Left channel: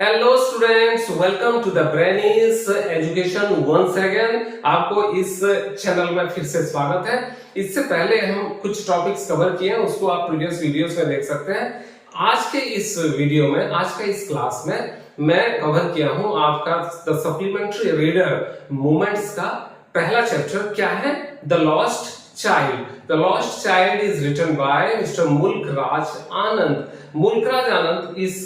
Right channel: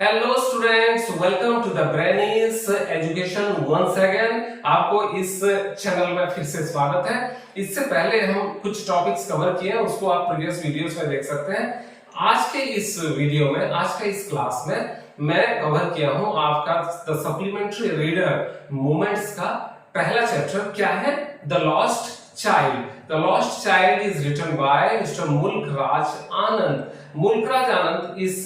Hello students, welcome to the Brainy's education once again. आपको इस channel में फिर से स्वागत है। इससे पहले हम कुछ टॉपिक्स कवर किए हैं, उसको आप प्रीवियस वीडियोस में देख सकते हैं। आज के इस वीडियो में, आज के इस क्लास में मैं कवर किया हूं आपका द सप्लीमेंट्री रीडर मूवमेंट्स का पहला चैप्टर। क्या है? The lost child. The lost child is written by mister Mulk Raj Anand. Mulk Raj Anand इस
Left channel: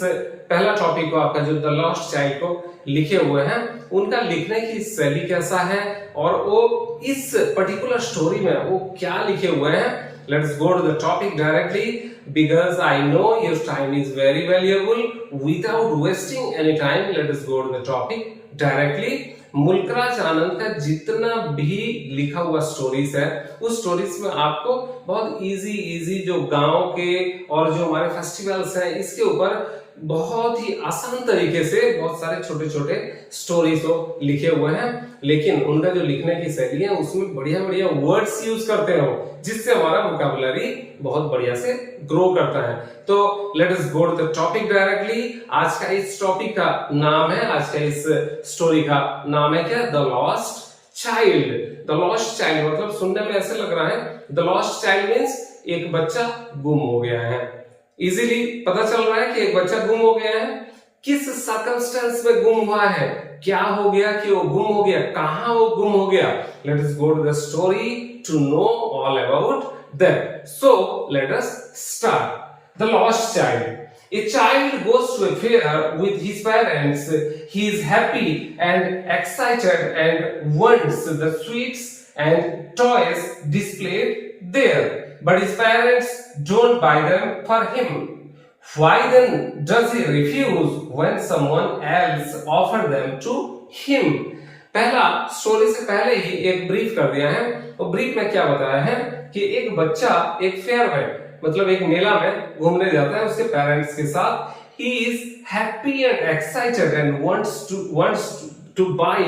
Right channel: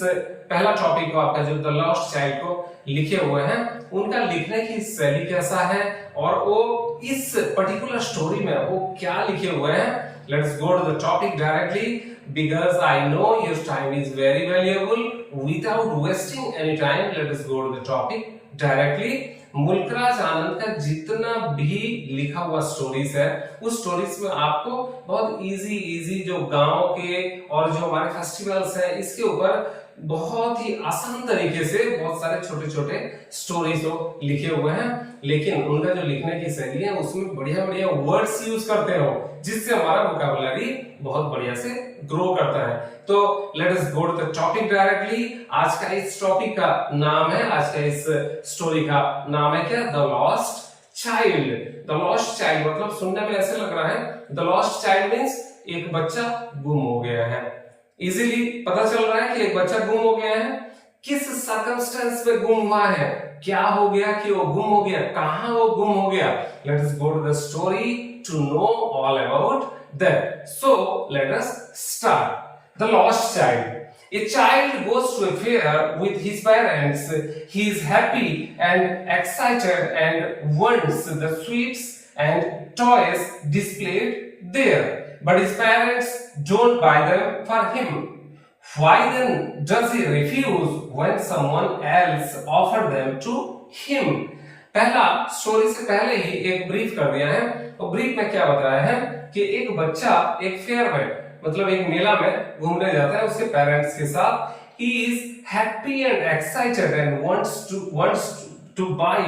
पहला टॉपिक को आपका जो द लॉस्ट चाइल्ड को लिखे हुए हैं, उनका लिखने की शैली कैसा है और वो इस पर्टिकुलर स्टोरी में वो क्या लिखे हुए हैं। Let's go to the topic directly because I know your time is very valuable. Without wasting any time, let us go to the topic directly. Mulk Raj Anand का जितना भी लिखा हुआ स्टोरीज है, उस स्टोरीज में आपको बहुत इजी जो गांव के और जो हमारे फेस्टिवल्स हैं, इसके ऊपर बहुत ही आसान तरीके से बहुत सारे छोटे छोटे स्टोरीज तो लिखे हुए हैं। लेकिन उनका जो लिखने की शैली है, उसमें बढ़िया बढ़िया वर्ड्स यूज करते हैं वो, जिससे हमारा वोकैबुलरी बहुत बढ़िया से ग्रो करता है। तो let us go to the topic directly. आज का इस टॉपिक का नाम है, आज का इस स्टोरी का नाम है क्या? The lost child. The lost child मतलब सुनने में ऐसे लग रहा है, द लॉस्ट चाइल्ड मीन्स एक बच्चा गुम हो गया है। इजीली पता चल रहा है कि एक बच्चा गुम हो गया है। किस सर्कमस्टेंस में गुम हुआ है, क्या हो गया कि वो गुम हो गया, कहां वो गुम हो गया। Let us go to the story to know all about that. So let us start. The lost child. A child goes to a fair with his parents. He is happy and excited and wants the sweets and toys displayed there. But his parents don't buy them for him. Why then does he refuse when someone else offers them to him? पहला story से पहले ही एक brief कर दिया है। और brief में क्या बताया है कि एक बच्चा एक फेयर में, मतलब एक मेला में घूमने जाता है उसके पेरेंट्स के साथ। He is happy and excited and wants to buy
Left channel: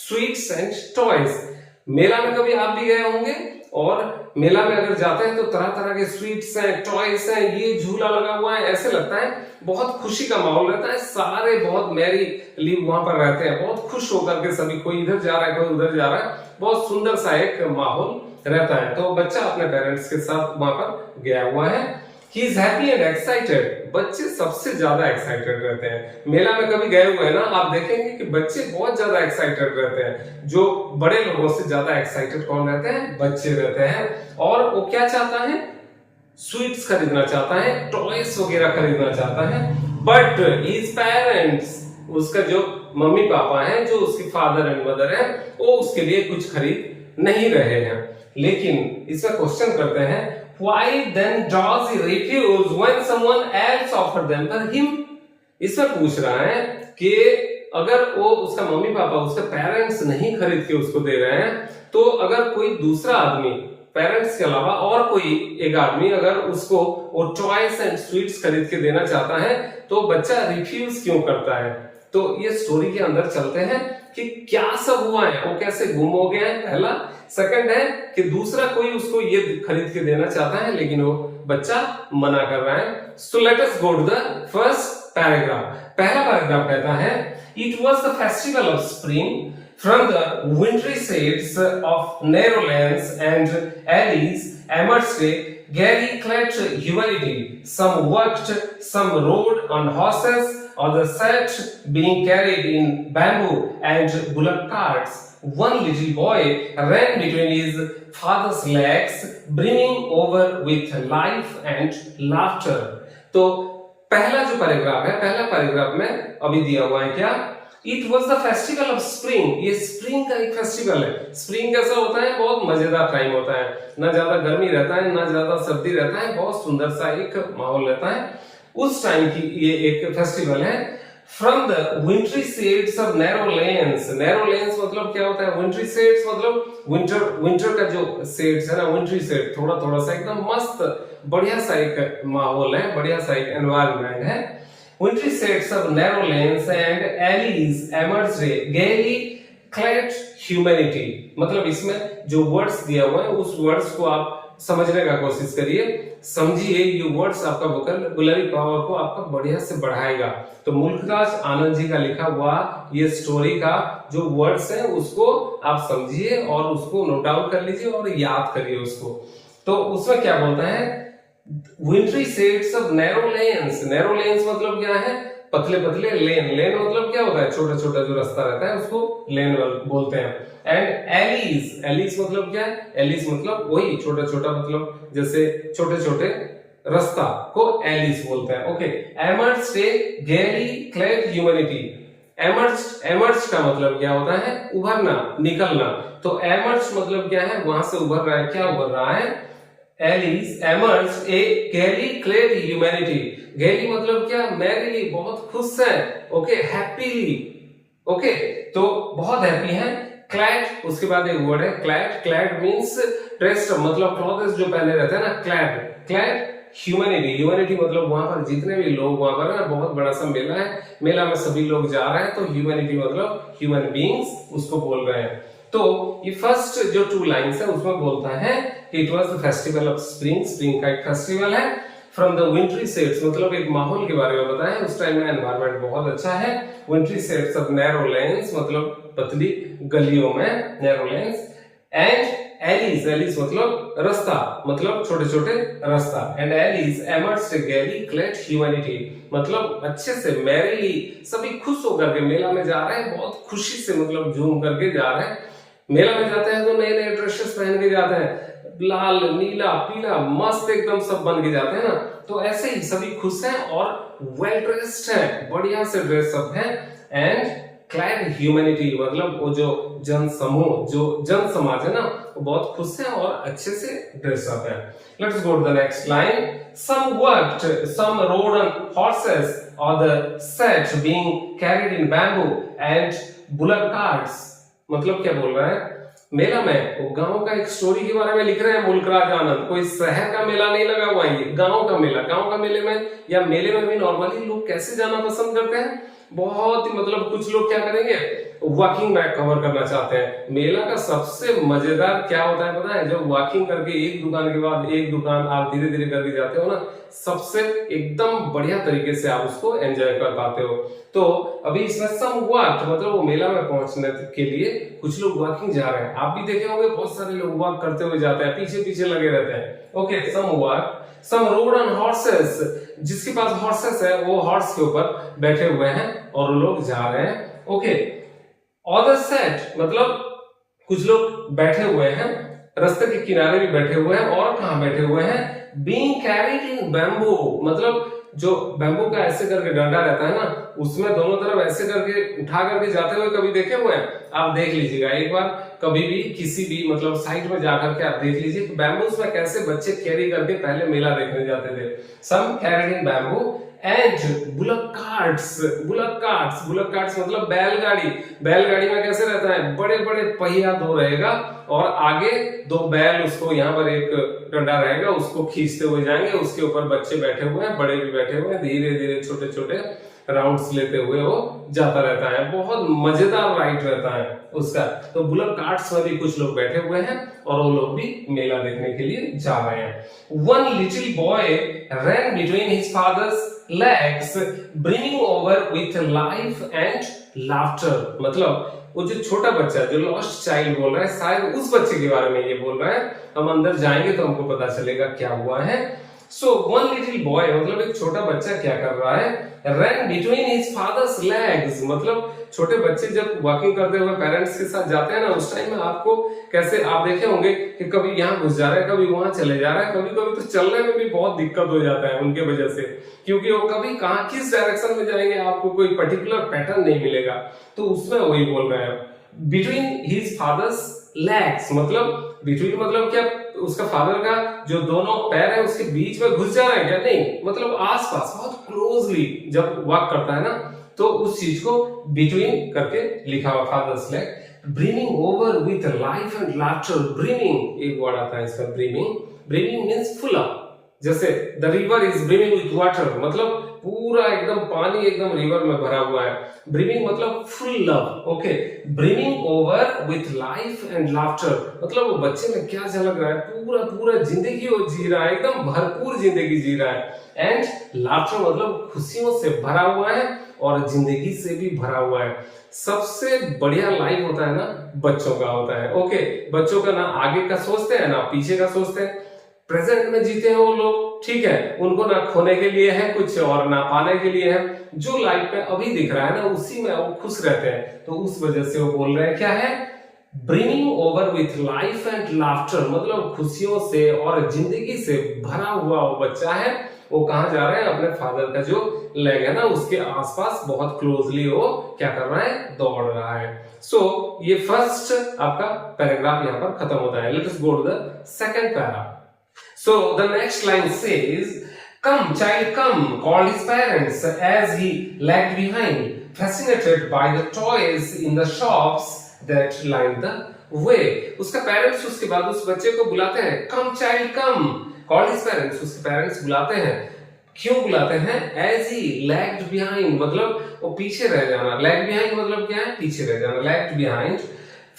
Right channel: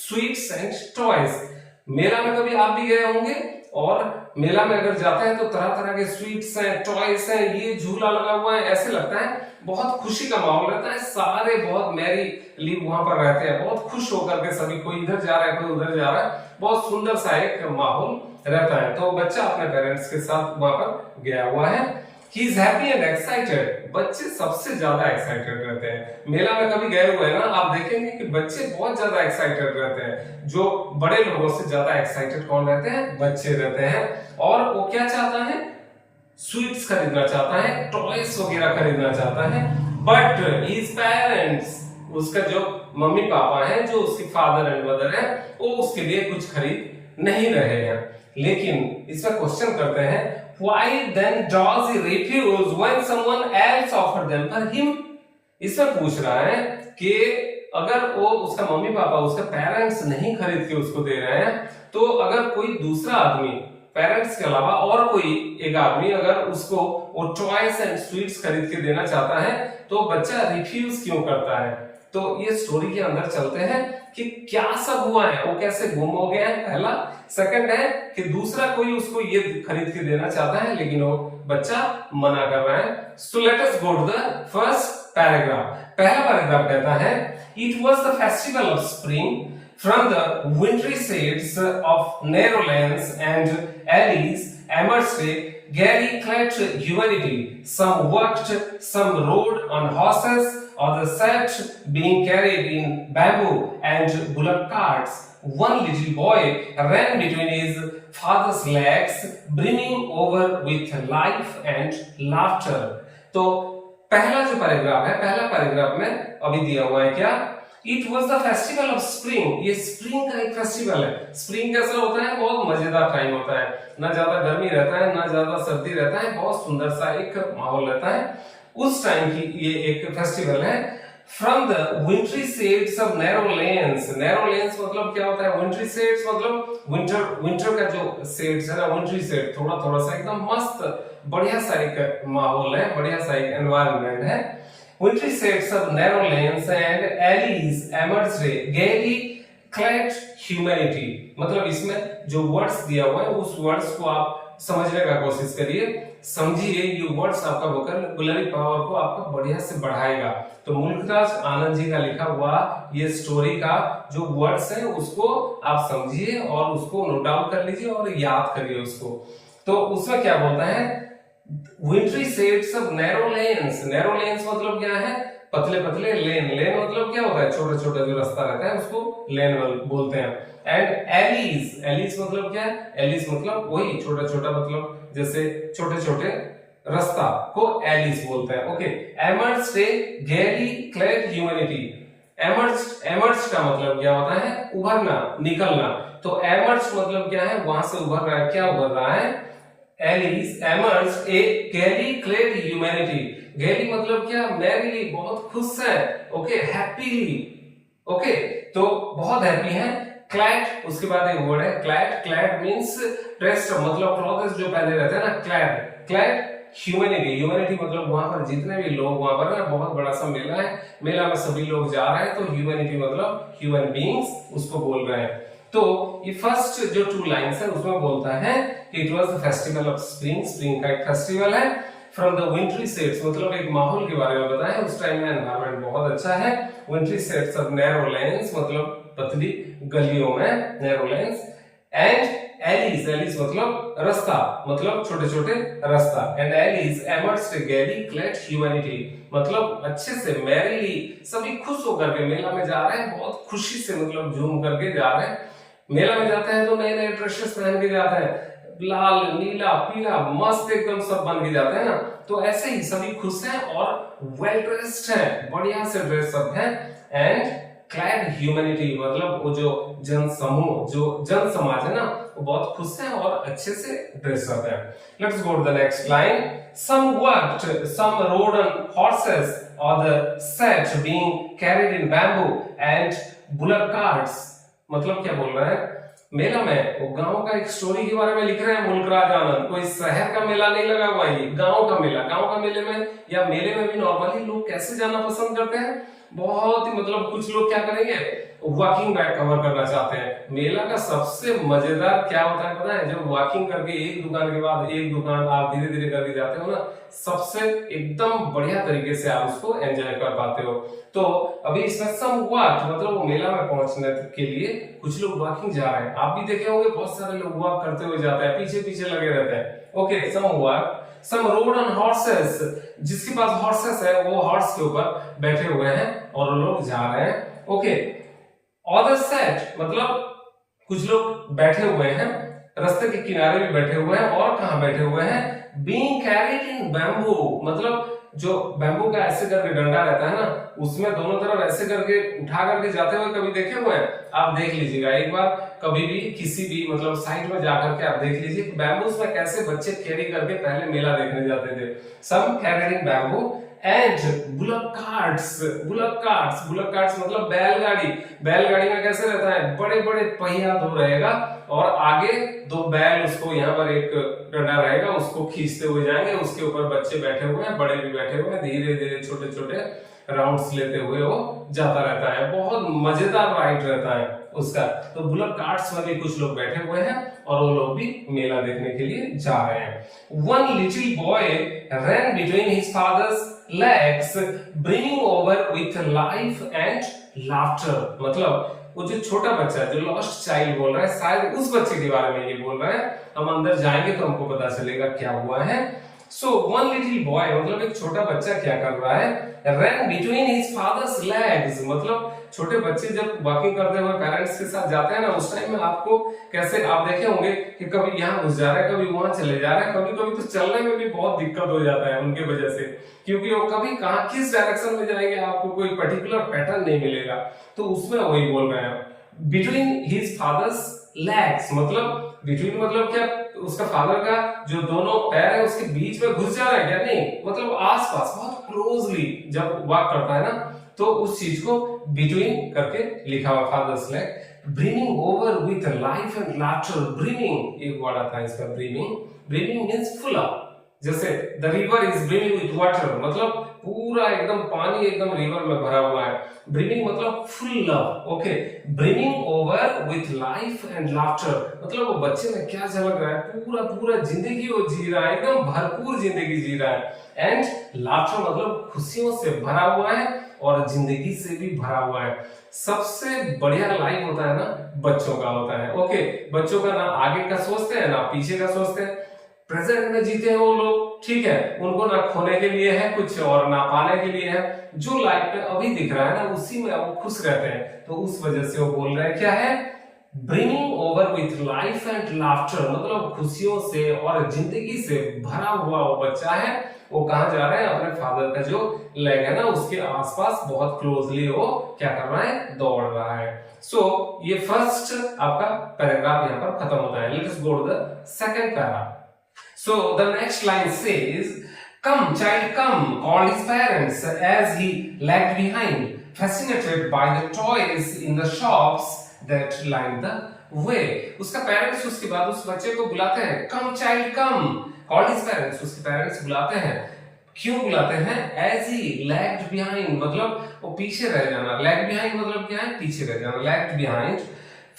sweets and toys. मेला में कभी आप भी गए होंगे, और मेला में अगर जाते हैं तो तरह तरह के स्वीट्स हैं, टॉयज हैं, ये झूला लगा हुआ है, ऐसे लगता है बहुत खुशी का माहौल रहता है। सारे बहुत मैरी लीव वहां पर रहते हैं, बहुत खुश होकर के सभी, कोई इधर जा रहा है कोई उधर जा रहा है, बहुत सुंदर सा एक माहौल रहता है। तो बच्चा अपने पेरेंट्स के साथ वहां पर गया हुआ है। He is happy and excited. बच्चे सबसे ज्यादा एक्साइटेड रहते हैं। मेला में कभी गए हुए ना, आप देखेंगे कि बच्चे बहुत ज्यादा एक्साइटेड रहते हैं। जो बड़े लोगों से ज्यादा एक्साइटेड कौन रहते हैं? बच्चे रहते हैं। और वो क्या चाहता है? स्वीट्स खरीदना चाहता है, टॉयज वगैरह खरीदना चाहता है। बट हिज पेरेंट्स, उसका जो मम्मी पापा हैं, जो उसके फादर एंड मदर हैं, वो उसके लिए कुछ खरीद नहीं रहे हैं। लेकिन इसमें क्वेश्चन करते हैं, why then does he refuse when someone else offered them for him? इसमें पूछ रहा है कि अगर वो उसका मम्मी पापा, उसके पेरेंट्स नहीं खरीद के उसको दे रहे हैं, तो अगर कोई दूसरा आदमी, पेरेंट्स के अलावा और कोई एक आदमी अगर उसको वो टॉयज एंड स्वीट्स खरीद के देना चाहता है, तो बच्चा रिफ्यूज क्यों करता है। तो ये स्टोरी के अंदर चलते हैं कि क्या सब हुआ है, वो कैसे गुम हो गया है, पहला। सेकंड है कि दूसरा कोई उसको ये खरीद के देना चाहता है, लेकिन वो बच्चा मना कर रहा है। So let us go to the first paragraph. पहला पैराग्राफ कहता है, it was the festival of spring from the wintry shades of narrow lanes and alleys amidst gary clad humanity. Some walked, some rode on horses, others sat being carried in bamboo and bullock carts. One little boy ran between his father's legs, brimming over with life and laughter. तो पहला जो paragraph है, पहला paragraph में अभी दिया हुआ है क्या? It was the festival of spring. ये स्प्रिंग का एक फेस्टिवल है। स्प्रिंग कैसा होता है? बहुत मजेदार टाइम होता है, ना ज्यादा गर्मी रहता है ना ज्यादा सर्दी रहता है, बहुत सुंदर सा एक माहौल रहता है। उस टाइम की ये एक फेस्टिवल है। From the wintry shades of narrow lanes. Narrow lanes मतलब क्या होता है? विंटरी शेड्स मतलब विंटर का जो शेड्स है ना, विंटरी शेड, थोड़ा थोड़ा सा एकदम मस्त बढ़िया सा एक माहौल है, बढ़िया सा एक एनवायरनमेंट है। Wintry shades of narrow lanes and alleys emerged gaily clad humanity. मतलब इसमें जो वर्ड्स दिया हुआ है, उस वर्ड्स को आप समझने का कोशिश करिए, समझिए। ये वर्ड्स आपका वोकैबुलरी पावर को आपका बढ़िया से बढ़ाएगा। तो मुल्कराज आनंद जी का लिखा हुआ ये स्टोरी का जो वर्ड्स है उसको आप समझिए और उसको नोट डाउन कर लीजिए और याद करिए उसको। तो उसमें क्या बोलता है, wintry shades of narrow lanes. Narrow lanes मतलब क्या है, पतले पतले लेन। लेन मतलब क्या होता है, छोटा छोटा जो रास्ता रहता है उसको लेन बोलते हैं। एंड एलीज, एलीज मतलब क्या है, एलीज मतलब वही छोटा छोटा, मतलब जैसे छोटे छोटे रास्ता को एलीज बोलते हैं। ओके, एमर्ज्ड ए गेली क्लेड ह्यूमैनिटी। एमर्ज का मतलब क्या होता है, उभरना, निकलना। तो एमर्ज मतलब क्या है, वहां से उभर रहा है। क्या उभर रहा है, एलिस एमर्ज ए गैली क्लेड ह्यूमैनिटी। गैली मतलब क्या, मैरीली, बहुत खुश है। Okay, happily. ओके, तो बहुत हैप्पी है। क्लैड, उसके बाद एक वर्ड है क्लैड। क्लैड मींस ड्रेस्ड, मतलब क्लॉथ्स जो पहने रहते हैं ना, क्लैड। क्लैड ह्यूमैनिटी, ह्यूमैनिटी मतलब वहां पर जितने भी लोग, वहां पर ना बहुत बड़ा सा मेला है, मेला में सभी लोग जा रहे हैं, तो ह्यूमैनिटी मतलब ह्यूमन बीइंग्स उसको बोल रहे हैं। तो ये फर्स्ट जो 2 लाइन्स है उसमें बोलता है कि it was the festival of spring. Spring का एक फेस्टिवल है। फ्रॉम द विंट्री शेड्स मतलब एक माहौल के बारे में बताया, उस टाइम में एनवायरनमेंट बहुत अच्छा है। Wintry shades of narrow lanes मतलब पतली गलियों में, narrow lanes. And alleys, alleys मतलब रास्ता, मतलब छोटे छोटे रास्ता। And alleys emerged gaily clad humanity मतलब अच्छे से, मैरीली, सभी खुश होकर के मेला में जा रहे हैं, बहुत खुशी से, मतलब झूम करके जा रहे हैं। मेला में जाते हैं तो नए नए ड्रेसेस पहन के जाते हैं, लाल नीला पीला मस्त एकदम सब बन के जाते हैं ना। तो ऐसे ही सभी खुश हैं और वेल ड्रेस्ड हैं, बढ़िया से ड्रेस अप हैं। एंड क्लैड ह्यूमैनिटी मतलब वो जो जन समूह, जो जन समाज है ना, वो बहुत खुश है और अच्छे से ड्रेस अप है। Let's go to the next line. Some worked, some rode on horses, others sat being carried in bamboo and bullock carts। मतलब क्या बोल रहा है, मेला में वो गांव का एक स्टोरी के बारे में लिख रहे हैं मुल्कराज आनंद। कोई शहर का मेला नहीं लगा हुआ, ये गांव का मेला। गांव का मेले में या मेले में भी नॉर्मली लोग कैसे जाना पसंद करते हैं, बहुत ही, मतलब कुछ लोग क्या करेंगे, वॉकिंग बैक कवर करना चाहते हैं। मेला का सबसे मजेदार क्या होता है पता है, जब वॉकिंग करके एक दुकान के बाद एक दुकान आप धीरे धीरे करके जाते हो ना, सबसे एकदम बढ़िया तरीके से आप उसको एंजॉय कर पाते हो। तो अभी इसमें सम वॉक मतलब वो मेला में पहुंचने के लिए कुछ लोग वॉकिंग जा रहे हैं। आप भी देखे होंगे बहुत सारे लोग वॉक करते हुए जाते हैं, पीछे पीछे लगे रहते हैं। Okay, some walk, some rode on horses, जिसके पास हॉर्सेस है वो हॉर्स के ऊपर बैठे हुए हैं और वो लोग जा रहे हैं। ओके, ऑदर सेट मतलब कुछ लोग बैठे हुए हैं, रास्ते के किनारे भी बैठे हुए हैं। और कहां बैठे हुए हैं, बीइंग कैरिड इन बैम्बू मतलब जो बैम्बू का ऐसे करके डंडा रहता है ना, उसमें दोनों तरफ ऐसे करके उठा करके जाते हुए कभी देखे हुए हैं, आप देख लीजिएगा एक बार, कभी भी किसी भी मतलब साइट में जाकर के आप देख लीजिए कि बैम्बूस में कैसे बच्चे कैरी करके पहले मेला देखने जाते थे। Some carried in bamboo and bullock carts. Bullock carts मतलब बैलगाड़ी। बैलगाड़ी में कैसे रहता है, बड़े बड़े पहिया दो रहेगा और आगे 2 बैल, उसको यहाँ पर एक डंडा रहेगा, उसको खींचते हुए जाएंगे। उसके ऊपर बच्चे बैठे हुए हैं, बड़े भी बैठे हुए हैं, धीरे धीरे छोटे छोटे राउंड्स लेते हुए वो जाता रहता है। बहुत मजेदार राइड रहता है उसका। तो बुलक कार्ट्स में भी कुछ लोग बैठे हुए हैं और वो लोग भी मेला देखने के लिए जा रहे हैं। One little boy ran between his father's legs, brimming over with life and laughter। मतलब वो जो छोटा बच्चा, जो लॉस्ट चाइल्ड बोल रहा है, शायद उस बच्चे के बारे में ये बोल रहा है। हम अंदर जाएंगे तो हमको पता चलेगा क्या हुआ है। सो वन लिटिल बॉय मतलब एक छोटा बच्चा क्या कर रहा है, ran between his father's legs मतलब छोटे बच्चे जब वॉकिंग करते हुए पेरेंट्स के साथ जाते हैं ना, उस टाइम में आपको कैसे, आप देखे होंगे कि कभी यहाँ घुस जा रहा है, कभी वहां चले जा रहा है, कभी कभी तो चलने में भी बहुत दिक्कत हो जाता है उनके वजह से, क्योंकि वो कभी कहाँ किस डायरेक्शन में जाएंगे आपको कोई पर्टिकुलर पैटर्न नहीं मिलेगा। तो उसमें वही बोल रहे हैं, बिटवीन हिज फादर्स लेग्स मतलब बिटवीन मतलब क्या, उसका फादर का जो दोनों पैर है उसके बीच में घुस जा रहा है क्या, नहीं, मतलब आसपास बहुत क्लोजली जब वॉक करता है ना, तो उस चीज को बिटवीन करके लिखा हुआ father's leg. Brimming over with life and laughter. Brimming एक वर्ड आता है इसका, brimming. Brimming means full up, जैसे the river is brimming with water मतलब पूरा एकदम पानी एकदम रिवर में भरा हुआ है। ब्रिमिंग मतलब full love, okay. Brimming over with life and laughter मतलब वो बच्चे में क्या झलक रहा है, पूरा पूरा जिंदगी वो जी रहा है, एकदम भरपूर जिंदगी जी रहा है। एंड लाफ्टर मतलब खुशियों से भरा हुआ है और जिंदगी से भी भरा हुआ है। सबसे बढ़िया लाइफ होता है ना बच्चों का होता है, ओके। बच्चों का ना आगे का सोचते हैं ना पीछे का सोचते हैं, प्रेजेंट में जीते हैं वो लोग, ठीक है। उनको ना खोने के लिए है कुछ और ना पाने के लिए है, जो लाइफ में अभी दिख रहा है ना उसी में वो खुश रहते हैं। तो उस वजह से वो बोल रहे हैं क्या है, bringing over with life and laughter मतलब खुशियों से और जिंदगी से भरा हुआ वो बच्चा है। वो कहाँ जा रहा है, अपने फादर का जो लेग है ना उसके आसपास बहुत क्लोजली वो क्या कर रहा है, दौड़ रहा है। सो ये फर्स्ट आपका पैराग्राफ यहाँ पर खत्म होता है। Let us go to the second para. So the next line says, "Come, child, come," called his parents as he lagged behind, fascinated by the toys in the shops that lined the way. उसका parents उसके बाद उस बच्चे को बुलाते हैं, "Come, child, come," called his parents, उसके parents बुलाते हैं। क्यों बुलाते हैं? As he lagged behind मतलब वो पीछे रह जाना। Lag behind मतलब क्या है, पीछे रह जाना। Lagged behind.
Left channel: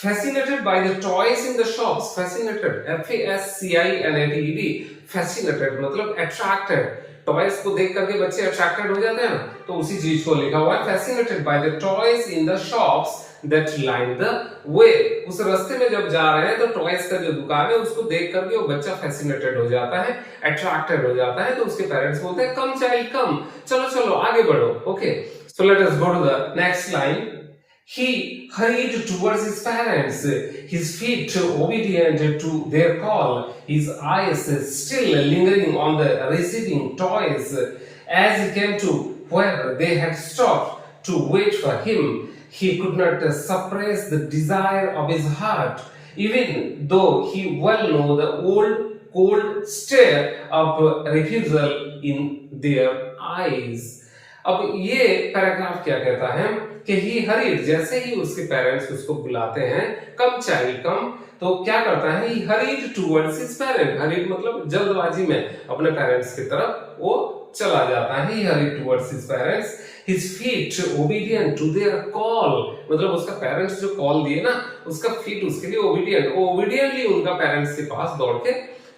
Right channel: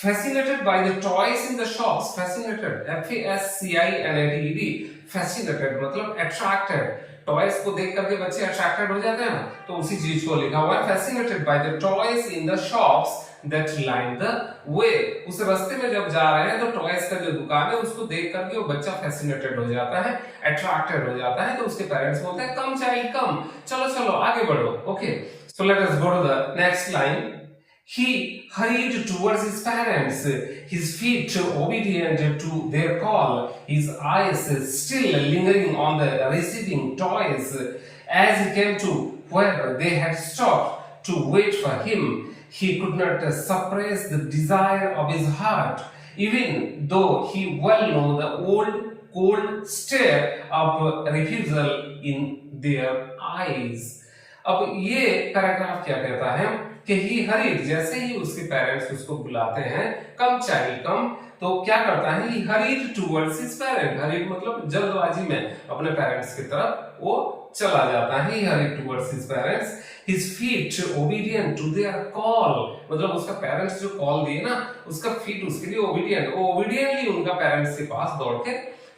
Fascinated by the toys in the shops. Fascinated, F-A-S-C-I-N-A-T-E-D. Fascinated मतलब attracted. टॉयज को देख करके बच्चे अट्रैक्टेड हो जाते हैं ना, तो उसी चीज को लिखा हुआ है fascinated by the toys in the shops that line the way. उस रास्ते में जब जा रहे हैं तो टॉयज का जो दुकान है उसको देख करके वो बच्चा फैसिनेटेड हो जाता है, अट्रैक्टेड हो जाता है। तो उसके पेरेंट्स बोलते हैं कम चाइल्ड कम, चलो चलो आगे बढ़ो, okay. So let us go to the next line. He hurried towards his parents, his feet obedient to their call, his eyes still lingering on the receding toys. As he came to where they had stopped to wait for him, he could not suppress the desire of his heart, even though he well knew the old cold stare of refusal in their eyes. अब ये paragraph क्या कहता है कि ही hurried, जैसे ही उसके parents उसको बुलाते हैं कम चाइल्ड कम, तो क्या करता है, he hurried towards his parent. Hurried मतलब जल्दबाजी में अपने पेरेंट्स की तरफ वो चला जाता है। He hurried towards his parents, his feet obedient to their call मतलब उसका पेरेंट्स जो कॉल दिए ना उसका फीट उसके लिए ओबीडिएंट, ओबीडिएंटली उनका पेरेंट्स के पास दौड़ के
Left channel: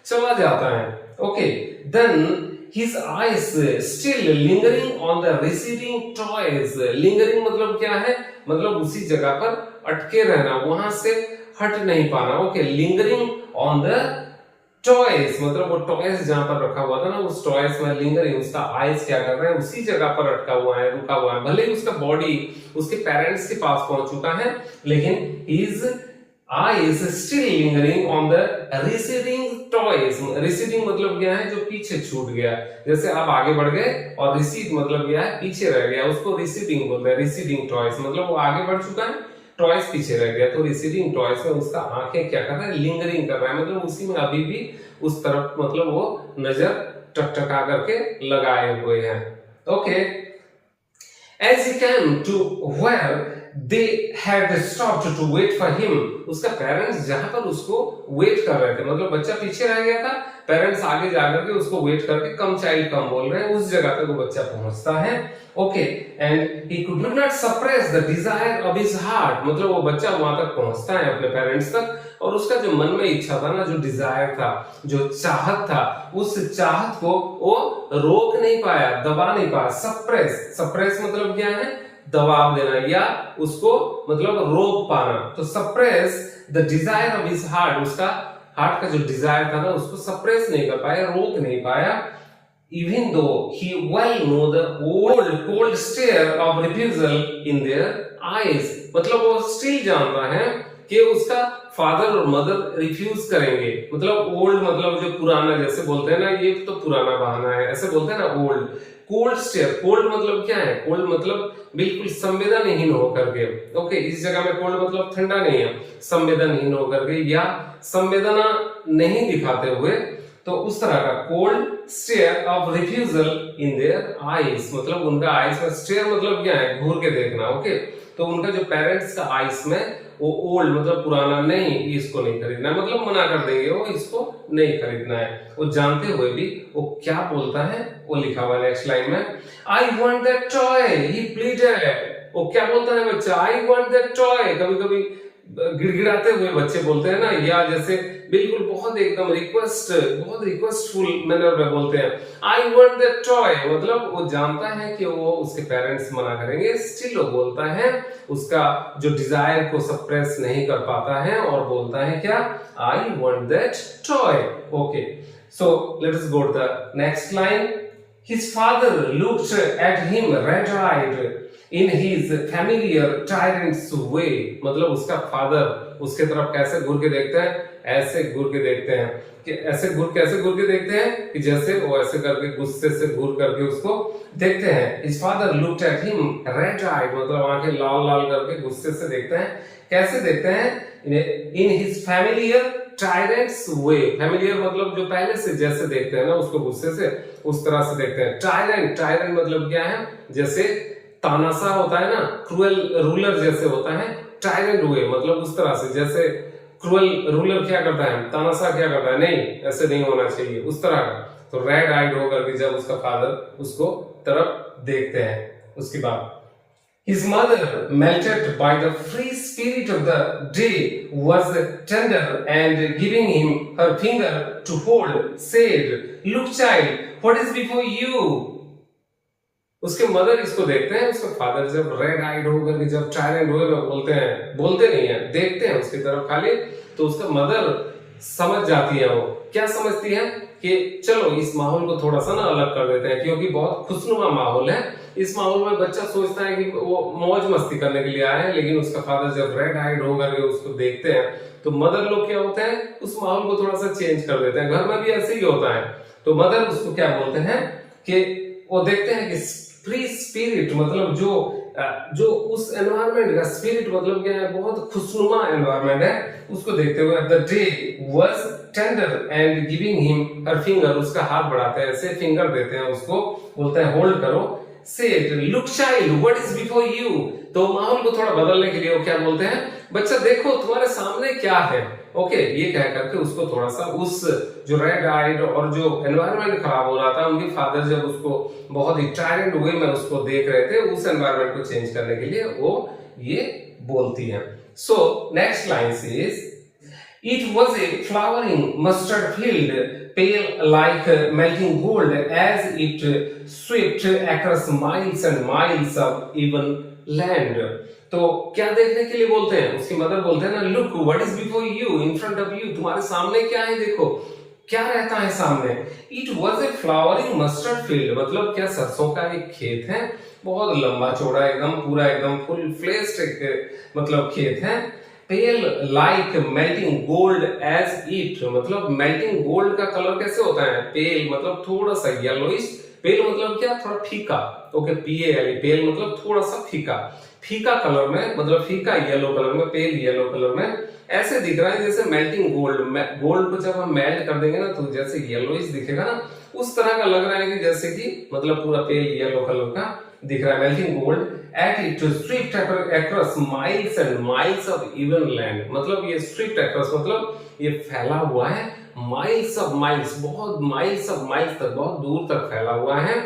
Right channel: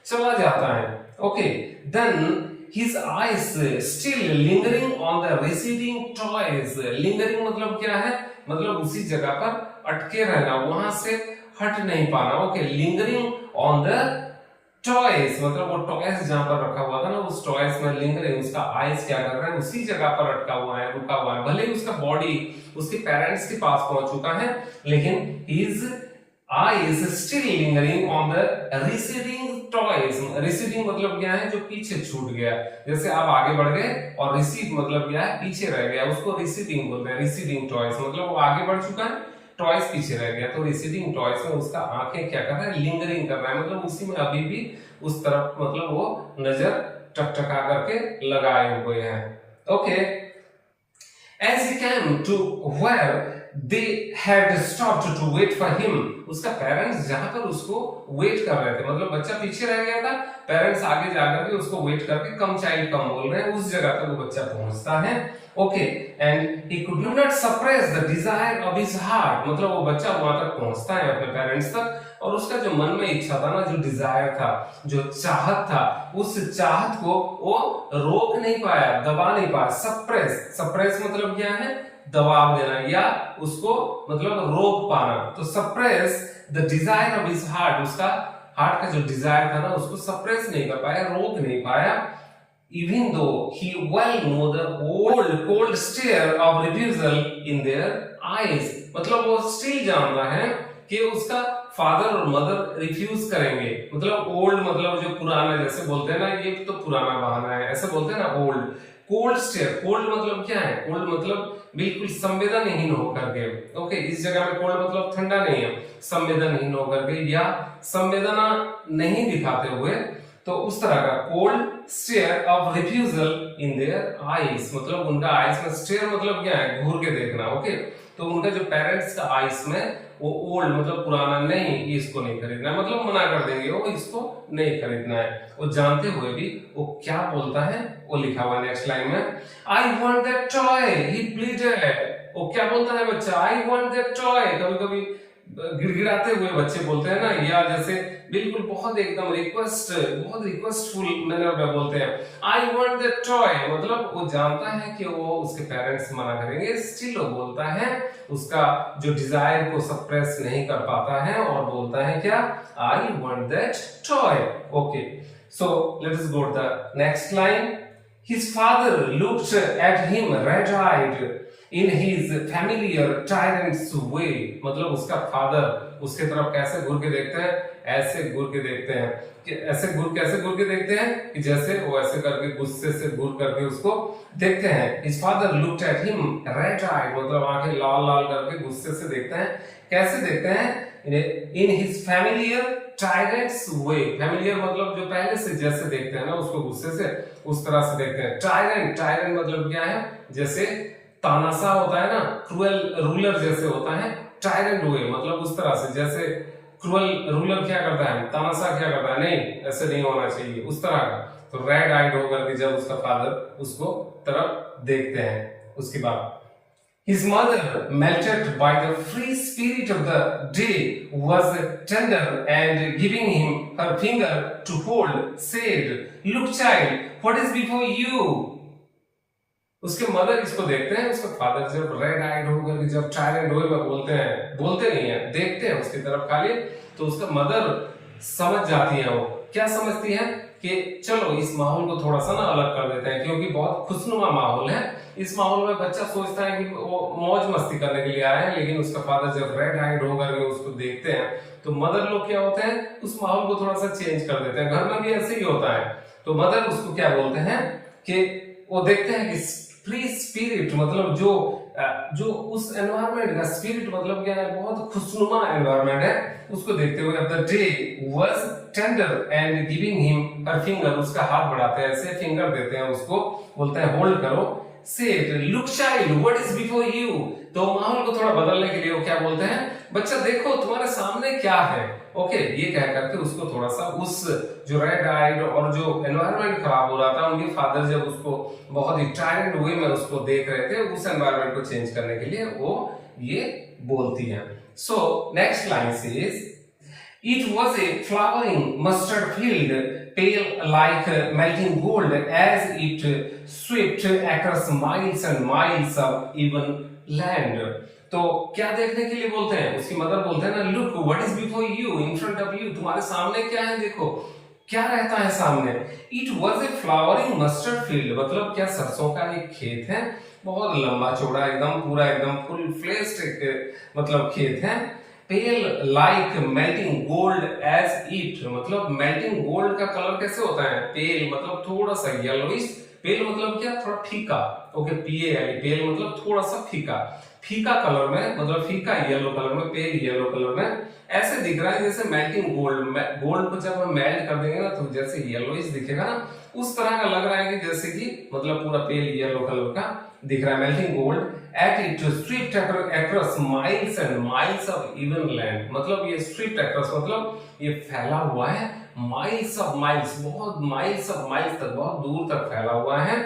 चला जाता है, okay. Then his eyes still lingering on the receding toys. Lingering मतलब क्या है, मतलब उसी जगह पर अटके रहना, वहां से हट नहीं पाना, okay. Lingering on the toys मतलब वो टॉयज जहां पर रखा हुआ था ना उस टॉयज में लिंगरिंग, उसका आइज क्या कर रहा है, उसी जगह पर अटका हुआ है, रुका हुआ है। भले ही उसका बॉडी उसके पेरेंट्स के पास पहुंच चुका है, लेकिन his eyes still lingering on the receding toys. Receding मतलब क्या है, जो पीछे छूट गया। जैसे आप आगे बढ़ गए और recede मतलब क्या है, पीछे रह गया, उसको receding बोलते हैं। receding toys मतलब वो आगे बढ़ चुका है, टॉयज पीछे रह गया। तो receding toys में उसका आंखें क्या कर रहा है, लिंगरिंग कर रहा है, मतलब उसी में अभी भी उस तरफ मतलब वो नजर टकटका करके लगाए हुए हैं, okay. As he came to where they had stopped to wait for him, उसका पेरेंट्स जहां पर उसको वेट कर रहे थे, मतलब बच्चा पीछे रह गया था, पेरेंट्स आगे जाकर के उसको वेट करके कम चाइल्ड कम बोल रहे हैं, उस जगह पे वो बच्चा पहुंचता है, okay. And he could not suppress the desire of his heart मतलब वो बच्चा वहां तक पहुंचता है अपने पेरेंट्स तक, और उसका जो मन में इच्छा था ना, जो डिजायर था, जो चाहत था, उस चाहत को वो रोक नहीं पाया, दबा नहीं पाया। सप्रेस, सप्रेस मतलब क्या है, दबाव देना या उसको मतलब रोक पाना। तो suppress the desire of his heart, उसका हार्ट का जो डिजायर था ना उसको सप्रेस नहीं कर पाया, रोक नहीं पाया। Even though he well knew the old cold stare of refusal in their eyes मतलब वो स्टिल जानता है कि उसका फादर और मदर रिफ्यूज करेंगे, मतलब ओल्ड मतलब जो पुराना, जैसे बोलते हैं ना ये तो पुराना बहाना है, ऐसे बोलते हैं ना ओल्ड। कोल्ड स्टेयर, कोल्ड मतलब क्या है, कोल्ड मतलब बिल्कुल संवेदनहीन होकर के, ओके। इस जगह में कोल्ड मतलब ठंडा नहीं है, संवेदनहीन होकर के या संवेदना नहीं दिखाते हुए, तो उस तरह का cold stare of refusal in their eyes, मतलब उनका आईज में स्टेयर मतलब क्या है, घूर के देखना। ओके, तो उनका जो पेरेंट्स का आईज में वो ओल्ड मतलब पुराना, नहीं इसको नहीं खरीदना है, मतलब मना कर देंगे वो इसको नहीं खरीदना है। वो जानते हुए भी वो क्या बोलता है, वो लिखा हुआ है नेक्स्ट लाइन में, आई want that toy he pleaded. वो क्या बोलता है बच्चा, आई वांट दैट टॉय। कभी कभी गिड़गिड़ाते हुए बच्चे बोलते हैं ना, या जैसे बिल्कुल बहुत एकदम बहुत रिक्वेस्टफुल मैनर में बोलते हैं, आई वांट दैट टॉय, मतलब वो जानता है कि वो उसके पेरेंट्स मना करेंगे, स्टिल वो बोलता है, उसका जो डिजायर को सप्रेस नहीं कर पाता है और बोलता है क्या, I want that toy. Okay, so let us go to the next line. His father looked at him red-eyed in his familiar tyrant's way, मतलब उसका फादर उसके तरफ कैसे घूर के देखते हैं, ऐसे घूर के देखते हैं कि कैसे घूर के देखते हैं कि जैसे वो ऐसे करके गुस्से से घूर करके उसको देखते हैं। His father looked at him red-eyed, मतलब आंखें लाल लाल करके गुस्से से देखते हैं। कैसे देखते हैं, in his familiar tyrants way, familiar मतलब जो पहले से जैसे देखते हैं ना उसको गुस्से से, उस तरह से देखते हैं। टायरेंट मतलब क्या है, जैसे तानाशाह होता है ना, क्रूएल रूलर जैसे होता है, टायरेंट वे मतलब उस तरह से, जैसे क्रूएल रूलर क्या करता है, तानाशाह क्या करता है, नहीं ऐसे नहीं होना चाहिए, उस तरह का। तो रेड आइड होकर के जब उसका फादर उसको तरफ देखते हैं, उसके बाद his mother, melted by the free spirit of the day, was tender and giving him her finger to hold, said, "Look, child, what is before you?" उसके मदर इसको देखते हैं, उसका फादर जब रेड आइड होकर के जब टायरेंट हुए में बोलते नहीं है, देखते हैं उसकी तरफ खाली, तो उसका मदर समझ जाती है। वो क्या समझती है कि चलो इस माहौल को थोड़ा सा ना अलग कर देते हैं, क्योंकि बहुत खुशनुमा माहौल है। इस माहौल में बच्चा सोचता है कि वो मौज मस्ती करने के लिए आए हैं, लेकिन उसका फादर जब रेड आइड होकर के उसको देखते हैं, तो मदर लोग क्या होते हैं, उस माहौल को थोड़ा सा चेंज कर देते हैं। घर में भी ऐसे ही होता है। तो मदर उसको क्या बोलते हैं कि वो देखते हैं कि फ्री स्पिरिट मतलब जो उस एनवायरनमेंट का स्पिरिट मतलब क्या है, बहुत खुशनुमा एनवायरनमेंट है, उसको देखते हुए the day was tender and giving him her finger, उसका हाथ बढ़ाते हैं, ऐसे फिंगर देते हैं उसको, बोलते हैं होल्ड करो, said, look child, what is before you? तो माहौल को थोड़ा बदलने के लिए वो क्या बोलते हैं, बच्चा देखो तुम्हारे सामने क्या है। ओके, ये कह करके उसको थोड़ा सा उस जो रेड आइड और जो एनवायरनमेंट खराब हो रहा था, उनके फादर जब उसको बहुत ही टायरेंट वे में उसको देख रहे थे, उस एनवायरनमेंट को चेंज करने के लिए वो ये बोलती है। So next line is, it was a flowering mustard field, pale like melting gold as it swept across miles and miles of even land. तो क्या देखने के लिए बोलते हैं, उसकी मदर बोलते हैं ना, look what is before you, in front of you, तुम्हारे सामने क्या है, देखो क्या रहता है सामने। It was a flowering mustard field, मतलब क्या सरसों का एक खेत है, बहुत लंबा चौड़ा एकदम, पूरा एकदम फुल फ्लेश्ड एक मतलब खेत है। Pale like melting gold as it, मतलब मेल्टिंग गोल्ड का कलर कैसे होता है, पेल मतलब थोड़ा सा येलोइश, पेल मतलब क्या, थोड़ा फीका। ओके, PAL, पेल मतलब थोड़ा सा फीका कलर में, मतलब फीका येलो कलर में, पेल येलो कलर में ऐसे दिख रहा है जैसे मेल्टिंग गोल्ड को जब हम मेल्ट कर देंगे ना तो जैसे येलोइश दिखेगा ना, उस तरह का लग रहा है कि जैसे कि मतलब पूरा पेल येलो कलर का दिख रहा है। Melting gold at it stripped across miles and miles of even land, मतलब ये स्ट्रिप्ड अक्रॉस मतलब ये फैला हुआ है माइल्स ऑफ माइल्स, बहुत माइल्स ऑफ माइल्स तक, बहुत दूर तक फैला हुआ है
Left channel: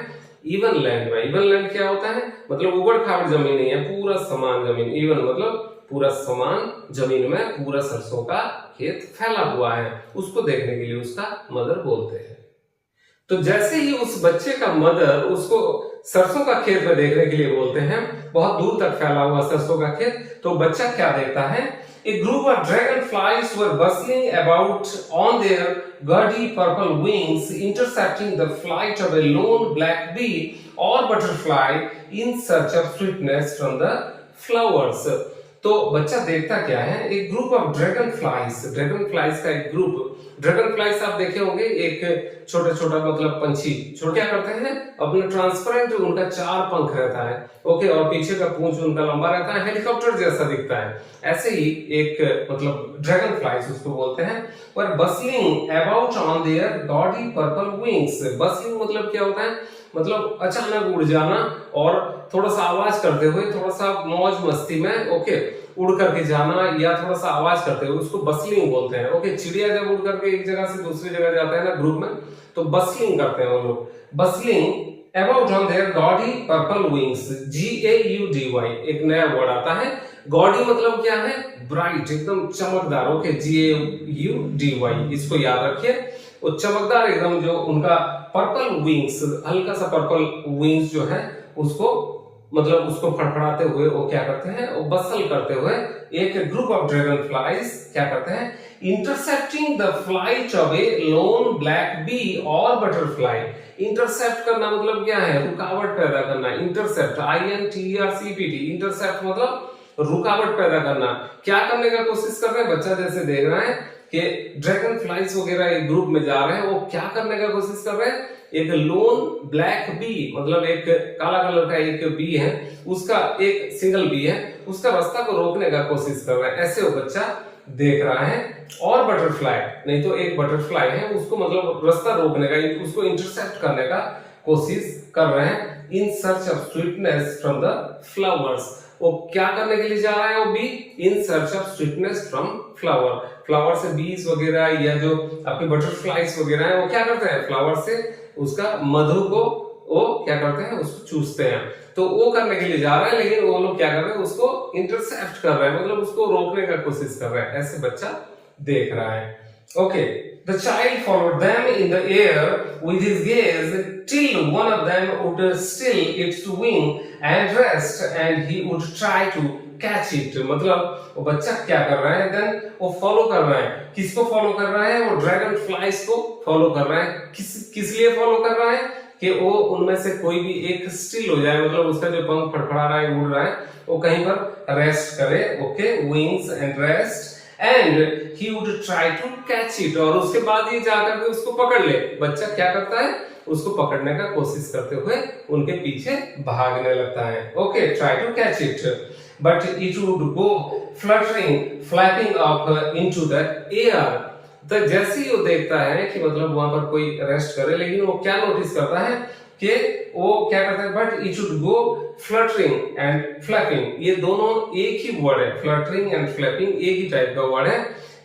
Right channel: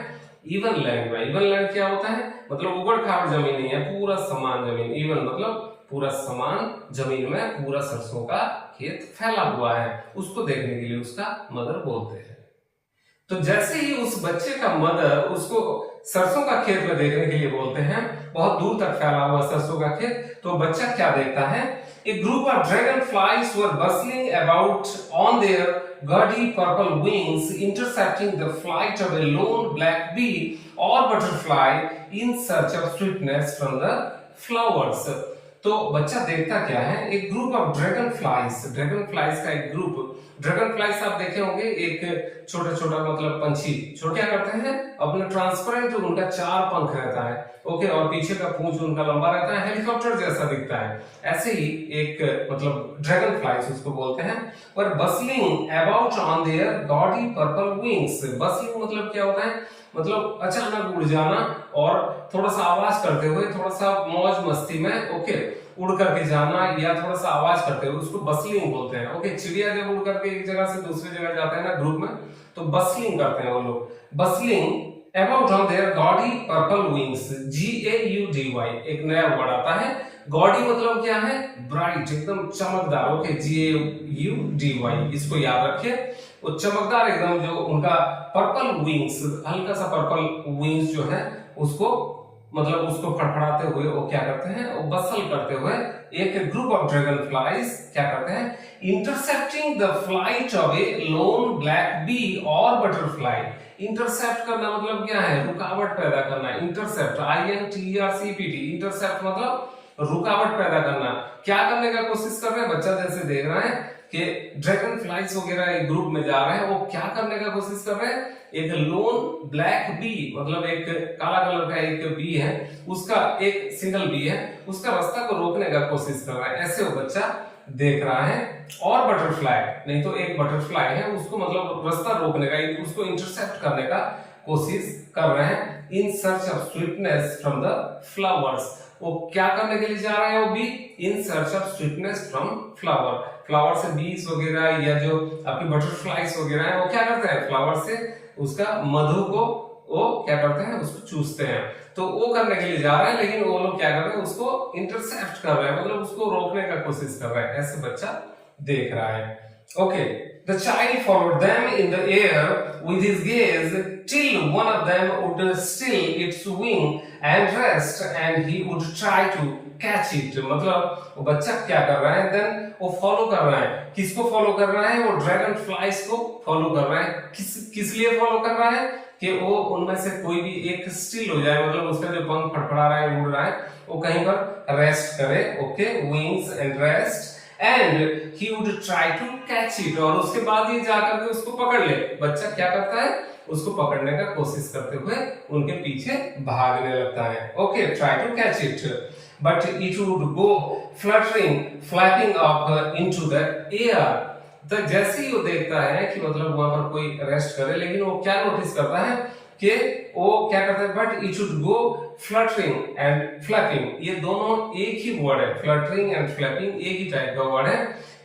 इवन लैंड में। इवन लैंड क्या होता है, मतलब उबड़ खाबड़ जमीन नहीं है, पूरा समान जमीन, इवन मतलब पूरा समान जमीन में पूरा सरसों का खेत फैला हुआ है, उसको देखने के लिए उसका मदर बोलते हैं। तो जैसे ही उस बच्चे का मदर उसको सरसों का खेत में देखने के लिए बोलते हैं, बहुत दूर तक फैला हुआ सरसों का खेत, तो बच्चा क्या देखता है, a group of dragonflies were bustling about on their gaudy purple wings, intercepting the flight of a lone black bee or butterfly in search of sweetness from the flowers. तो बच्चा देखता क्या है, एक ग्रुप ऑफ ड्रैगन फ्लाइज का एक group. Dragon flies आप देखे होंगे, एक छोटा छोटा मतलब पंछी, छोटे क्या करते हैं, अपना ट्रांसपेरेंट उनका 4 पंख रहता है, ओके, और पीछे का पूंछ उनका लंबा रहता है, हेलीकॉप्टर जैसा दिखता है। ऐसे ही एक मतलब ड्रैगन फ्लाइज उसको बोलते हैं। और bustling about on their gaudy purple wings, bustling मतलब क्या होता है, मतलब अचानक उड़ जाना और थोड़ा सा आवाज करते हुए, थोड़ा सा मौज मस्ती में, ओके, उड़ करके जाना या थोड़ा सा आवाज करते हुए, उसको बसलिंग बोलते हैं। ओके, चिड़िया जब उड़ करके एक जगह से दूसरी जगह जाता है ना ग्रुप में, तो बसलिंग करते हैं वो लोग। Bustling about on their gaudy purple wings, GAUDY, एक नया वर्ड आता है। गॉडी मतलब क्या है, ब्राइट, एकदम चमकदार। ओके, GAUDY, इसको याद रखिए। वो चमकदार एकदम, जो उनका पर्पल विंग्स, हल्का सा पर्पल विंग्स जो है उसको मतलब उसको फड़फड़ाते हुए वो क्या करते हैं, वो बसल करते हुए एक ग्रुप ऑफ ड्रैगन फ्लाइज क्या करते हैं, intercepting the flight of a lone black bee or butterfly. Intercept करना मतलब क्या है, रुकावट पैदा करना। इंटरसेप्ट, INTERCEPT, इंटरसेप्ट मतलब रुकावट पैदा करना। क्या करने का कोशिश कर रहे हैं, बच्चा जैसे देख रहा है कि ड्रैगन फ्लाइज वगैरह एक ग्रुप में जा रहे हैं, वो क्या करने का कोशिश कर रहे हैं, एक लोन ब्लैक बी, मतलब एक काला कलर का एक बी है, उसका एक सिंगल बी है, उसका रास्ता को रोकने का कोशिश कर रहा है, ऐसे वो बच्चा देख रहा है। और बटरफ्लाई, नहीं तो एक बटरफ्लाई है, उसको मतलब रास्ता रोकने का, उसको इंटरसेप्ट करने का कोशिश कर रहे हैं। In search of sweetness from the flowers, वो क्या करने के लिए जा रहा है, वो be in search of sweetness from flower. Flower से बीज वगैरह या जो आपके बटरफ्लाइज वगैरह है, वो क्या करते हैं, फ्लावर से उसका मधु को वो क्या करते हैं, उसको चूसते हैं। तो वो करने के लिए जा रहा है, लेकिन वो लोग क्या कर रहे हैं, उसको इंटरसेप्ट कर रहे हैं, मतलब उसको रोकने का कोशिश कर रहा है, ऐसे बच्चा देख रहा है। Okay, the child followed them in the air with his gaze till one of them would still its wing and rest and he would try to catch it। मतलब वो बच्चा क्या कर रहा है, देन वो फॉलो कर रहा है, किसको फॉलो कर रहा है, वो ड्रैगन फ्लाइज को फॉलो कर रहा है। किस लिए फॉलो कर रहा है, कि वो उनमें से कोई भी एक स्टिल हो जाए, मतलब उसका जो पंख फड़फड़ा रहा है, उड़ रहा है, वो कहीं पर रेस्ट करे। Okay, wings and rest and he would try to catch it, और उसके बाद ये जाकर के उसको पकड़ ले। बच्चा क्या करता है, उसको पकड़ने का कोशिश करते हुए उनके पीछे भागने लगता है। Okay, try to catch it but it would go fluttering flapping up into the air. तो जैसे ही वो देखता है कि मतलब वहां पर कोई रेस्ट करे, लेकिन वो क्या नोटिस करता है कि वो क्या करता है, but it should go fluttering and flapping, ये दोनों एक ही वर्ड है, फ्लटरिंग एंड फ्लैपिंग एक ही टाइप का वर्ड है।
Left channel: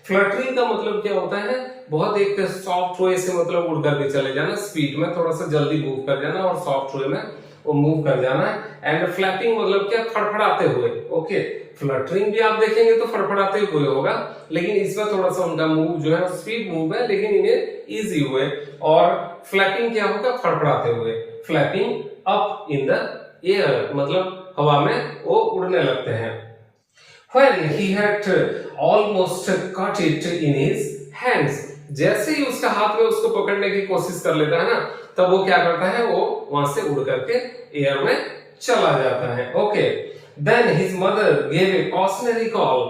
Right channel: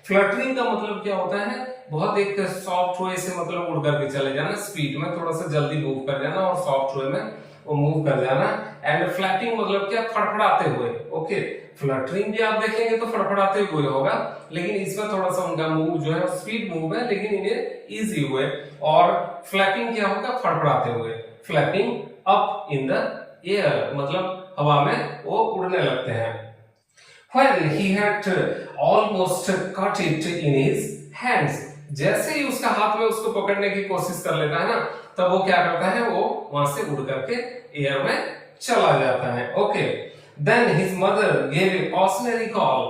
फ्लटरिंग का मतलब क्या होता है, बहुत एक सॉफ्ट वे से मतलब उड़ करके चले जाना, स्पीड में थोड़ा सा जल्दी मूव कर जाना और सॉफ्ट वे में वो मूव कर जाना। एंड फ्लैपिंग मतलब क्या, फड़फड़ाते हुए। ओके, फ्लटरिंग भी आप देखेंगे तो फड़फड़ाते हुए होगा, लेकिन इसमें थोड़ा सा उनका मूव जो है स्पीड मूव है, लेकिन इन्हें इजी हुए। और फ्लैपिंग क्या होगा, फड़फड़ाते हुए। Flapping up in the air मतलब हवा में वो उड़ने लगते हैं। When he had almost caught it in his hands, जैसे ही उसका हाथ में उसको पकड़ने की कोशिश कर लेता है ना, तब वो क्या करता है, वो वहां से उड़ करके एयर में चला जाता है। Okay, then his mother gave a cautionary call,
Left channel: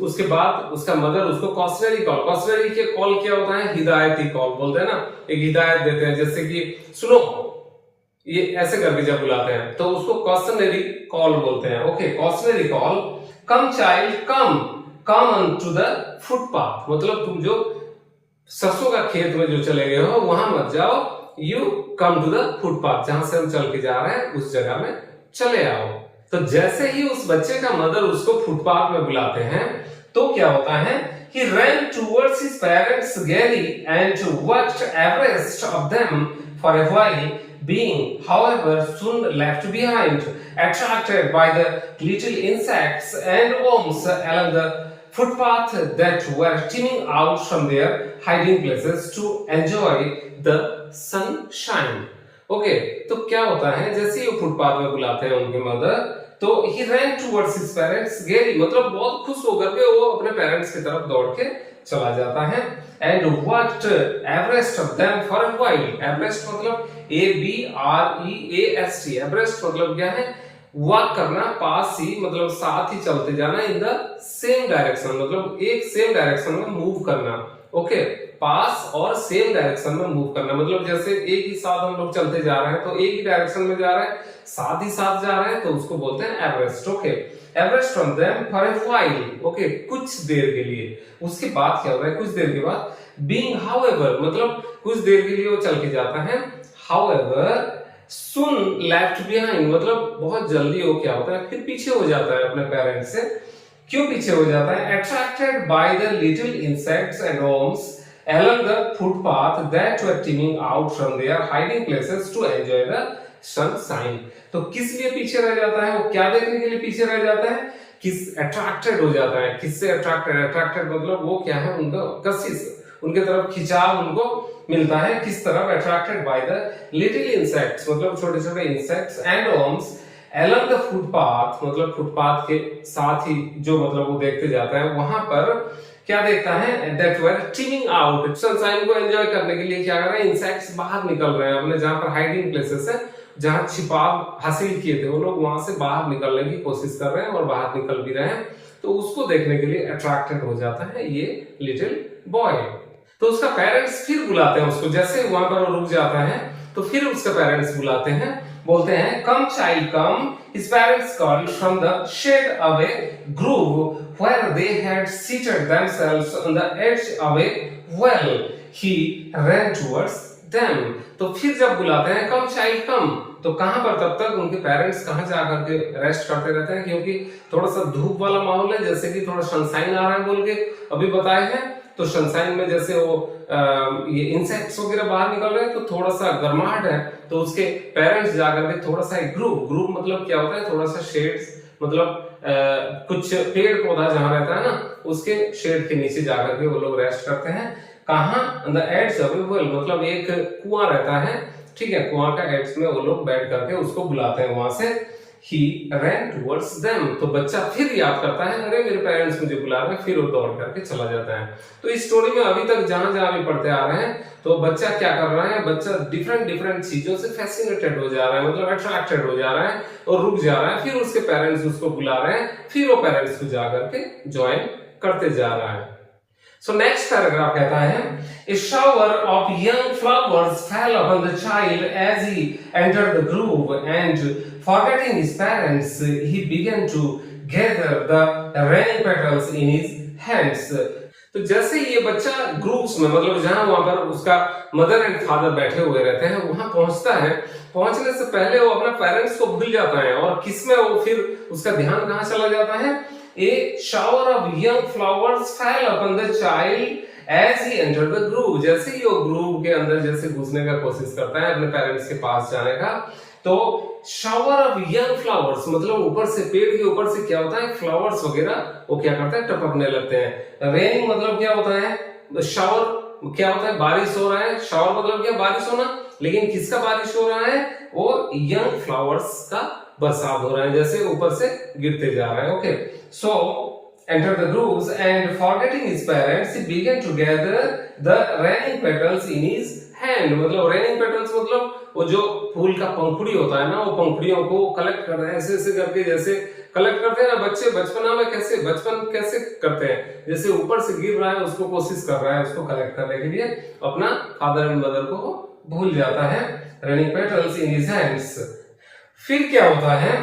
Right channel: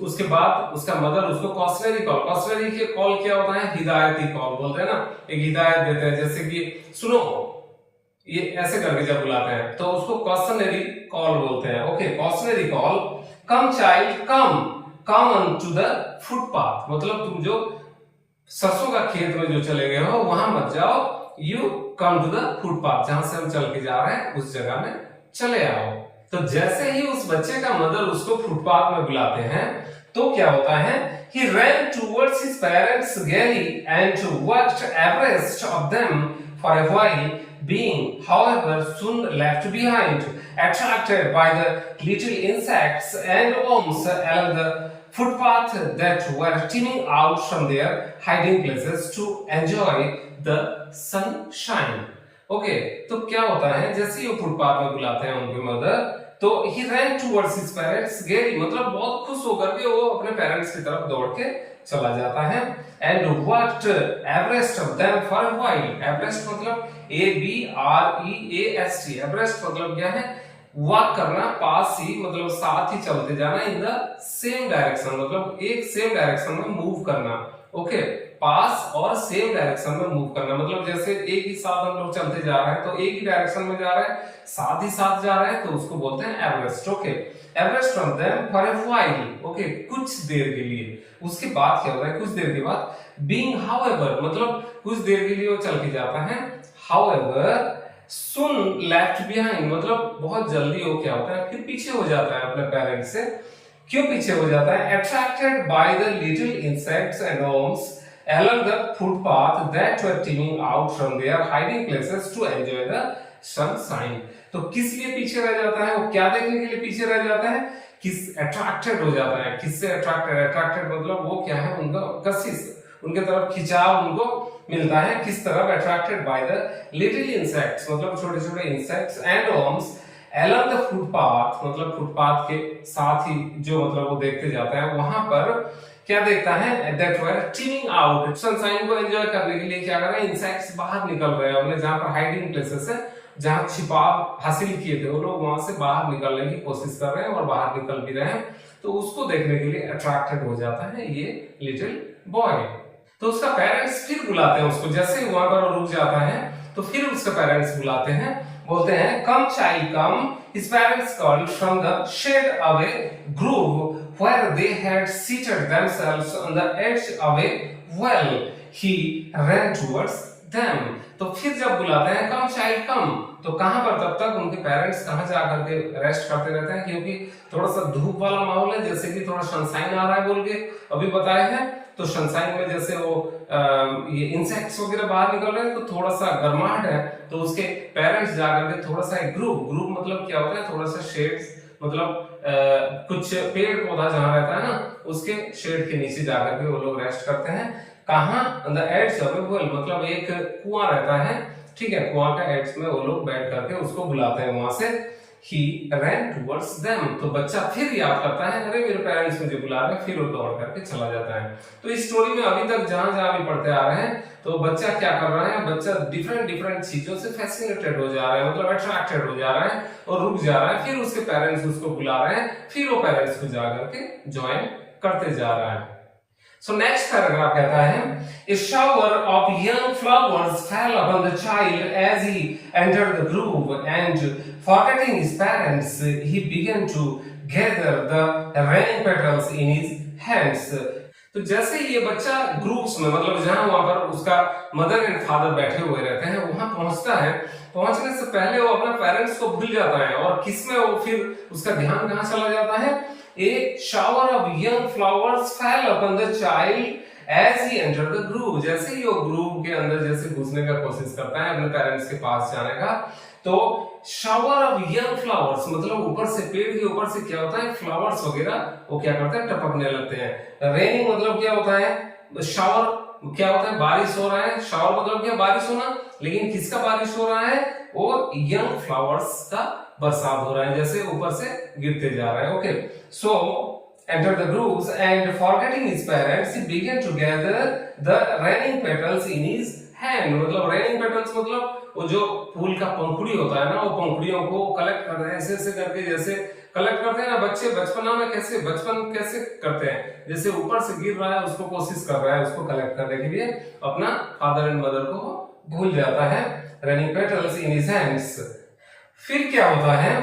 उसके बाद उसका मदर उसको कॉशनरी कॉल, कॉशनरी के कॉल क्या होता है, हिदायती कॉल बोलते हैं ना, एक हिदायत देते हैं, जैसे कि सुनो, ये ऐसे करके जब बुलाते हैं तो उसको कॉशनरी कॉल बोलते हैं। Okay, cautionary call, come child come, come on to the footpath, मतलब तुम जो सरसों का खेत में जो चले गए हो वहां मत जाओ, you come to the footpath, जहां से हम चल के जा रहे हैं उस जगह में चले आओ। तो जैसे ही उस बच्चे का मदर उसको फुटपाथ में बुलाते हैं तो क्या होता है, he ran towards his parents gaily and walked abreast of them for a while, being however soon left behind, attracted by the little insects and worms along the footpath that were teeming out from their hiding places to enjoy the sunshine। Okay, तो क्या होता है, जैसे ही वो footpath में बुलाते हैं उनके मदर, तो he ran towards his parents gaily, मतलब बहुत खुश होकर के वो अपने पेरेंट्स की तरफ दौड़ के चला जाता है। and walked abreast of them for a while, abreast मतलब ABREAST, abreast मतलब क्या है, वॉक करना, पास ही मतलब साथ ही चलते जाना, इन द सेम डायरेक्शन मतलब एक सेम डायरेक्शन में मूव करना। ओके, पास और सेम डायरेक्शन में मूव करना, मतलब जैसे एक ही साथ हम लोग चलते जा रहे हैं तो एक ही डायरेक्शन में जा रहे हैं, साथ ही साथ जा रहे हैं, तो उसको बोलते हैं Everest. Okay, Everest from them for a while. Okay, कुछ देर के लिए। उसके बाद क्या होता है, कुछ देर के बाद बीइंग हाउएवर, मतलब कुछ देर के लिए वो चल के जाता है, हाउएवर सुन लेफ्ट बिहाइंड, मतलब बहुत जल्दी वो क्या होता है, फिर पीछे हो जाता है अपने पेरेंट्स से। क्यों पीछे हो जाता है? Attracted by the little insects and worms along the footpath that were teeming out from their hiding places to enjoy the sunshine। तो किस लिए पीछे रह जाता है? वो क्या देखने के लिए पीछे रह जाता है? किस अट्रैक्टेड हो जाता है? किससे अट्रैक्टेड? अट्रैक्टेड मतलब वो क्या है, उनका कशिश, उनके तरफ खिंचाव उनको मिलता है। किस तरफ? Attracted by the little insects, मतलब छोटे छोटे insects, and worms along the footpath, मतलब फुटपाथ के साथ ही जो मतलब वो देखते जाता है, वहां पर क्या देखता है, that were teeming out, sunshine को एंजॉय करने के लिए क्या कर रहे हैं, इंसेक्ट्स बाहर निकल रहे हैं अपने जहां पर हाइडिंग प्लेसेस है, जहां छिपाव हासिल किए थे वो लोग, वहां से बाहर निकलने की कोशिश कर रहे हैं और बाहर निकल भी रहे हैं, तो उसको देखने के लिए अट्रैक्टेड हो जाता है ये लिटिल बॉय। तो उसका पेरेंट्स फिर बुलाते हैं उसको, जैसे वहां पर वो रुक जाता है तो फिर उसके पेरेंट्स बुलाते हैं, बोलते हैं come child come. His parents called from the shade away grove where they had seated themselves on the edge away well he ran towards them। तो फिर जब बुलाते हैं कम चाइल्ड कम, तो कहां पर तब तक उनके पेरेंट्स कहां जा करके रेस्ट करते रहते हैं, क्योंकि थोड़ा सा धूप वाला माहौल है, जैसे कि थोड़ा सनशाइन आ रहा है बोल के अभी बताए हैं, तो सनशाइन में जैसे वो ये इंसेक्ट्स वगैरह बाहर निकल रहे हैं तो थोड़ा सा गर्माहट है, तो उसके पेरेंट्स जाकर के थोड़ा सा एक ग्रुप मतलब क्या होता है, थोड़ा सा शेड्स, मतलब कुछ पेड़ पौधा जहां रहता है ना, उसके शेड के नीचे जाकर के वो लोग रेस्ट करते हैं। कहां? On the edge of a well, मतलब एक कुआं रहता है, ठीक है, कुआं का एड्स में वो लोग बैठ करके उसको बुलाते हैं वहां से। He ran towards them, तो बच्चा फिर याद करता है, अरे मेरे पेरेंट्स मुझे बुला रहे हैं, फिर वो दौड़ करके चला जाता है। तो इस स्टोरी में अभी तक जहां जहां भी पढ़ते आ रहे हैं, तो बच्चा क्या कर रहा है, बच्चा डिफरेंट चीजों से फैसिनेटेड हो जा रहा है, मतलब अट्रैक्टेड हो जा रहा है और रुक जा रहा है, फिर उसके पेरेंट्स उसको बुला रहे हैं, फिर वो पेरेंट्स को जा करके ज्वाइन करते जा रहा है। So next paragraph कहता है, a shower of young flowers fell upon the child as he entered the grove, and forgetting his parents, he began to gather the raining petals in his hands। तो जैसे ये बच्चा groups में, मतलब जहां वहां पर उसका मदर एंड फादर बैठे हुए रहते हैं, वहां पहुंचता है, पहुंचने से पहले वो अपना पेरेंट्स को भूल जाता है, और किसमें वो फिर उसका ध्यान कहां चला जाता है, A shower of young flowers fell upon the child as he entered the grove। जैसे ही वो ग्रूव के अंदर जैसे घुसने का कोशिश करता है अपने पेरेंट्स के पास जाने का, तो शावर ऑफ यंग फ्लावर्स, मतलब ऊपर से, पेड़ के ऊपर से क्या होता है, फ्लावर्स वगैरह वो क्या करते हैं, टपकने लगते हैं। रेनिंग मतलब क्या होता है, शावर क्या होता है, बारिश हो रहा है, शावर मतलब क्या, बारिश होना, लेकिन किसका बारिश हो रहा है, वो यंग फ्लावर्स का बरसात हो रहा है, जैसे ऊपर से गिरते जा रहा है। Okay, so entered the grooves and forgetting his parents he began to gather the raining petals in his hand। मतलब raining petals मतलब वो जो फूल का पंखुड़ी होता है ना, वो पंखुड़ियों को कलेक्ट कर रहे हैं, ऐसे ऐसे करके, जैसे कलेक्ट करते हैं ना बच्चे बचपना में, कैसे बचपन कैसे करते हैं, जैसे ऊपर से गिर रहा है उसको कोशिश कर रहा है उसको कलेक्ट करने के लिए, अपना फादर एंड मदर को भूल जाता है। raining petals in his hands। फिर क्या होता है,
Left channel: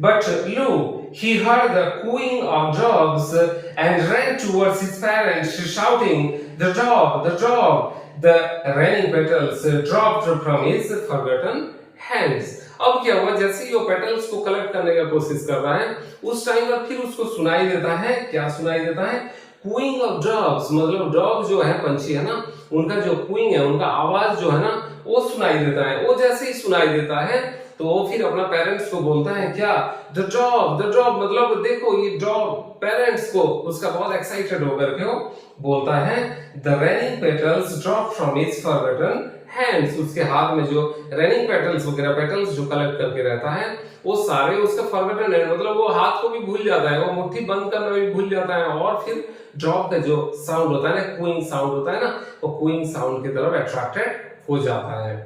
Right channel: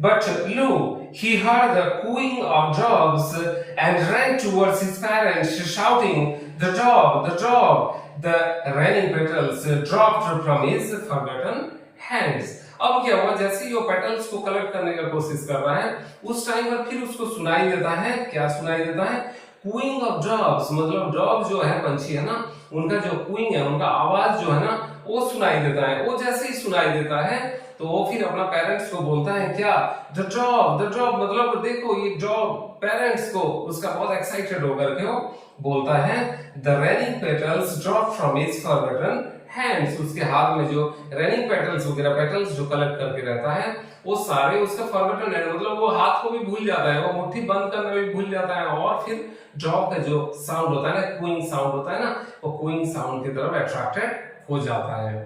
but lo, he heard the cooing of dogs and ran towards his parents shouting, the dog, the dog। The raining petals dropped from his forgotten hands। अब क्या हुआ, जैसे ही वो petals को कलेक्ट करने का कोशिश कर रहा है, उस टाइम पर फिर उसको सुनाई देता है, क्या सुनाई देता है, कूइंग ऑफ डॉग्स, मतलब डॉग जो है, पंछी है ना, उनका जो कूइंग है, उनका आवाज जो है ना, वो सुनाई देता है। वो जैसे ही सुनाई देता है तो वो फिर अपना पेरेंट्स को बोलता है, क्या, द डॉग, द डॉग, मतलब देखो ये डॉग, पेरेंट्स को उसका बहुत एक्साइटेड होकर के वो बोलता है, the raining petals drop from his forgotten hands. उसके हाथ में जो रेनिंग पेटल्स वगैरह, पेटल्स जो कलेक्ट करके रहता है, वो सारे उसका फॉरगॉटन है, मतलब वो हाथ को भी भूल जाता है, वो मुट्ठी बंद करना भी भूल जाता है, और फिर ड्रॉप का जो साउंड होता है ना, कूइंग साउंड होता है ना, वो कूइंग साउंड की तरफ अट्रैक्टेड हो जाता है।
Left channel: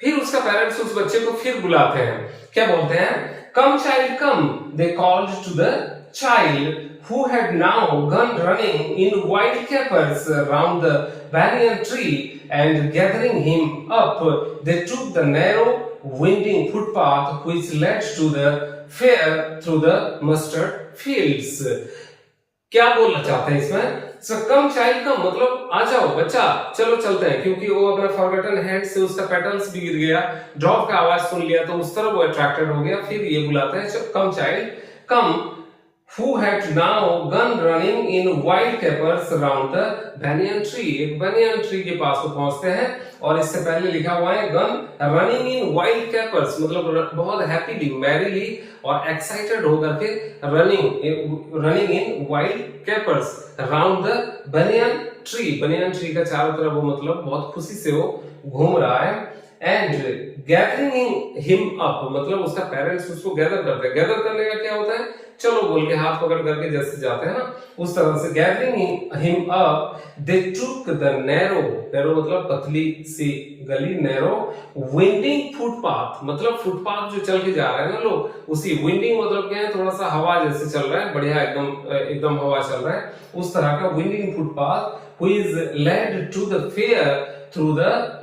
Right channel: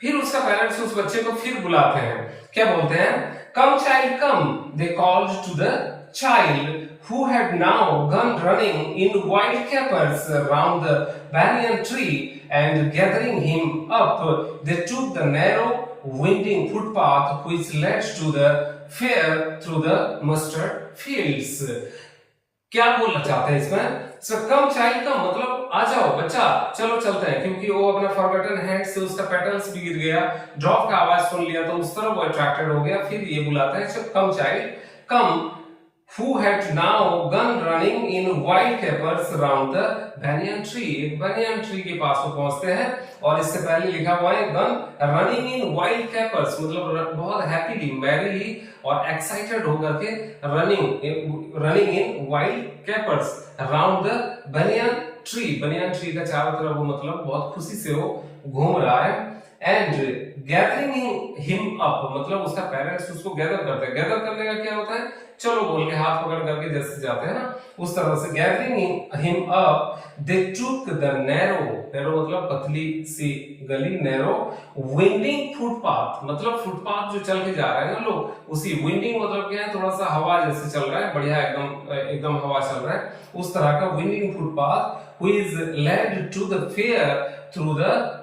फिर उसका पेरेंट्स उस बच्चे को फिर बुलाते हैं, क्या बोलते हैं, come child come, they called to the child who had now gone running in wild capers round the banyan tree, and gathering him up, they took the narrow winding footpath which led to the fair through the mustard fields. क्या बोलना चाहते हैं इसमें? सो कम child कम मतलब आ जाओ बच्चा, चलो चलते हैं, क्योंकि वो अपने फॉरगॉटन हैंड से उसका पेटल्स भी गिर गया, ड्रॉप का आवाज सुन लिया तो उस तरफ वो अट्रैक्टेड हो गया। फिर ये बुलाते हैं come child come, who had now gone running in wild capers round the banyan tree। एक banyan tree के पास वो पहुंचते हैं, और इससे पहले लिखा हुआ है gun running in wild capers, मतलब बहुत हैप्पीली मैरीली और एक्साइटेड होकर के running in wild capers round the banyan tree का चारों तरफ वो मतलब बहुत खुशी से वो घूम रहा है। एंड गैदरिंग हिम अप मतलब उसका पेरेंट्स उसको गैदर करते हैं। गैदर करने का क्या होता है, चलो बोल के हाथ पकड़ करके जैसे जाते हैं ना, उस तरह से gathering him up they took the narrow मतलब पतली सी गली, नैरो विंडिंग फुटपाथ मतलब फुटपाथ जो चल के जा रहे हैं ना लोग, उसी विंडिंग मतलब क्या है, थोड़ा सा हवा जैसे चल रहा है, बढ़िया एकदम हवा चल रहा है, उस तरह का winding footpath which is led to the fair through the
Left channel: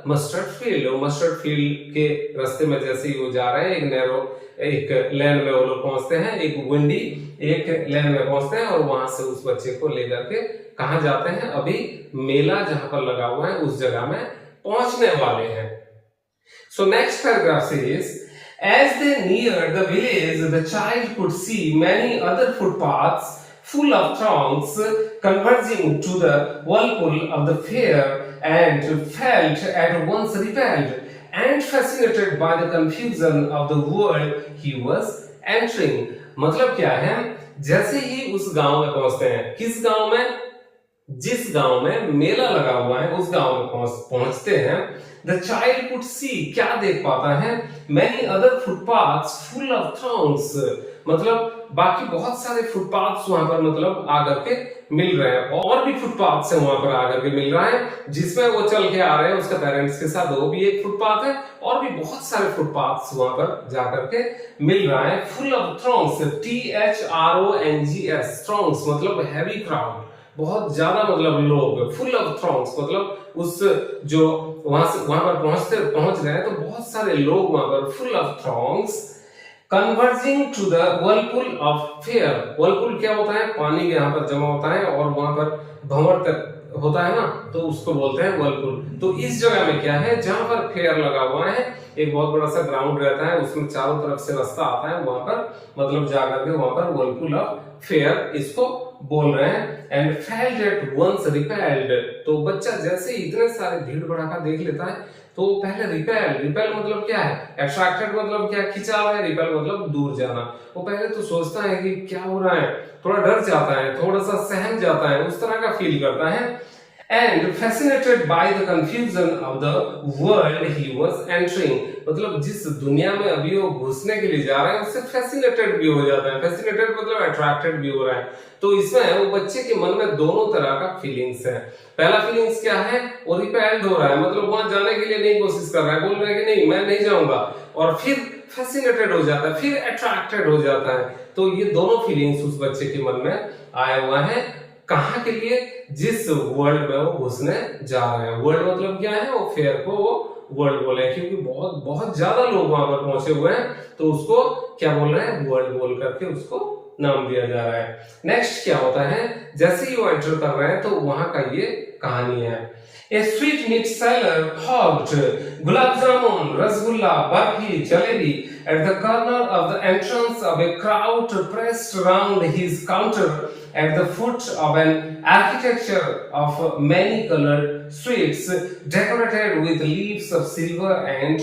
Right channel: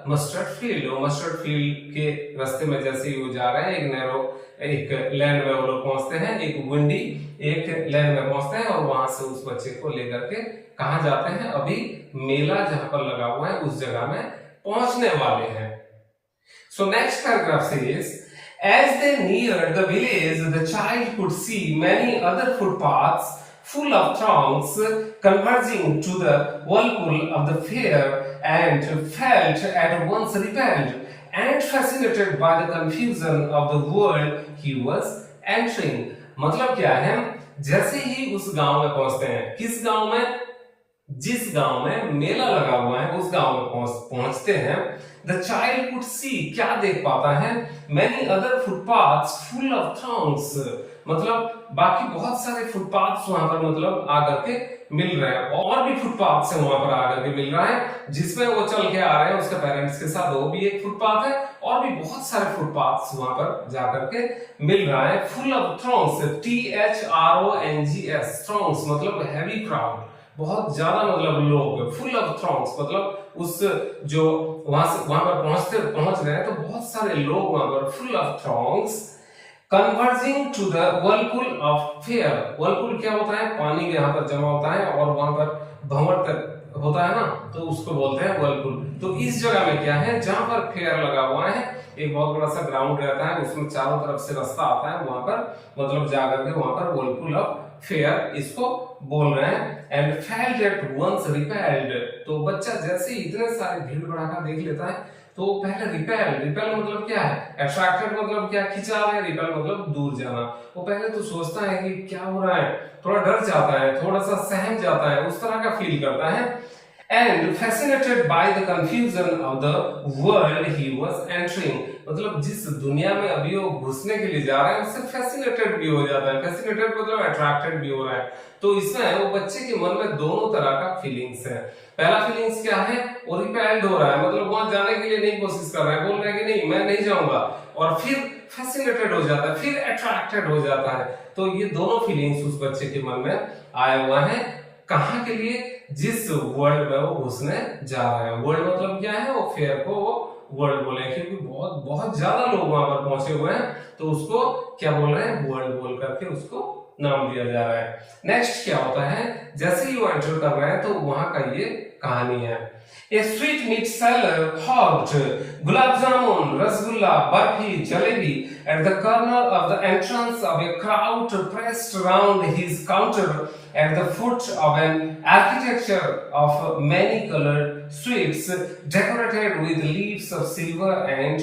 mustard field के रास्ते में जैसे ही वो जा रहे हैं, एक नैरो एक लेन में वो लोग पहुंचते हैं, एक विंडी एक लेन में पहुंचते हैं, और वहां से उस बच्चे को लेकर के कहां जाते हैं, अभी मेला जहां पर लगा हुआ है उस जगह में पहुंचने वाले हैं। So next paragraph says as they neared the village the child could see many other footpaths full of throngs converging to the whirlpool of the fair, and felt at once repelled and fascinated by the confusion of the world he was entering। मतलब क्या है, जैसे ही उस गांव में पहुंचते हैं, किस गांव में, जिस गांव में मेला लगा हुआ है उस गांव में पहुंचते हैं, द चाइल्ड कुड सी क्या देख पाता है, many other footpaths full of throngs मतलब बाकी बहुत सारे फुटपाथ्स वहां पर मतलब आकर के मिल रहे हैं, और भी फुटपाथ्स हैं वहां पर आकर के मिल रहा है, जिसमें वो चल के आ रहे हैं उसके पेरेंट्स के साथ, वो भी एक फुटपाथ है, और भी बहुत सारे फुटपाथ्स वहां पर जाकर के मिल रहा है। फुल ऑफ थ्रॉन्ग्स THRONGS थ्रॉन्ग्स मतलब हैवी क्राउड, बहुत ज्यादा मतलब लोग, फुल ऑफ थ्रॉन्ग्स मतलब उस जो वहां पर पहुंच रहे हैं तो बहुत सारे लोग वहां पर, full of throngs converging to the whirlpool of fair. Whirlpool क्या होता है, पानी यहाँ पर जमा होता है और वहां पर भंवर होता है ना, तो उसको बोलते हैं वर्लपुल। तो इस जगह में क्या है, जहां पर फेयर लगा हुआ है, एक बहुत बड़ा सा ग्राउंड रहता है, उसमें चारों तरफ से रास्ता आता है, वहां पर मतलब जाकर के वहां पर वर्लपुल ऑफ फेयर इसको बोल रहे हैं। And felt at once repelled, तो बच्चा जैसे इतने सारे भीड़ भड़ाका देख लेता है तो पहले रिपेल मतलब क्या है, अट्रैक्टेड मतलब क्या, खिंचाव है, रिपेल मतलब दूर जाना। वो पहले तो सोचता है कि क्या हो रहा है, थोड़ा डर जाता है, थोड़ा सा सहम जाता है, उस तरह का फील करता है। And fascinated by the confusion of the world he was entering, मतलब जिस दुनिया में अभी वो घुसने के लिए जा रहे हैं उससे फैसिनेटेड भी हो जाता है। फैसिनेटेड मतलब अट्रैक्टेड भी हो रहा है। तो इसमें वो बच्चे के मन में दोनों तरह का फीलिंग्स है। पहला फीलिंग्स क्या है, वो रिपेल्ड हो रहा है, मतलब वहां जाने के लिए नहीं कोशिश कर रहा है, बोल रहा है कि नहीं मैं नहीं जाऊंगा, और फिर फैसिनेटेड हो जाता है, फिर अट्रैक्टेड हो जाता है। तो ये दोनों फीलिंग्स उस बच्चे के मन में आए हुए हैं, कहां के लिए, जिस वर्ल्ड में वो घुसने जा रहे हैं। वर्ल्ड मतलब क्या है, वो फेयर को वो वर्ल्ड बोले हैं, क्योंकि बहुत बहुत ज्यादा लोग वहां पर पहुंचे हुए हैं, तो उसको क्या बोल रहे हैं, वर्ल्ड बोल करके उसको नाम दिया जा रहा है। नेक्स्ट क्या होता है, जैसे ही वो एंटर कर रहे हैं तो वहां का ये कहानी है। A sweet meat seller hawked gulab jamun, rasgulla, barfi, jalebi at the corner of the entrance of a crowd pressed around his counter at the foot of an architecture of many colored sweets decorated with leaves of silver and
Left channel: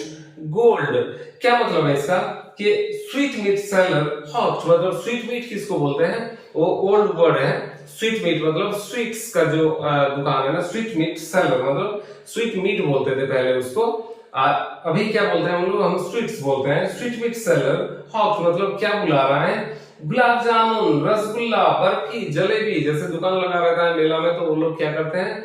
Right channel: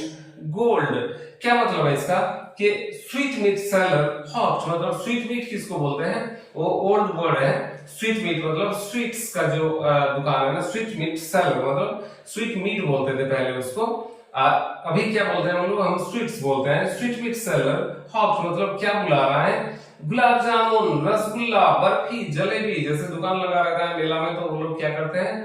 gold। क्या मतलब है इसका कि sweet meet seller हॉक्ड मतलब sweet meet किसको बोलते हैं, वो ओल्ड वर्ड है। स्वीट मीट मतलब स्वीट्स का जो दुकान है ना, स्वीट मीट सेलर मतलब स्वीट मीट बोलते थे पहले उसको, अभी क्या बोलते हैं हम स्वीट्स बोलते हैं। स्वीट मीट सेलर हॉक्ड मतलब क्या बुला रहा है, गुलाब जामुन, रसगुल्ला, बर्फी, जलेबी, जैसे दुकान लगा रहता है मेला में, तो वो लोग क्या करते हैं,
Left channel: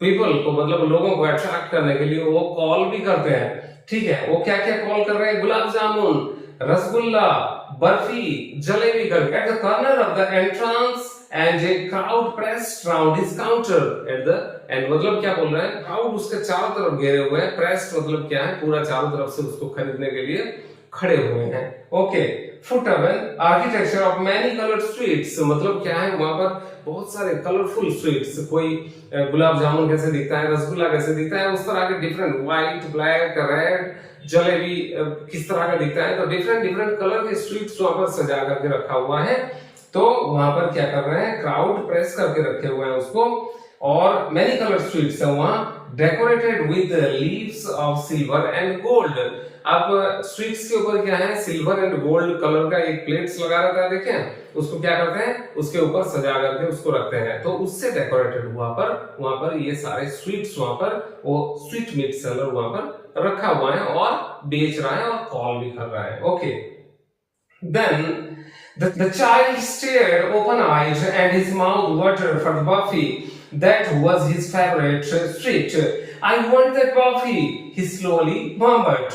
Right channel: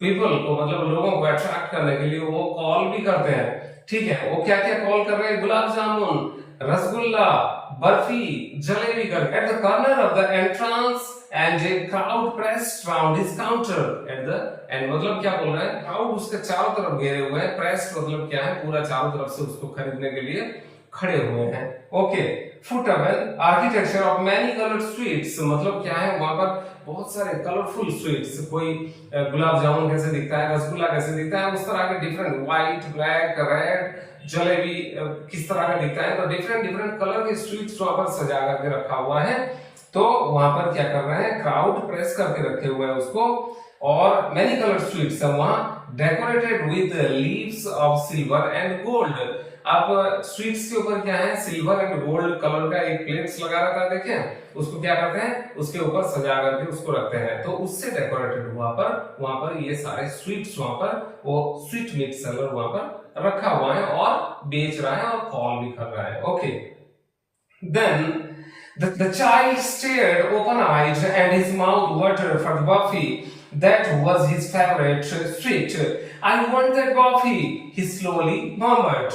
पीपल को मतलब लोगों को अट्रैक्ट करने के लिए वो कॉल भी करते हैं। ठीक है, वो क्या क्या कॉल कर रहे हैं, गुलाब जामुन, रसगुल्ला, बर्फी जलेबी करके at the corner of the entrance and a crowd pressed round his counter at the end. मतलब क्या बोल रहे हैं, क्राउड उसके चारों तरफ घेरे हुए हैं, प्रेस्ड मतलब क्या है, पूरा चारों तरफ से उसको खरीदने के लिए खड़े हुए हैं। ओके, फुटअवेल architecture of many coloured streets, मतलब क्या है, वहां पर बहुत सारे कलरफुल स्ट्रीट्स, कोई गुलाब जामुन कैसे दिखता है, रसगुल्ला कैसे दिखता है, उस तरह के different white, black, red, jalebi किस तरह का दिखता है, तो डिफरेंट डिफरेंट कलर के स्ट्रीट्स वहां पर सजा करके रखा हुआ है। तो वहां पर क्या कर रहे हैं, क्राउड प्रेस करके रखे हुए हैं उसको, और मैनी कलर स्ट्रीट्स है वहां, decorated with leaves of silver and gold. अब स्ट्रीट्स के ऊपर क्या है, सिल्वर एंड गोल्ड कलर का एक प्लेट्स लगा रहता है, देखें, उसको क्या करते हैं, उसके ऊपर सजा करके उसको रखते हैं, तो उससे डेकोरेटेड वहां पर ये सारे स्वीट्स, वहां पर वो स्वीट मीट सेलर वहां पर रखा हुआ है और बेच रहा है और कॉल भी कर रहा है। Okay, then the child stared open-eyed and his mouth watered for the buffet that was his favorite treat. I want that buffet, he slowly murmured,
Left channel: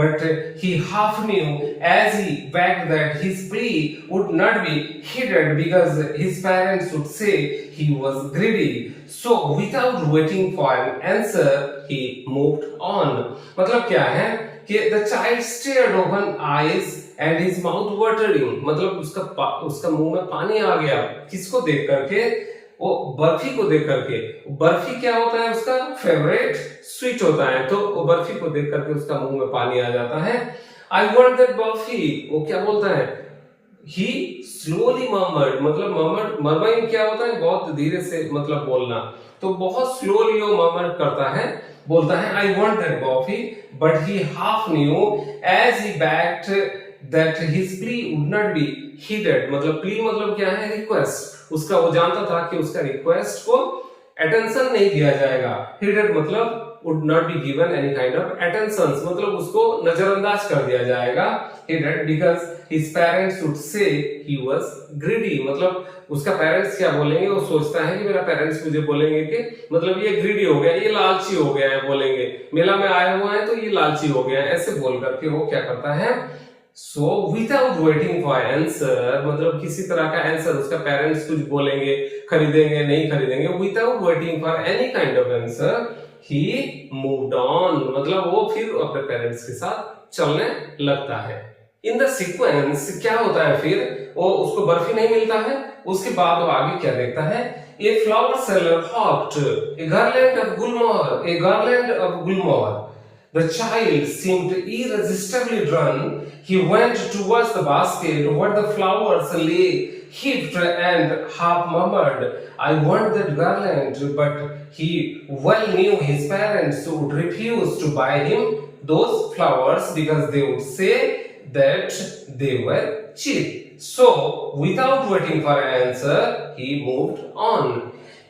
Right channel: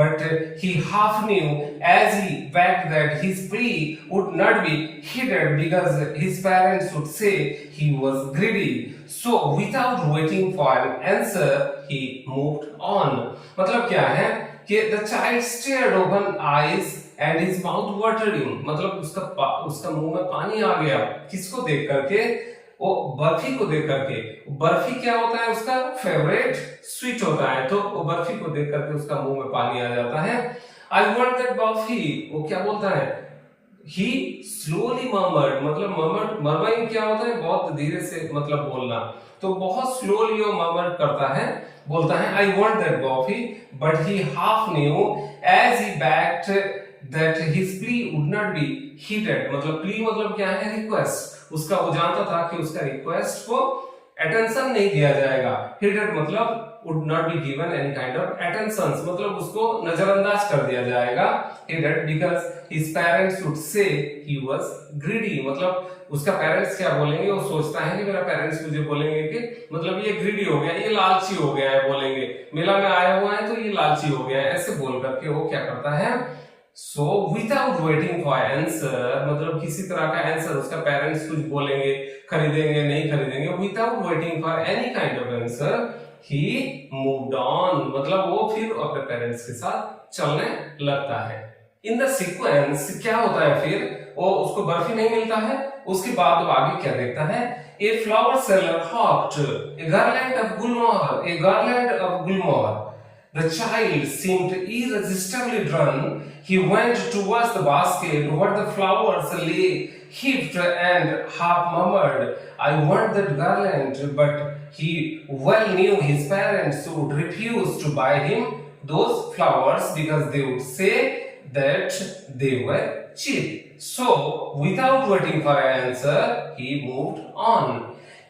but he half knew as he begged that his plea would not be heeded because his parents would say he was greedy. So without waiting for an answer, he moved on. मतलब क्या है कि the child stared open eyes and his mouth watering, मतलब उसका मुंह में पानी आ गया, किसको देख करके, वो बर्फी को देख करके। बर्फी क्या होता है, उसका फेवरेट स्वीट होता है, तो वो बर्फी को देख करके उसका मुंह में पानी आ जाता है। आई वांट दैट बर्फी, वो क्या बोलता है, ही स्लोली मर्मर्ड, मतलब मर्मरिंग क्या होता है, बहुत धीरे से मतलब बोलना, तो बहुत स्लोली वो मर्मर करता है, बोलता है I want that barfi, but he half knew as he begged that his plea would not be heeded, मतलब प्ली मतलब क्या है, रिक्वेस्ट, उसका वो जानता था कि उसका रिक्वेस्ट को अटेंशन नहीं दिया जाएगा। हीडेड मतलब would not be given any kind of attention, मतलब उसको नजरअंदाज कर दिया जाएगा। हीडेड because his parents would say he was greedy, मतलब उसका पेरेंट्स क्या बोलेंगे, वो सोचता है कि मेरा पेरेंट्स मुझे बोलेंगे कि मतलब ये ग्रीडी हो गया, ये लालची हो गया है, बोलेंगे मेला में आए हुए हैं तो ये लालची हो गया है, ऐसे बोल करके वो क्या करता है, सो विदाउट वेटिंग फॉर आंसर, मतलब किसी तरह का आंसर, उसका पेरेंट्स कुछ बोलेंगे, खरीदेंगे नहीं खरीदेंगे, without waiting for any kind of answer he moved on, मतलब वो फिर अपने पेरेंट्स के साथ चलने लगता है। इन द सीक्वेंस क्या होता है, फिर वो उसको बर्फी नहीं मिलता है, उसके बाद वो आगे क्या देखता है, a flower seller hawked a garland of gulmohar, a garland of gulmohar. The child seemed irresistibly drawn. He went towards the basket where the flowers lay heaped and half murmured, I want that garland, but he well knew his parents would refuse to buy him those flowers because they would say that they were cheap. So, without waiting for an answer, he moved on.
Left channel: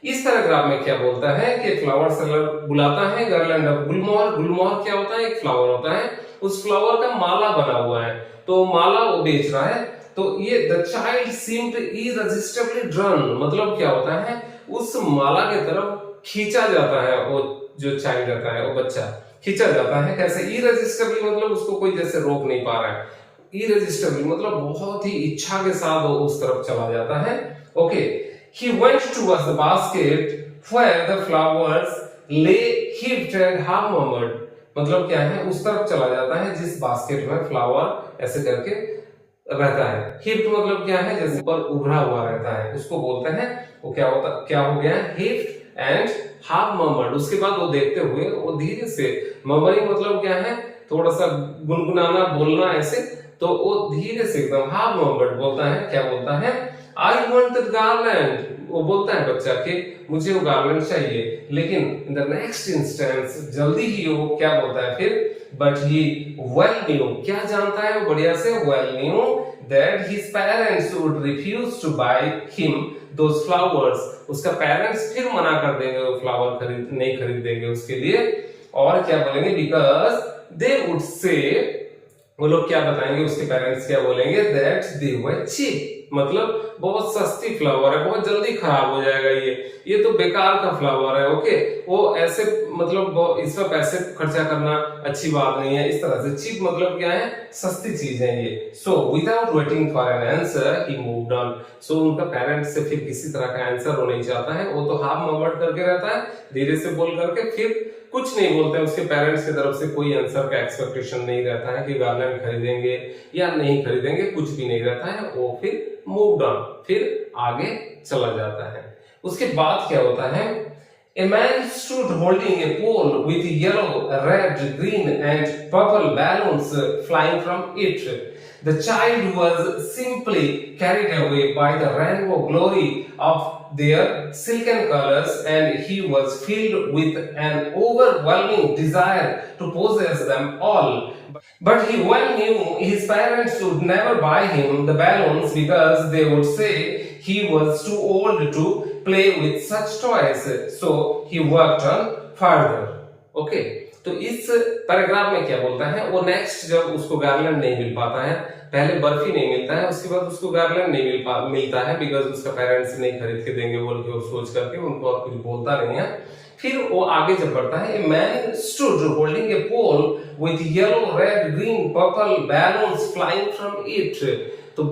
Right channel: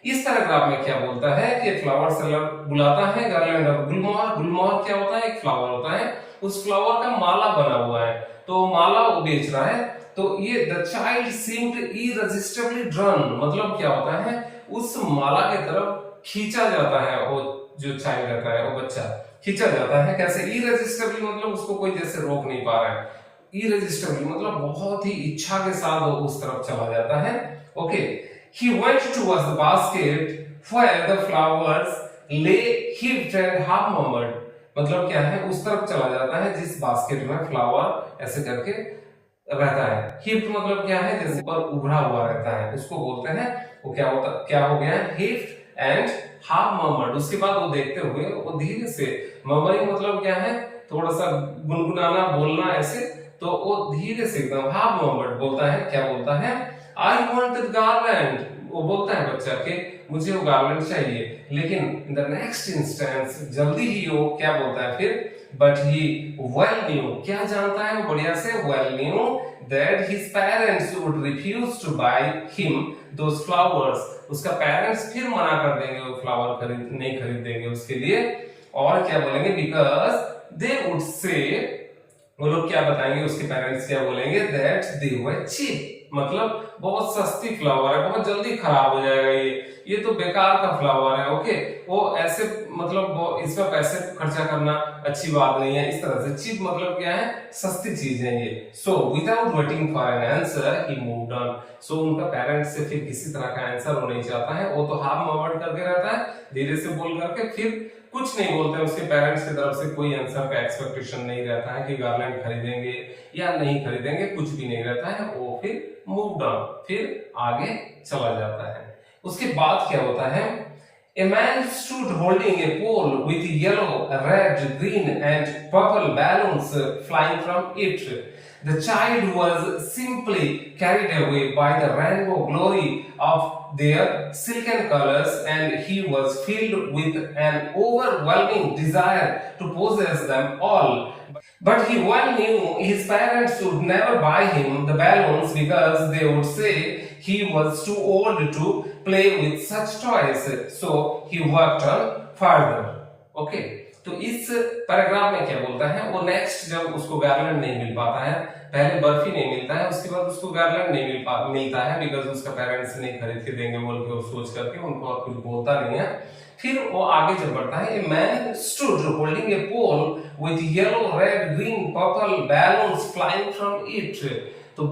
इस paragraph में क्या बोलता है कि flower seller बुलाता है garland of गुलमोहर। गुलमोहर क्या होता है, एक फ्लावर होता है, उस फ्लावर का माला बना हुआ है, तो माला वो बेच रहा है। तो ये द चाइल्ड सीम्ड इरेजिस्टिबली ड्रन, मतलब क्या होता है, उस माला की तरफ खींचा जाता है, वो जो चाइल्ड रहता है, वो बच्चा खींचा जाता है। कैसे, इरेजिस्टिबली मतलब उसको कोई जैसे रोक नहीं पा रहा है, इरेजिस्टिबली मतलब बहुत ही इच्छा के साथ वो उस तरफ चला जाता है। Okay, he went towards the basket where the flowers lay heaped and half murmured, मतलब क्या है, उस तरफ चला जाता है जिस बास्केट में फ्लावर ऐसे करके रहता है। heaped मतलब क्या है, जैसे ऊपर उभरा हुआ रहता है, उसको बोलते हैं, वो क्या हो गया, heaped and half murmured। उसके बाद वो देखते हुए वो धीरे से, murmuring मतलब क्या है, थोड़ा सा गुनगुनाना, बोलना ऐसे, तो वो धीरे से एकदम half murmured बोलता है, क्या बोलता है, I want that garland, वो बोलता है बच्चा कि मुझे वो गार्लैंड चाहिए। लेकिन in the next instance जल्दी ही वो क्या बोलता है फिर, but he well knew, क्या जानता है वो बढ़िया से, well knew that his parents would refuse to buy him those flowers, उसका पेरेंट्स फिर मना कर देंगे, वो फ्लावर नहीं खरीदेंगे उसके लिए, और क्या बोलेंगे, because they would say, वो लोग क्या बताएंगे, उसके पेरेंट्स क्या बोलेंगे, that they were cheap, मतलब बहुत सस्ती फ्लावर है, बहुत जल्दी खराब हो जाएगा, ये तो बेकार का फ्लावर है। ओके, वो ऐसे मतलब इसमें पैसे खर्चा करना अच्छी बात नहीं है। इस तरह से चीप मतलब क्या है, सस्ती चीज है ये। So without waiting for an answer he moved on. So उनका पेरेंट्स से फिर किसी तरह का आंसर वो नहीं चाहता है, वो तो हाफ मोमेंट करके रहता है, धीरे से बोल करके फिर कुछ नहीं बोलते हैं। उसके पेरेंट्स की तरफ से कोई आंसर का एक्सपेक्टेशन नहीं रहता है कि गार्लैंड खरीदेंगे या नहीं खरीदेंगे, कुछ भी नहीं रहता है। वो फिर मूव डाउन, फिर आगे चला जाता है। उसके बाद क्या होता है, A man stood holding a pole with yellow, red, green and purple balloons flying from it. The child was simply carried away by the rainbow glory of their silken colors, and he was filled with an overwhelming desire to possess them all. But he well knew his parents would never buy him the balloons because they would say he was too old to play with such toys. So he worked on further. Okay, तो इस paragraph में क्या बोलता है, वो next जब उसको garland नहीं मिल पाता है, पहले बर्फी नहीं मिलता है, उसके बाद उसको गार्लैंड नहीं मिलता है बिकॉज उसका पेरेंट्स नहीं खरीद के देंगे बोल के वो सोच करके उनको और कुछ बोलता नहीं है। फिर वो आगे जब बढ़ता है, a man stood holding a pole with yellow, red, green, purple balloons flying from it. तो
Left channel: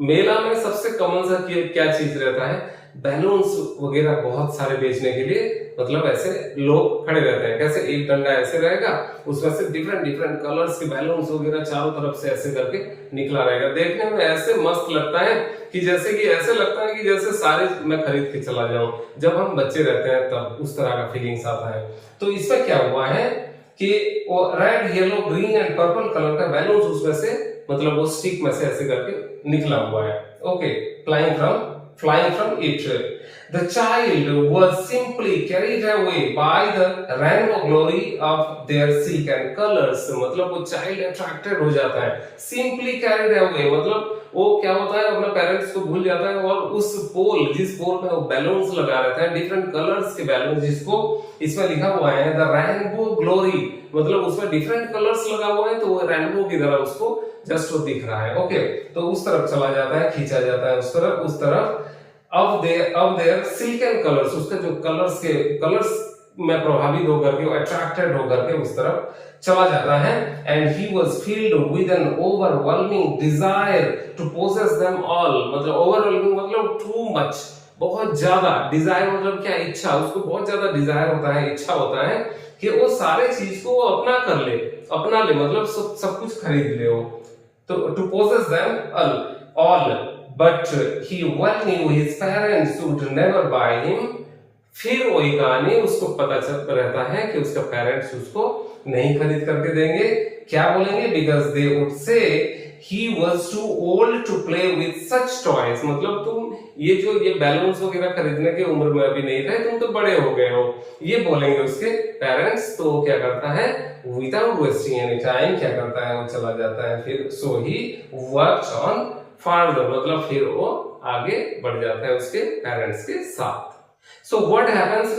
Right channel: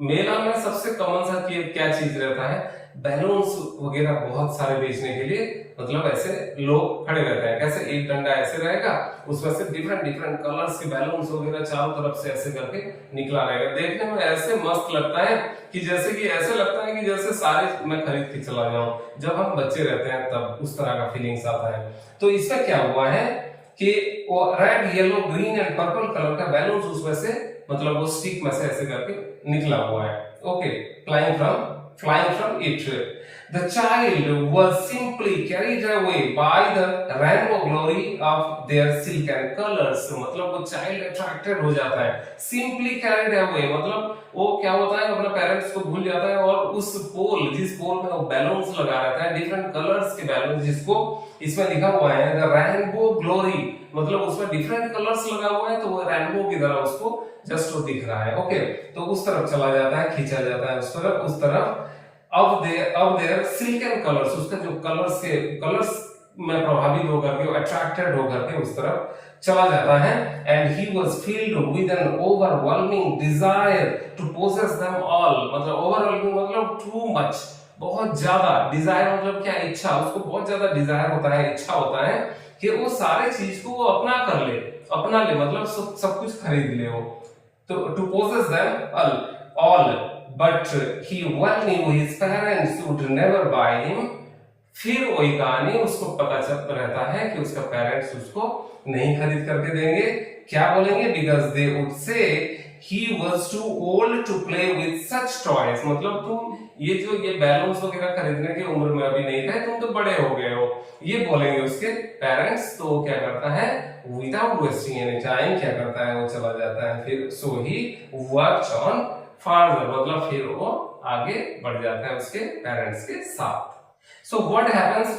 मेला में सबसे कॉमन सा क्या चीज रहता है, बैलून्स वगैरह बहुत सारे बेचने के लिए, मतलब ऐसे लोग खड़े रहते हैं। कैसे, एक डंडा ऐसे रहेगा, उसमें से डिफरेंट डिफरेंट कलर्स के बैलून्स वगैरह चारों तरफ से ऐसे करके निकला रहेगा। देखने में ऐसे मस्त लगता है कि जैसे कि ऐसे लगता है कि जैसे सारे मैं खरीद के चला जाऊं। जब हम बच्चे रहते हैं तब उस तरह का फीलिंग्स आता है। तो इसमें क्या हुआ है कि वो red, yellow, green and purple colour का बैलून्स उसमें से मतलब वो स्टिक में से ऐसे करके निकला हुआ है। Okay, flying from it. The child was simply carried away by the rainbow glory of their silken colors. मतलब वो child attracted हो जाता है। Simply carried away मतलब वो क्या होता है, अपने पेरेंट्स को भूल जाता है और उस जिस पोल में वो बैलून्स लगा रहता है, डिफरेंट कलर्स के बैलून्स, जिसको इसमें लिखा हुआ है द रेनबो ग्लोरी, मतलब उसमें डिफरेंट कलर्स लगा हुआ है, तो वो रेनबो की तरह उसको जस्ट वो दिख रहा है। ओके, तो उस तरफ चला जाता है, खींचा जाता है उस तरफ। अब देयर सिल्कन कलर्स, उसका जो कलर्स में प्रभावित होकर के, अट्रैक्टेड होकर के उस तरफ चला जाता है। And he was filled with an overwhelming desire to possess them all, मतलब ओवरवेलमिंग मतलब टू मच, बहुत ज्यादा, डिजायर मतलब क्या, इच्छा, उसको बहुत ज्यादा डिजायर होता है, इच्छा होता है कि वो सारे चीज को वो अपना ले, मतलब सब कुछ खरीद ले वो, तो to possess them all. But he well knew his parents would never buy him. फिर वही कहानी, उसको पता चल रहता है कि उसका पेरेंट्स उसको नहीं खरीद करके देंगे। क्या बोलेंगे, because they would say he was too old to play with such toys, मतलब तुम ये बैलून्स वगैरह खरीदने की उम्र में अभी नहीं थे, तुम तो बड़े हो गए हो, ये बोलेंगे उसके पेरेंट्स। तो क्या करता है, विदाउट वेस्टिंग एनी टाइम क्या करता है, वो चला जाता है फिर। सो ही वर्क्ड ऑन फर्दर, मतलब फिर वो आगे बढ़ जाता है उसके पेरेंट्स के साथ। सो व्हाट हैपेंस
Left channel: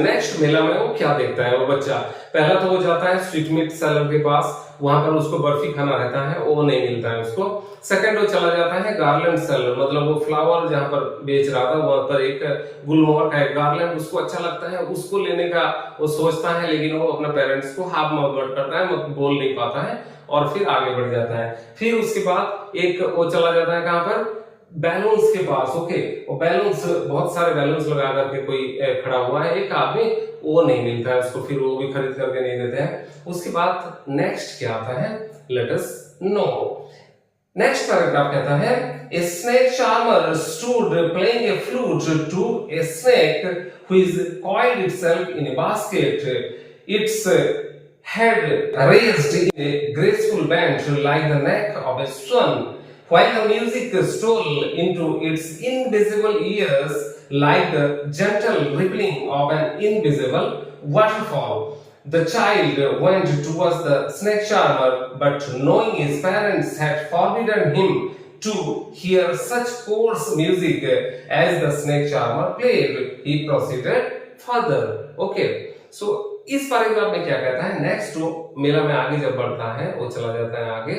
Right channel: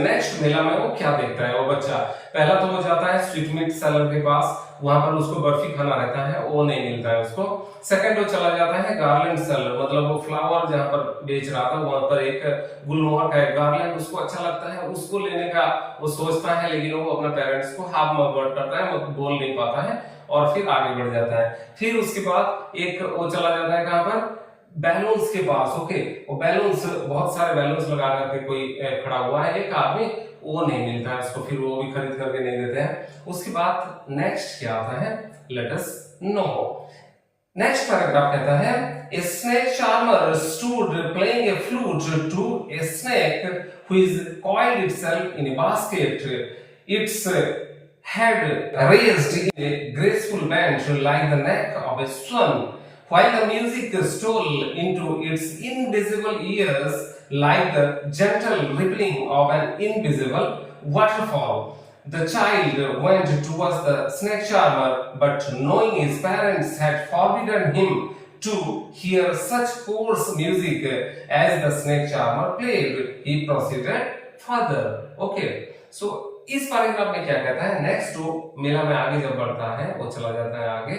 नेक्स्ट मेला में वो क्या देखता है वो बच्चा, पहला तो वो जाता है स्वीट मीट सेलर के पास, वहां पर उसको बर्फी खाना रहता है, वो नहीं मिलता है उसको। सेकंड वो चला जाता है गार्लैंड सेलर, मतलब वो फ्लावर जहां पर बेच रहा था, वहां पर एक गुलमोहर का एक गार्लैंड उसको अच्छा लगता है, उसको लेने का वो सोचता है, लेकिन वो अपने पेरेंट्स को हाफ मोहब्बत करता है, वो बोल नहीं पाता है और फिर आगे बढ़ जाता है। फिर उसके बाद एक वो चला जाता है कहां पर, बैलून्स के पास। ओके, वो बैलून्स, बहुत सारे बैलून्स लगा करके कोई खड़ा हुआ है एक आदमी, वो नहीं मिलता है उसको, फिर वो भी खरीद करके नहीं देते हैं। उसके बाद नेक्स्ट क्या आता है, let us know. Next paragraph कहता है, a snake charmer stood playing a flute to a snake which coiled itself in a basket. Its head raised in a graceful bend like the neck of a swan, while the music stole into its invisible ears like the gentle rippling of an invisible waterfall. The child went towards the snake charmer, but knowing his parents had forbidden him to hear such coarse music as the snake charmer played, he proceeded further. Okay, so इस paragraph में क्या कहता है, next वो मेला में आगे जब बढ़ता है, वो चला जाता है आगे,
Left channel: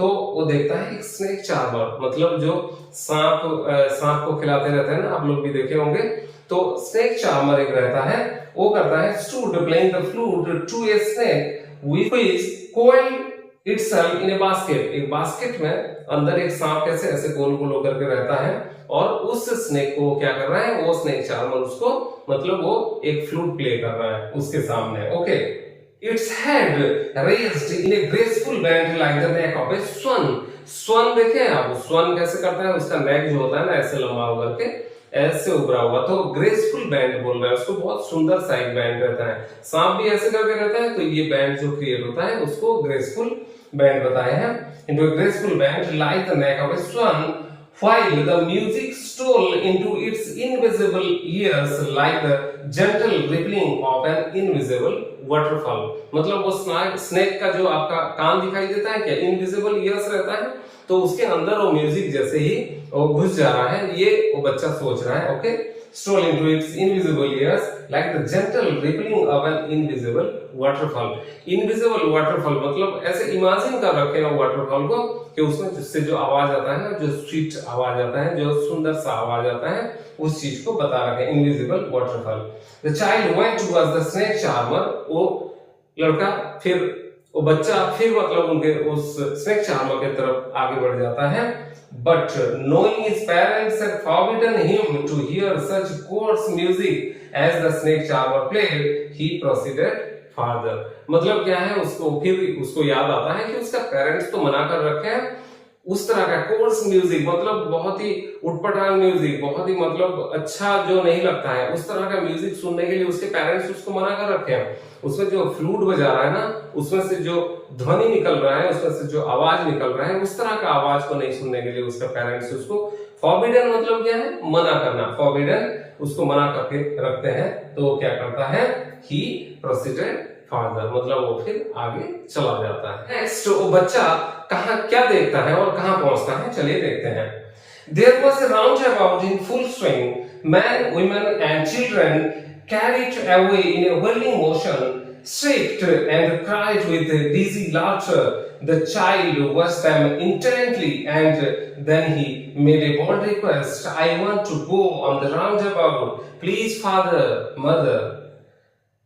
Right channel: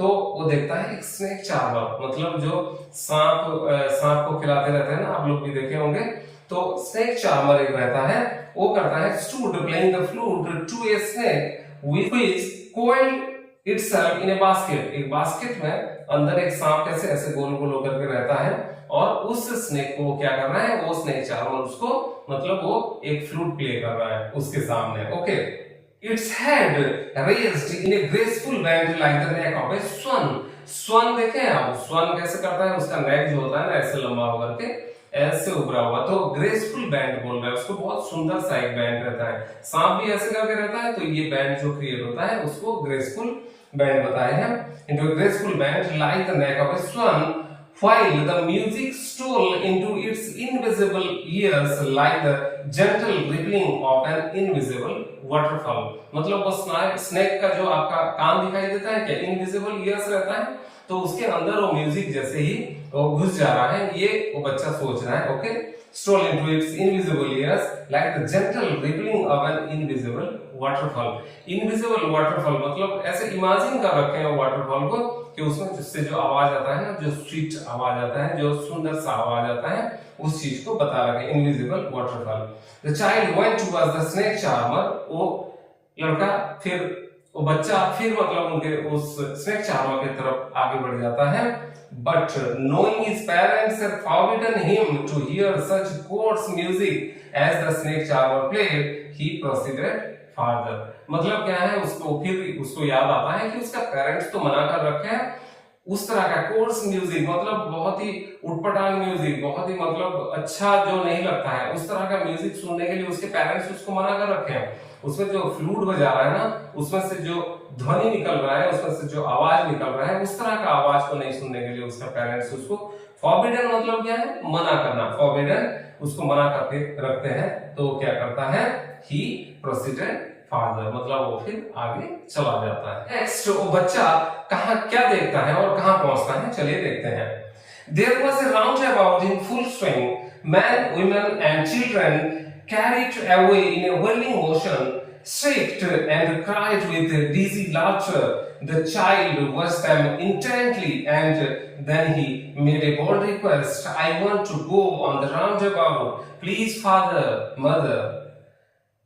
तो वो देखता है एक स्नेक चार्मर, मतलब जो सांप को खिलाते रहते हैं ना, आप लोग भी देखे होंगे। तो स्नेक चार्मर एक रहता है, वो करता है stood playing the flute to a snake which coiled itself in a basket। एक बास्केट में अंदर एक सांप कैसे ऐसे गोल गोल होकर के रहता है, और उस स्नेक को क्या कर रहा है, वो स्नेक चार्मर उसको मतलब वो एक फ्लूट प्ले कर रहा है उसके सामने। Okay, its head raised in a graceful bend like the neck of a swan. Swan देखे आप, स्वन कैसे करता है, उसका नेक जो होता है ना ऐसे लंबा होकर के ऐसे उभरा हुआ, तो ग्रेसफुल बैंड बोल रहा है उसको, बहुत सुंदर सा एक बैंड रहता है। सांप भी ऐसे करके रहता है, तो ये बैंड जो क्रिएट होता है उसको ग्रेसफुल बैंड बताए हैं। into a graceful band like the neck of a swan, while the music stole into its invisible ears like the gentle rippling of an invisible waterfall। मतलब वो स्नेक का जो आपका कान दिखाई देता है क्या, इनविजिबल ईयर्स रहता है, तो उसके अंदर वो म्यूजिक जैसे ही वो घुस जा रहा है, ये वो बच्चा सोच रहा है। Okay, stole into its invisible ears like the gentle rippling of an invisible waterfall। invisible waterfall मतलब ऐसे इमेजिन कर रखे हैं वाटरफॉल को कि उसमें जिससे जो आवाज आता है ना, जो स्वीट आवाज आता है, जो सुंदर सा आवाज आता है, उस चीज को बता रखे हैं, invisible waterfall. The child went towards the snake charmer। वो लड़का फिर वो बच्चा फिर मतलब उनके उस स्नेक चार्मर की तरफ आगे बढ़ जाता है। But knowing his parents had forbidden him to hear such coarse music as the snake charmer played, he proceeded further। मतलब क्या है, उसको फिर उसको याद आता है कि उसका पेरेंट्स तो मना कर रखे हैं उस तरह का कोर्स म्यूजिक, मतलब बहुत ही उटपटांग म्यूजिक, बहुत ही मतलब अच्छा जो नहीं लगता है, उस तरह का म्यूजिक सुनने के लिए उसके पेरेंट्स उसको मना कर रखे हैं। उसमें जो फ्लूट बजा रहा है ना, उसमें से जो ध्वनि निकल रहा है, उसमें से जो आवाज निकल रहा है, उस तरह का आवाज को नहीं सुनने के लिए उसका पेरेंट्स उसको फॉरबिडन मतलब क्या है, मना करना, फॉरबिडन उसको मना करके रखते हैं। तो क्या करता है, ही प्रोसीडेड फर्दर, मतलब वो फिर आगे चला जाता है। नेक्स्ट वो बच्चा कहां क्या देखता है और कहां पहुंचता है, चलिए देखते हैं। There was a roundabout in full swing. Men, women and children carried away in a whirling motion, shrieked and cried with dizzy laughter. The child watched them intently and then he made a bold request. I want to go on the roundabout. Please, father, mother।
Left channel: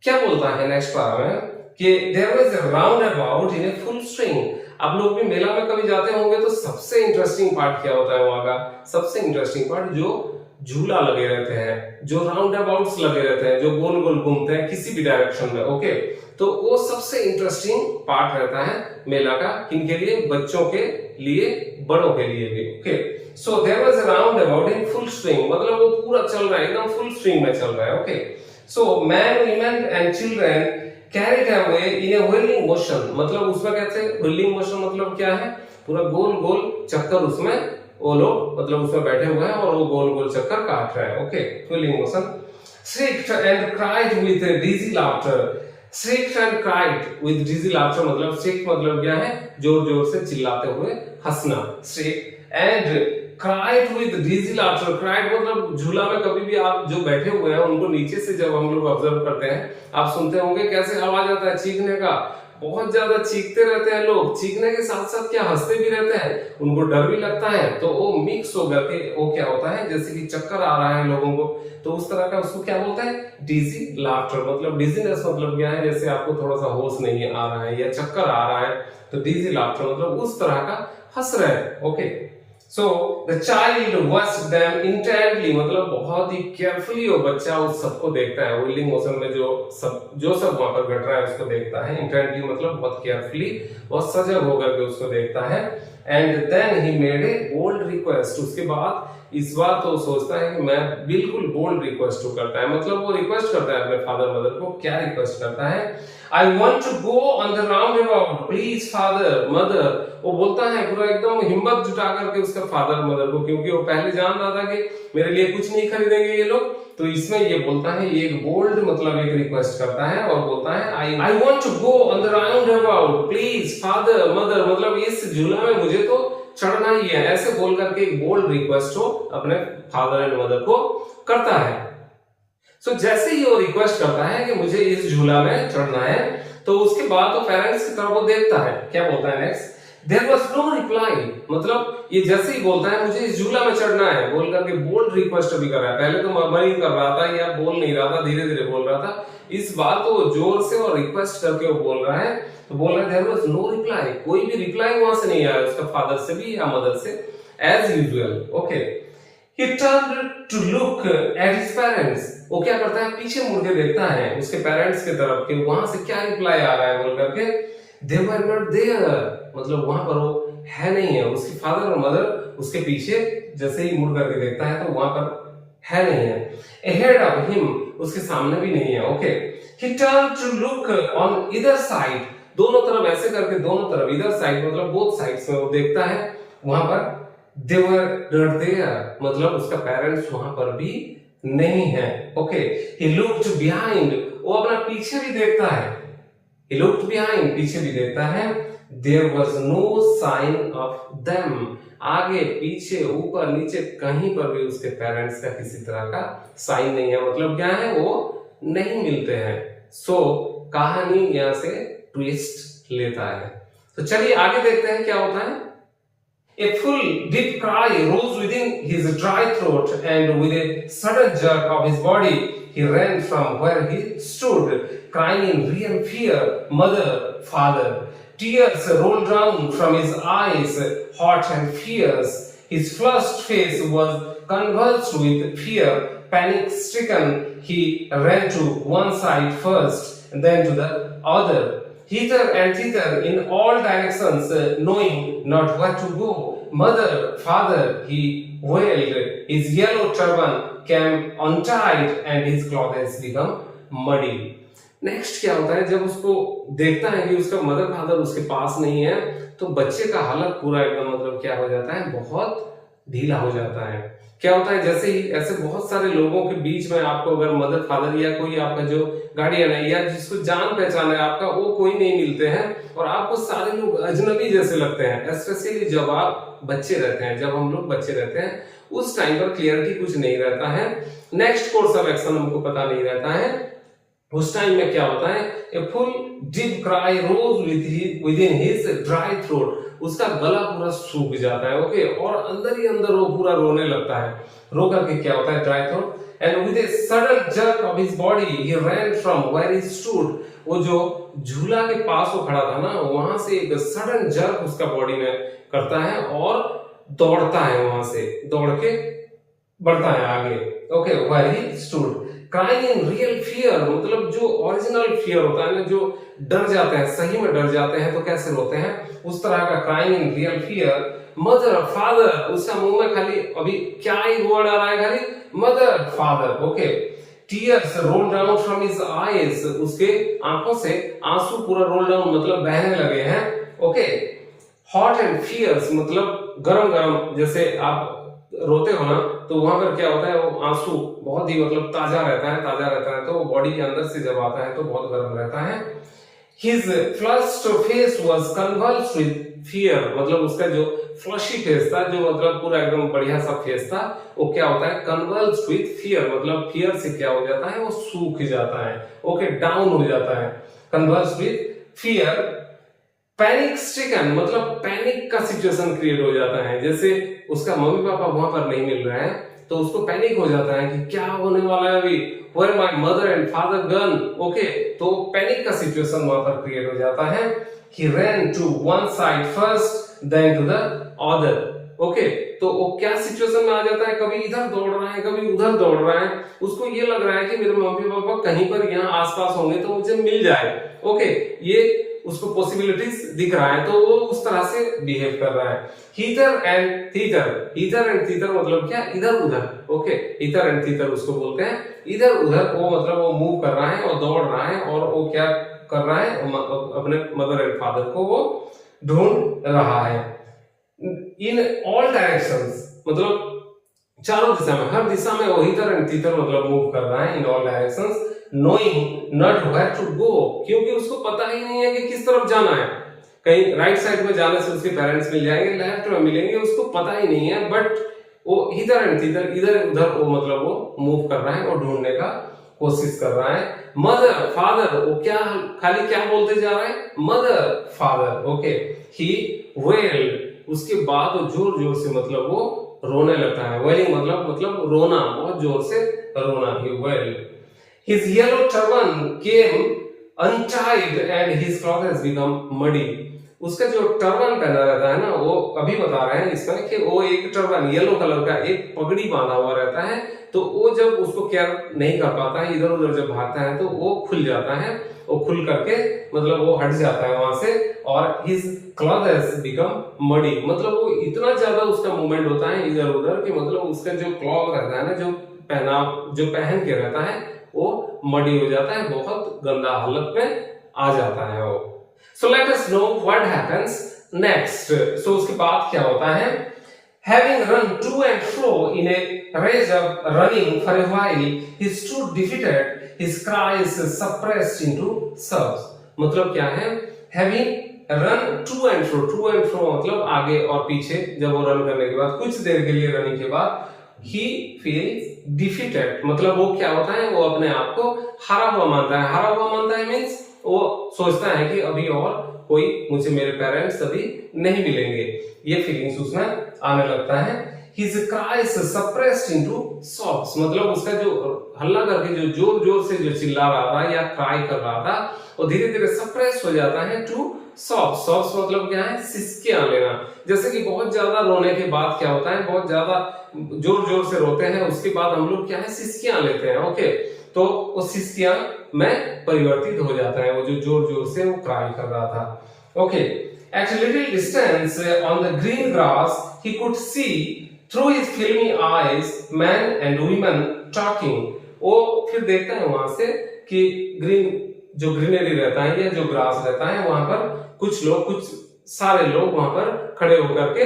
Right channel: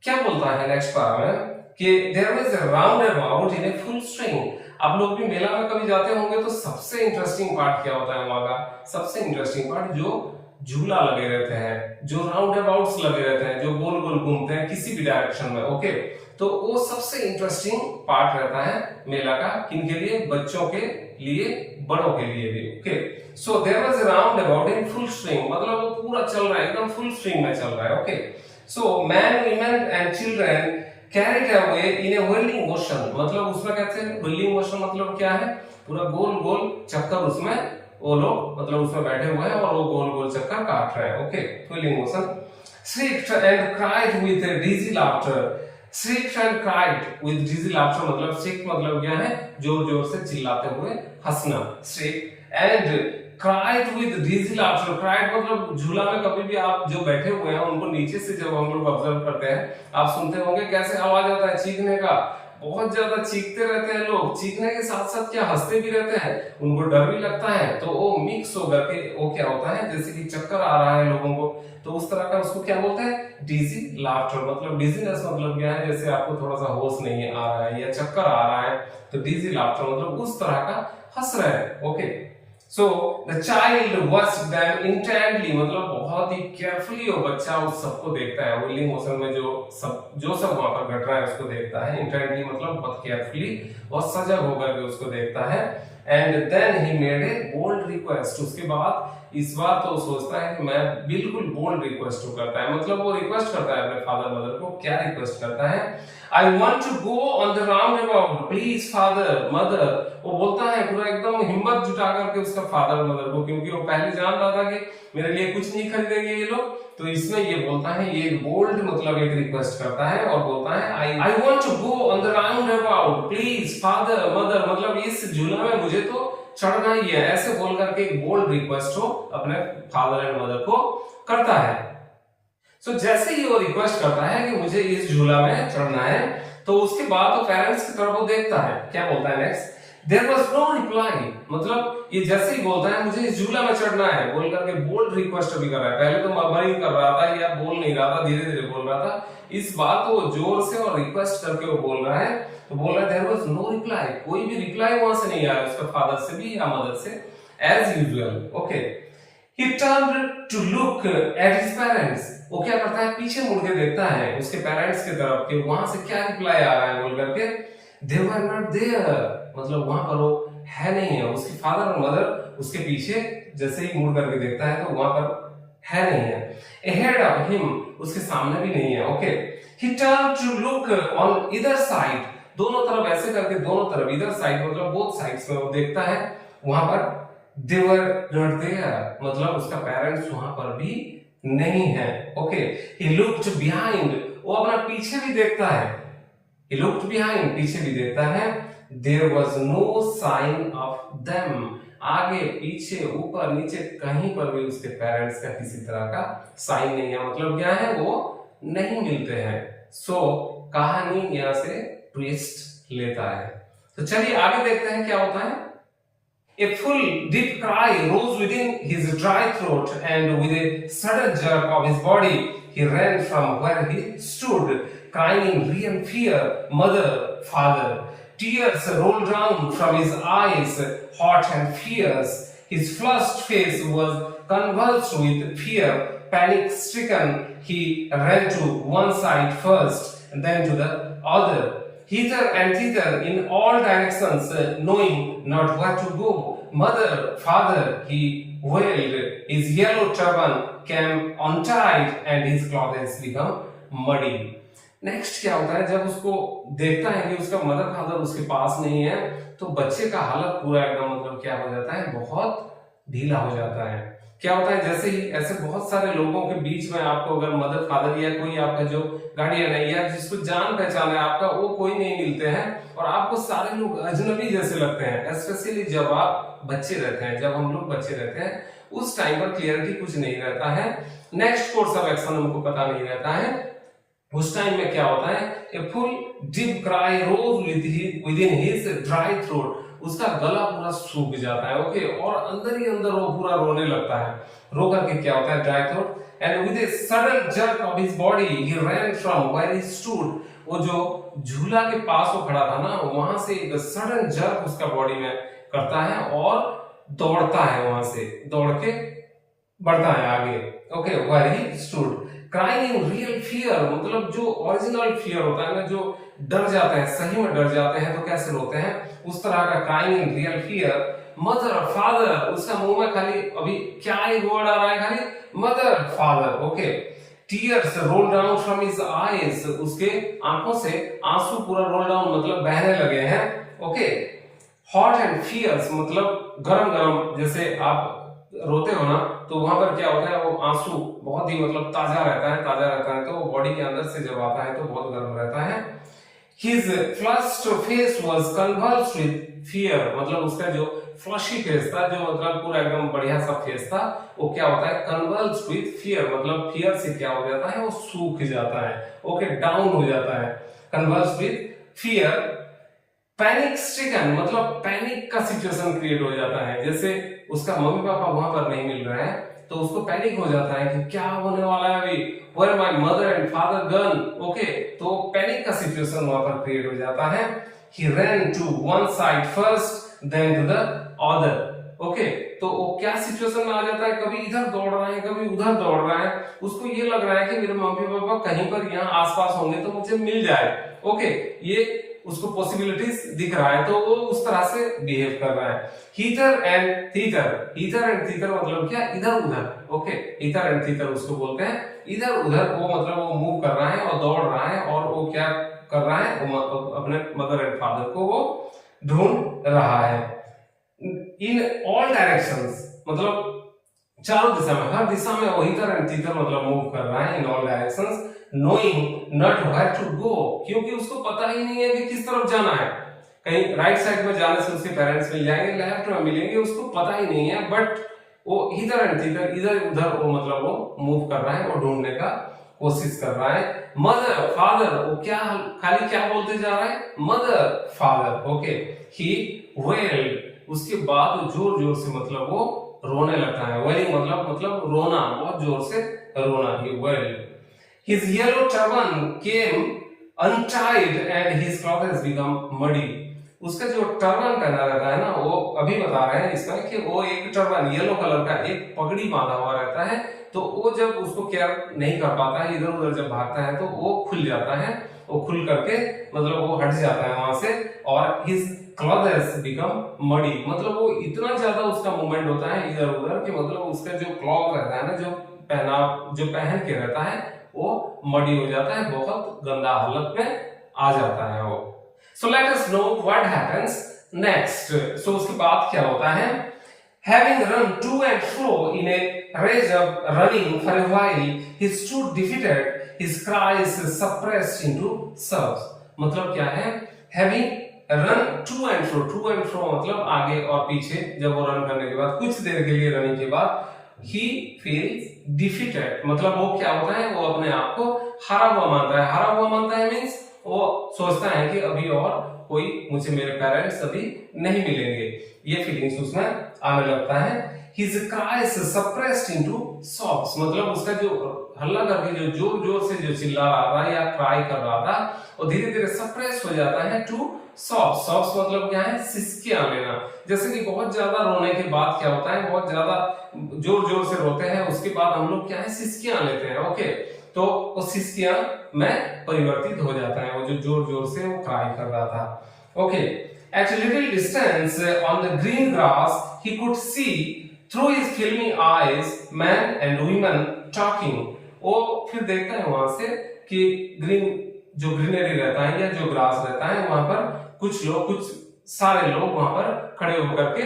क्या बोलता है next para में कि there was a roundabout in a full swing. आप लोग भी मेला में कभी जाते होंगे तो सबसे इंटरेस्टिंग पार्ट क्या होता है वहां का, सबसे इंटरेस्टिंग पार्ट जो झूला लगे रहते हैं, जो राउंडाबाउट्स लगे रहते हैं, जो गोल गोल घूमते हैं किसी भी डायरेक्शन में। ओके, तो वो सबसे इंटरेस्टिंग पार्ट रहता है मेला का, किनके लिए, बच्चों के लिए, बड़ों के लिए भी। Okay, so there was a roundabout in full swing, मतलब वो पूरा चल रहा है, एकदम फुल स्विंग में चल रहा है। Okay, so men, women and children carried away in a whirling motion। मतलब उसमें कहते हैं whirling motion मतलब क्या है, पूरा गोल गोल चक्कर, उसमें वो लोग मतलब उसमें बैठे हुए हैं और वो गोल गोल चक्कर काट रहे हैं। Okay, whirling motion। shrieked and cried with dizzy laughter। shrieked and cried with dizzy laughter मतलब shriek मतलब क्या है, जोर जोर से चिल्लाते हुए हंसना, shriek and cried with dizzy laughter। cried मतलब झूला में कभी भी आप जो बैठे हुए हैं उनको नीचे से जब हम लोग ऑब्जर्व करते हैं, आप सुनते होंगे कैसे आवाज आता है चीखने का, बहुत ज्यादा चीखते रहते हैं लोग, चीखने के साथ साथ क्या हंसते भी रहते हैं, उनको डर भी लगता है, तो वो मिक्स होकर के वो क्या होता है, जैसे कि चक्कर आ रहा है लोगों को, तो उस तरह का उसको क्या बोलते हैं, डिजी लाफ्टर। मतलब डिजीनेस मतलब क्या है, जैसे आपको थोड़ा सा होश नहीं आ रहा है या चक्कर आ रहा है, तो डिजी लाफ्टर मतलब उस तरह का हंस रहे हैं। Okay, So the child watched them intently मतलब बहुत ही केयरफुली वो बच्चा उस सबको देखता है, व्हीलिंग मोशन में जो सब वहां पर घट रहा है उसको देखता है। इंटेंटली मतलब बहुत केयरफुली, बहुत सजग होकर के उसको देखता है। And then he made a bold request. उसके बाद इस बार तो सोचता है कि मैं बिल्कुल बोल्ड रिक्वेस्ट करता है, मतलब वो रिक्वेस्ट करता है अपने फादर मदर को। क्या रिक्वेस्ट करता है, I want to go on the roundabout, please father mother. वो बोलता है पूरा एकदम हिम्मत जुटा करके उसका फादर मदर को, क्योंकि वो पहले जान रहा था कि मेरे लिए कुछ नहीं खरीदेंगे ये लोग, तो इसमें ये बोलता है, ये एक बोल्ड मतलब एक रिक्वेस्ट करता है और बोलता है I want to go on the roundabout, please father mother, मतलब इस झूला में मुझे तो चढ़ना ही है, ऐसे बोल करके एक बोल्ड रिक्वेस्ट हो अपने फादर एंड मदर को करता है। सो जैसे ही वो रिक्वेस्ट करता है कि मुझे इस झूला में चढ़ना है, तो उसके बाद वो पेरेंट्स की तरफ वो देखता है, क्या बोलता है next, there was no reply, मतलब ये जैसे ही बोलता है मुझे इस झूला में चढ़ना है बोल करके बोल्ड रिक्वेस्ट भी कर रहा है। पहले तो मर्मरिंग कर रहा था या बोल नहीं रहा था, धीरे धीरे बोल रहा था। इस बार तो वो जोर से और रिक्वेस्ट करके वो बोल रहा है, तो बोल रहा है देयर वाज नो रिप्लाई, कोई भी रिप्लाई वहां से नहीं आया उसका फादर से भी या मदर से, as usual. Okay, he turned to look at his parents, वो क्या करता है पीछे मुड़ के देखता है उसके पेरेंट्स की तरफ कि वहां से क्या रिप्लाई आ रहा है बोल करके। they were not there, मतलब वहां पर वो है नहीं है, उसके फादर और मदर उसके पीछे जैसे ही मुड़ करके देखता है तो वहां पर है नहीं है। ahead of him, उसके सामने भी नहीं है। Okay, he turned to look on either side, दोनों तरफ ऐसे करके दोनों तरफ, इधर साइड मतलब बोथ साइड्स में वो देखता है, वहां पर they were not there, मतलब उसका पेरेंट्स वहां पर भी नहीं है। ओके, he looked behind, वो अपना पीछे भी देखता है, he looked behind, पीछे भी देखता है, there was no sign of them, आगे पीछे ऊपर नीचे कहीं पर भी उसके पेरेंट्स का किसी तरह का साइन नहीं है, मतलब क्या है वो नहीं मिलते हैं। सो कहानी यहां से ट्विस्ट लेता है। तो चलिए आगे देखते हैं क्या होता है। A full deep cry rose within his dry throat, and with a sudden jerk of his body, he ran from where he stood, crying in real fear, "Mother, father!" Tears rolled down from his eyes, hot and fierce. His flushed face was convulsed with fear. Panic-stricken, he ran to one side first, and then to the other, hither and thither in all directions, knowing not where to go. "Mother, father!" he wailed. His yellow turban came untied and his clothes become muddy. Next क्या होता है, जब उसको देखता है कि उसका mother father उसके पास नहीं है, तो बच्चे का हालत पूरा एकदम मतलब क्या हो जाता है, बहुत ढीला हो जाता है। क्या होता है, जैसे ही ऐसे बहुत सारे लोगों के बीच में आपको अगर मदर फादर या कोई आपका जो गार्डियन है या जिसको जान पहचान है आपका, वो कोई नहीं मिलते हैं और आपको सारे लोग अजनबी जैसे लगते हैं। स्पेशली जब आप बच्चे रहते हैं, जब हम लोग बच्चे रहते हैं, उस टाइम पर क्लियरिटी कुछ नहीं रहता है, नेक्स्ट कोर्स ऑफ एक्शन हमको पता नहीं रहता है। उस टाइम में क्या होता है, a full deep cry rose within his dry throat, उसका गला पूरा सूख जाता है। ओके, और अंदर ही अंदर वो पूरा रोने लगता है। रो करके क्या होता है, dry throat, and with a sudden jerk of his body he ran from where he stood, वो जो झूला के पास वो खड़ा था ना, वहां से एक सडन जर्क उसका बॉडी में करता है और दौड़ता है, वहां से दौड़ के बढ़ता है आगे। Okay, where he stood crying in real fear, मतलब जो ओरिजिनल फियर होता है ना, जो डर जाते हैं, सही में डर जाते हैं तो कैसे रोते हैं, उस तरह का crying in real fear. Mother father, उसका मुंह में खाली अभी क्या ही वर्ड आ रहा है, खाली mother father. Okay, tears roll down from his eyes, उसके आंखों से आंसू पूरा रोल डाउन मतलब बहने लगे हैं। ओके, हॉट एंड फियर्स मतलब गरम गरम, जैसे आप रोते हो ना तो वहां पर क्या होता है, वो आंसू बहुत ही मतलब ताजा रहता है, तो वो बॉडी के अंदर से जब आता है तो बहुत गर्म रहता है। His flushed face was convulsed with fear, मतलब उसका जो फ्लशी फेस था, जो मतलब पूरा एकदम बढ़िया सा फेस था, वो क्या होता है, convulsed with fear, मतलब फियर से क्या हो जाता है, वो सूख जाता है। ओके, डाउन हो जाता है, convulsed with fear। Panic stricken मतलब पैनिक का सिचुएशन क्रिएट हो जाता है, जैसे उसका मम्मी पापा वहां पर नहीं मिल रहे हैं तो उसको पैनिक हो जाता है कि क्या होने वाला है अभी, where my mother and father gone। Okay, तो पैनिक का सिचुएशन वहां पर क्रिएट हो जाता है। he ran to one side first then to the other। Okay, तो वो क्या सिचुएशन में आ जाता है, कभी इधर दौड़ रहा है कभी उधर दौड़ रहा है, उसको ये लग रहा है कि मेरे मम्मी पापा कहीं पर यहाँ आसपास होंगे तो मुझे मिल जाए। ओके, ये उसको पॉसिबिलिटीज दिख रहा है तो वो उस तरह से बिहेव कर रहा है। हीटर एंड थीटर मतलब क्या, इधर उधर। ओके, हीटर एंड थीटर उसको बोलते हैं इधर उधर, वो मतलब वो मूव कर रहा है और दौड़ रहा है और वो क्या कर रहा है, अपने मदर एंड फादर को वो ढूंढ रहा है। इन ऑल डायरेक्शंस मतलब चारों दिशा में, हर दिशा में वो हीटर एंड थीटर मतलब मूव कर रहा है in all directions, knowing not where to go, क्योंकि उसको पता ही नहीं है कि किस तरफ जाना है। कहीं राइट साइड में जाने से उसके पेरेंट्स मिल जाएंगे, लेफ्ट में मिलेंगे, उसको पता ही नहीं है, बट वो इधर एंड इधर इधर उधर वो मतलब वो मूव कर रहा है और ढूंढने का कोशिश कर रहा है। मदर फादर, वो क्या खाली क्या बोलते जा रहा है, मदर फादर। ओके, ही wailed, उसके बाद जोर जोर से मतलब वो रोने लगता है। wailing मतलब रोना, बहुत जोर से रोना, he wailed. His yellow turban came untied and his clothes become muddy. उसका जो टर्बन पहना रहता है ना, वो अभी बता रहे हैं इसमें कि वो एक टर्बन येलो कलर का एक पगड़ी बांधा हुआ रहता है, तो वो जब उसको केयर नहीं कर पाता है, इधर उधर जब भागता है तो वो खुल जाता है, वो खुल करके मतलब वो हट जाता है वहां से, और his clothes become muddy, मतलब वो इतना ज्यादा उसका मूवमेंट होता है इधर उधर कि मतलब उसका जो क्लॉथ रहता है ना, जो पहन के रहता है, वो मडी हो जाता है, बहुत गंदा हालत में आ जाता है वो। So let us know what happens next. So उसके बाद क्या होता है? Having run to and fro in a rage of running for a while, he stood defeated, his cries suppressed into sobs. मतलब क्या है? Having run to and fro मतलब आगे और पीछे, जब वो रन करने के बाद कुछ देर के लिए रनिंग के बाद he feels defeated, मतलब वो क्या होता है? वो अपने आप को हारा हुआ मानता है मीन्स वो सोचता है कि अभी और कोई मुझे, मेरे पेरेंट्स अभी नहीं मिलेंगे, ये फीलिंग्स उसमें आने लगता है। His cries suppressed into sobs, मतलब उसका जो हल्ला करके जो जोर जोर से जो चिल्ला रहा था या क्राई कर रहा था, वो धीरे धीरे सप्रेस हो जाता है टू sobs. sobs मतलब क्या है? सिसकियां लेना। जैसे कि बहुत ज्यादा रोने के बाद क्या होता है, बहुत ज्यादा जोर जोर से रोते हैं, उसके बाद हम लोग क्या है, सिसकियां लेते हैं। ओके, तो वो सिसकियां में परिवर्तित हो जाता है, वो जो जोर जोर से वो क्राई कर रहा था। Okay, at a little distance on the green grass he could see through his filmy eyes men and women talking. वो फिर देखता है वहां से कि जो ग्रीनरी रहता है या जो ग्रास रहता है, वहां पर कुछ सारे लोग वहां पर खड़े होकर के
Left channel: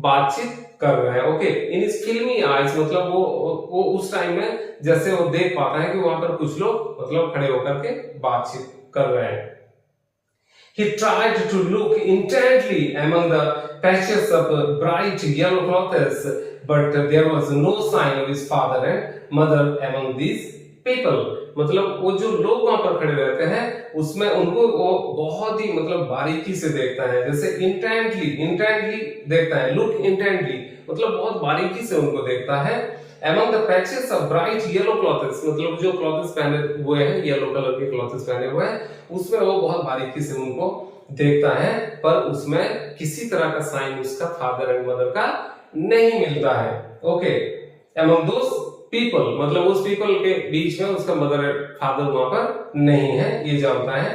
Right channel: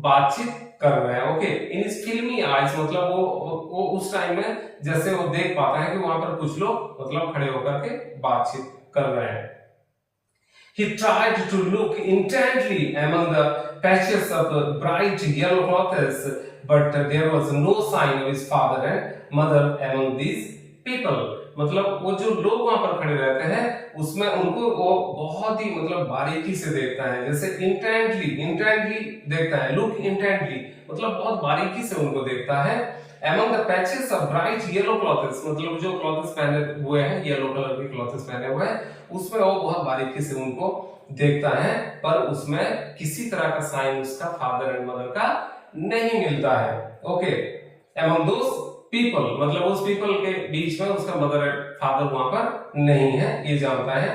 बातचीत कर रहे हैं। ओके, इन इस फिल्मी आइज मतलब वो उस टाइम में जैसे वो देख पाता है कि वहां पर कुछ लोग मतलब खड़े होकर के बातचीत कर रहे हैं। He tried to look intently among the patches of bright yellow clothes, but there was no sign of his father and mother among these people. मतलब वो जो लोग वहां पर खड़े रहते हैं उसमें उनको वो बहुत ही मतलब बारीकी से देखता है, जैसे इंटेंटली देखता है, लुक इंटेंटली मतलब बहुत बारीकी से उनको देखता है। Among the patches of bright yellow clothes, मतलब जो क्लॉथ्स पहने हुए हैं, येलो कलर के क्लॉथ्स पहने हुए हैं, उसमें वो बहुत बारीकी से उनको देखता है, पर उसमें किसी तरह का साइन उसका फादर एंड मदर का नहीं मिलता है। ओके, among those people मतलब उस पीपल के बीच में उसका मदर एंड फादर वहां पर नहीं है, ये जानता है।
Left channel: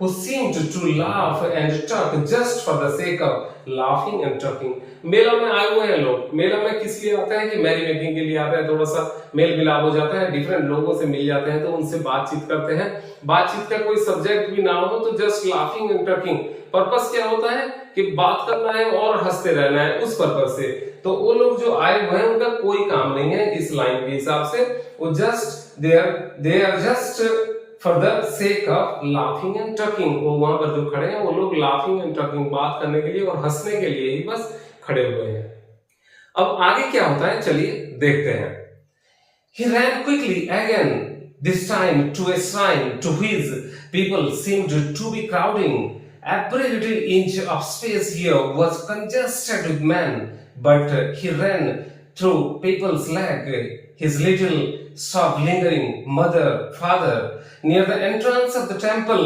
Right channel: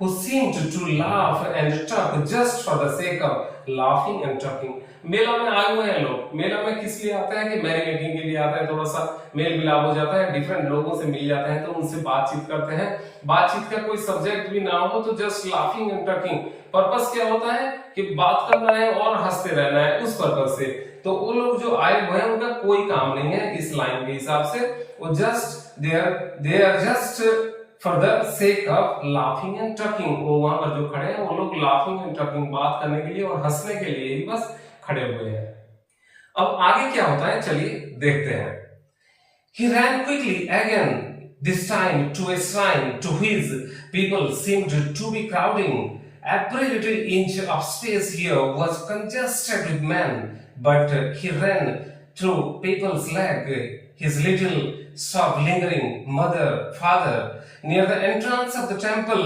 Who seemed to laugh and talk just for the sake of laughing and talking. मेला में आए हुए हैं लोग, मेला में किस लिए आते हैं कि मैरी मेकिंग के लिए आते हैं, थोड़ा सा मेल मिलाप हो जाता है, डिफरेंट लोगों से मिल जाते हैं तो उनसे बातचीत करते हैं। बातचीत का कोई सब्जेक्ट भी ना हो तो just laughing and talking, purpose क्या होता है कि बात करना है और हंसते रहना है, उस पर्पस से। तो वो लोग जो आए हुए हैं उनका कोई काम नहीं है इस लाइन के हिसाब से, वो just they are just for the sake of laughing and talking. वो वहां पर जो खड़े हैं वो लोग लाफिंग एंड टॉकिंग, बात करने के लिए और हंसने के लिए ही बस खड़े हुए हैं। अब आगे क्या होता है चलिए देखते हैं। He ran quickly again, this time to a shrine to which people seemed to be crowding. Every little inch of space here was congested with men, but he ran through people's leg, his little soft lingering mother, father. Near the entrance of the temple,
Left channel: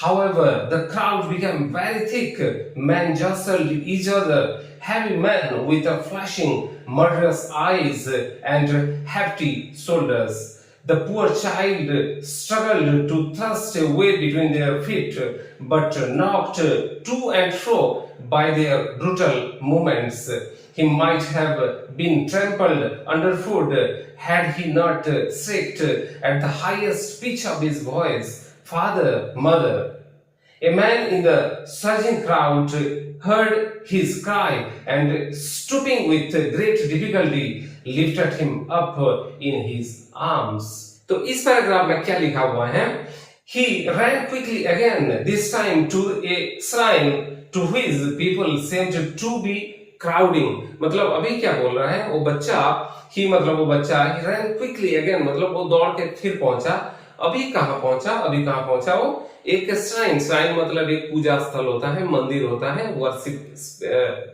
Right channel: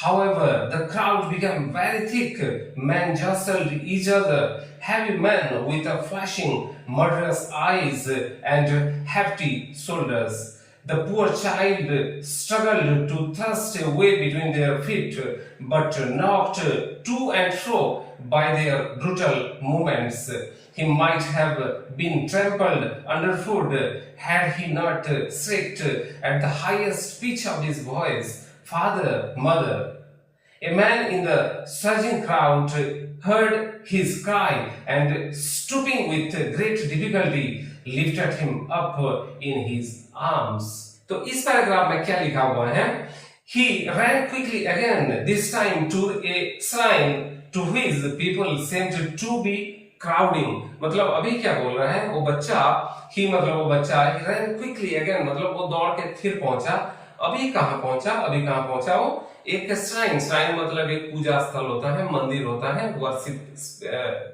however, the crowd became very thick. Men jostled each other, heavy men with flashing, murderous eyes and hefty shoulders. The poor child struggled to thrust a way between their feet, but knocked to and fro by their brutal movements. He might have been trampled underfoot had he not shrieked at the highest pitch of his voice, "Father, Mother." A man in the surging crowd heard his cry and, stooping with great difficulty, lifted him up in his arms. तो इस paragraph में क्या लिखा हुआ है? He ran quickly again, this time to a shrine to which people seemed to be crowding. मतलब अभी क्या बोल रहा है वो बच्चा, he ran quickly again मतलब वो दौड़ के फिर पहुंचा अभी कहाँ पहुंचा वो एक श्राइन मतलब एक पूजा स्थल होता है, मंदिर होता है, वर्शिप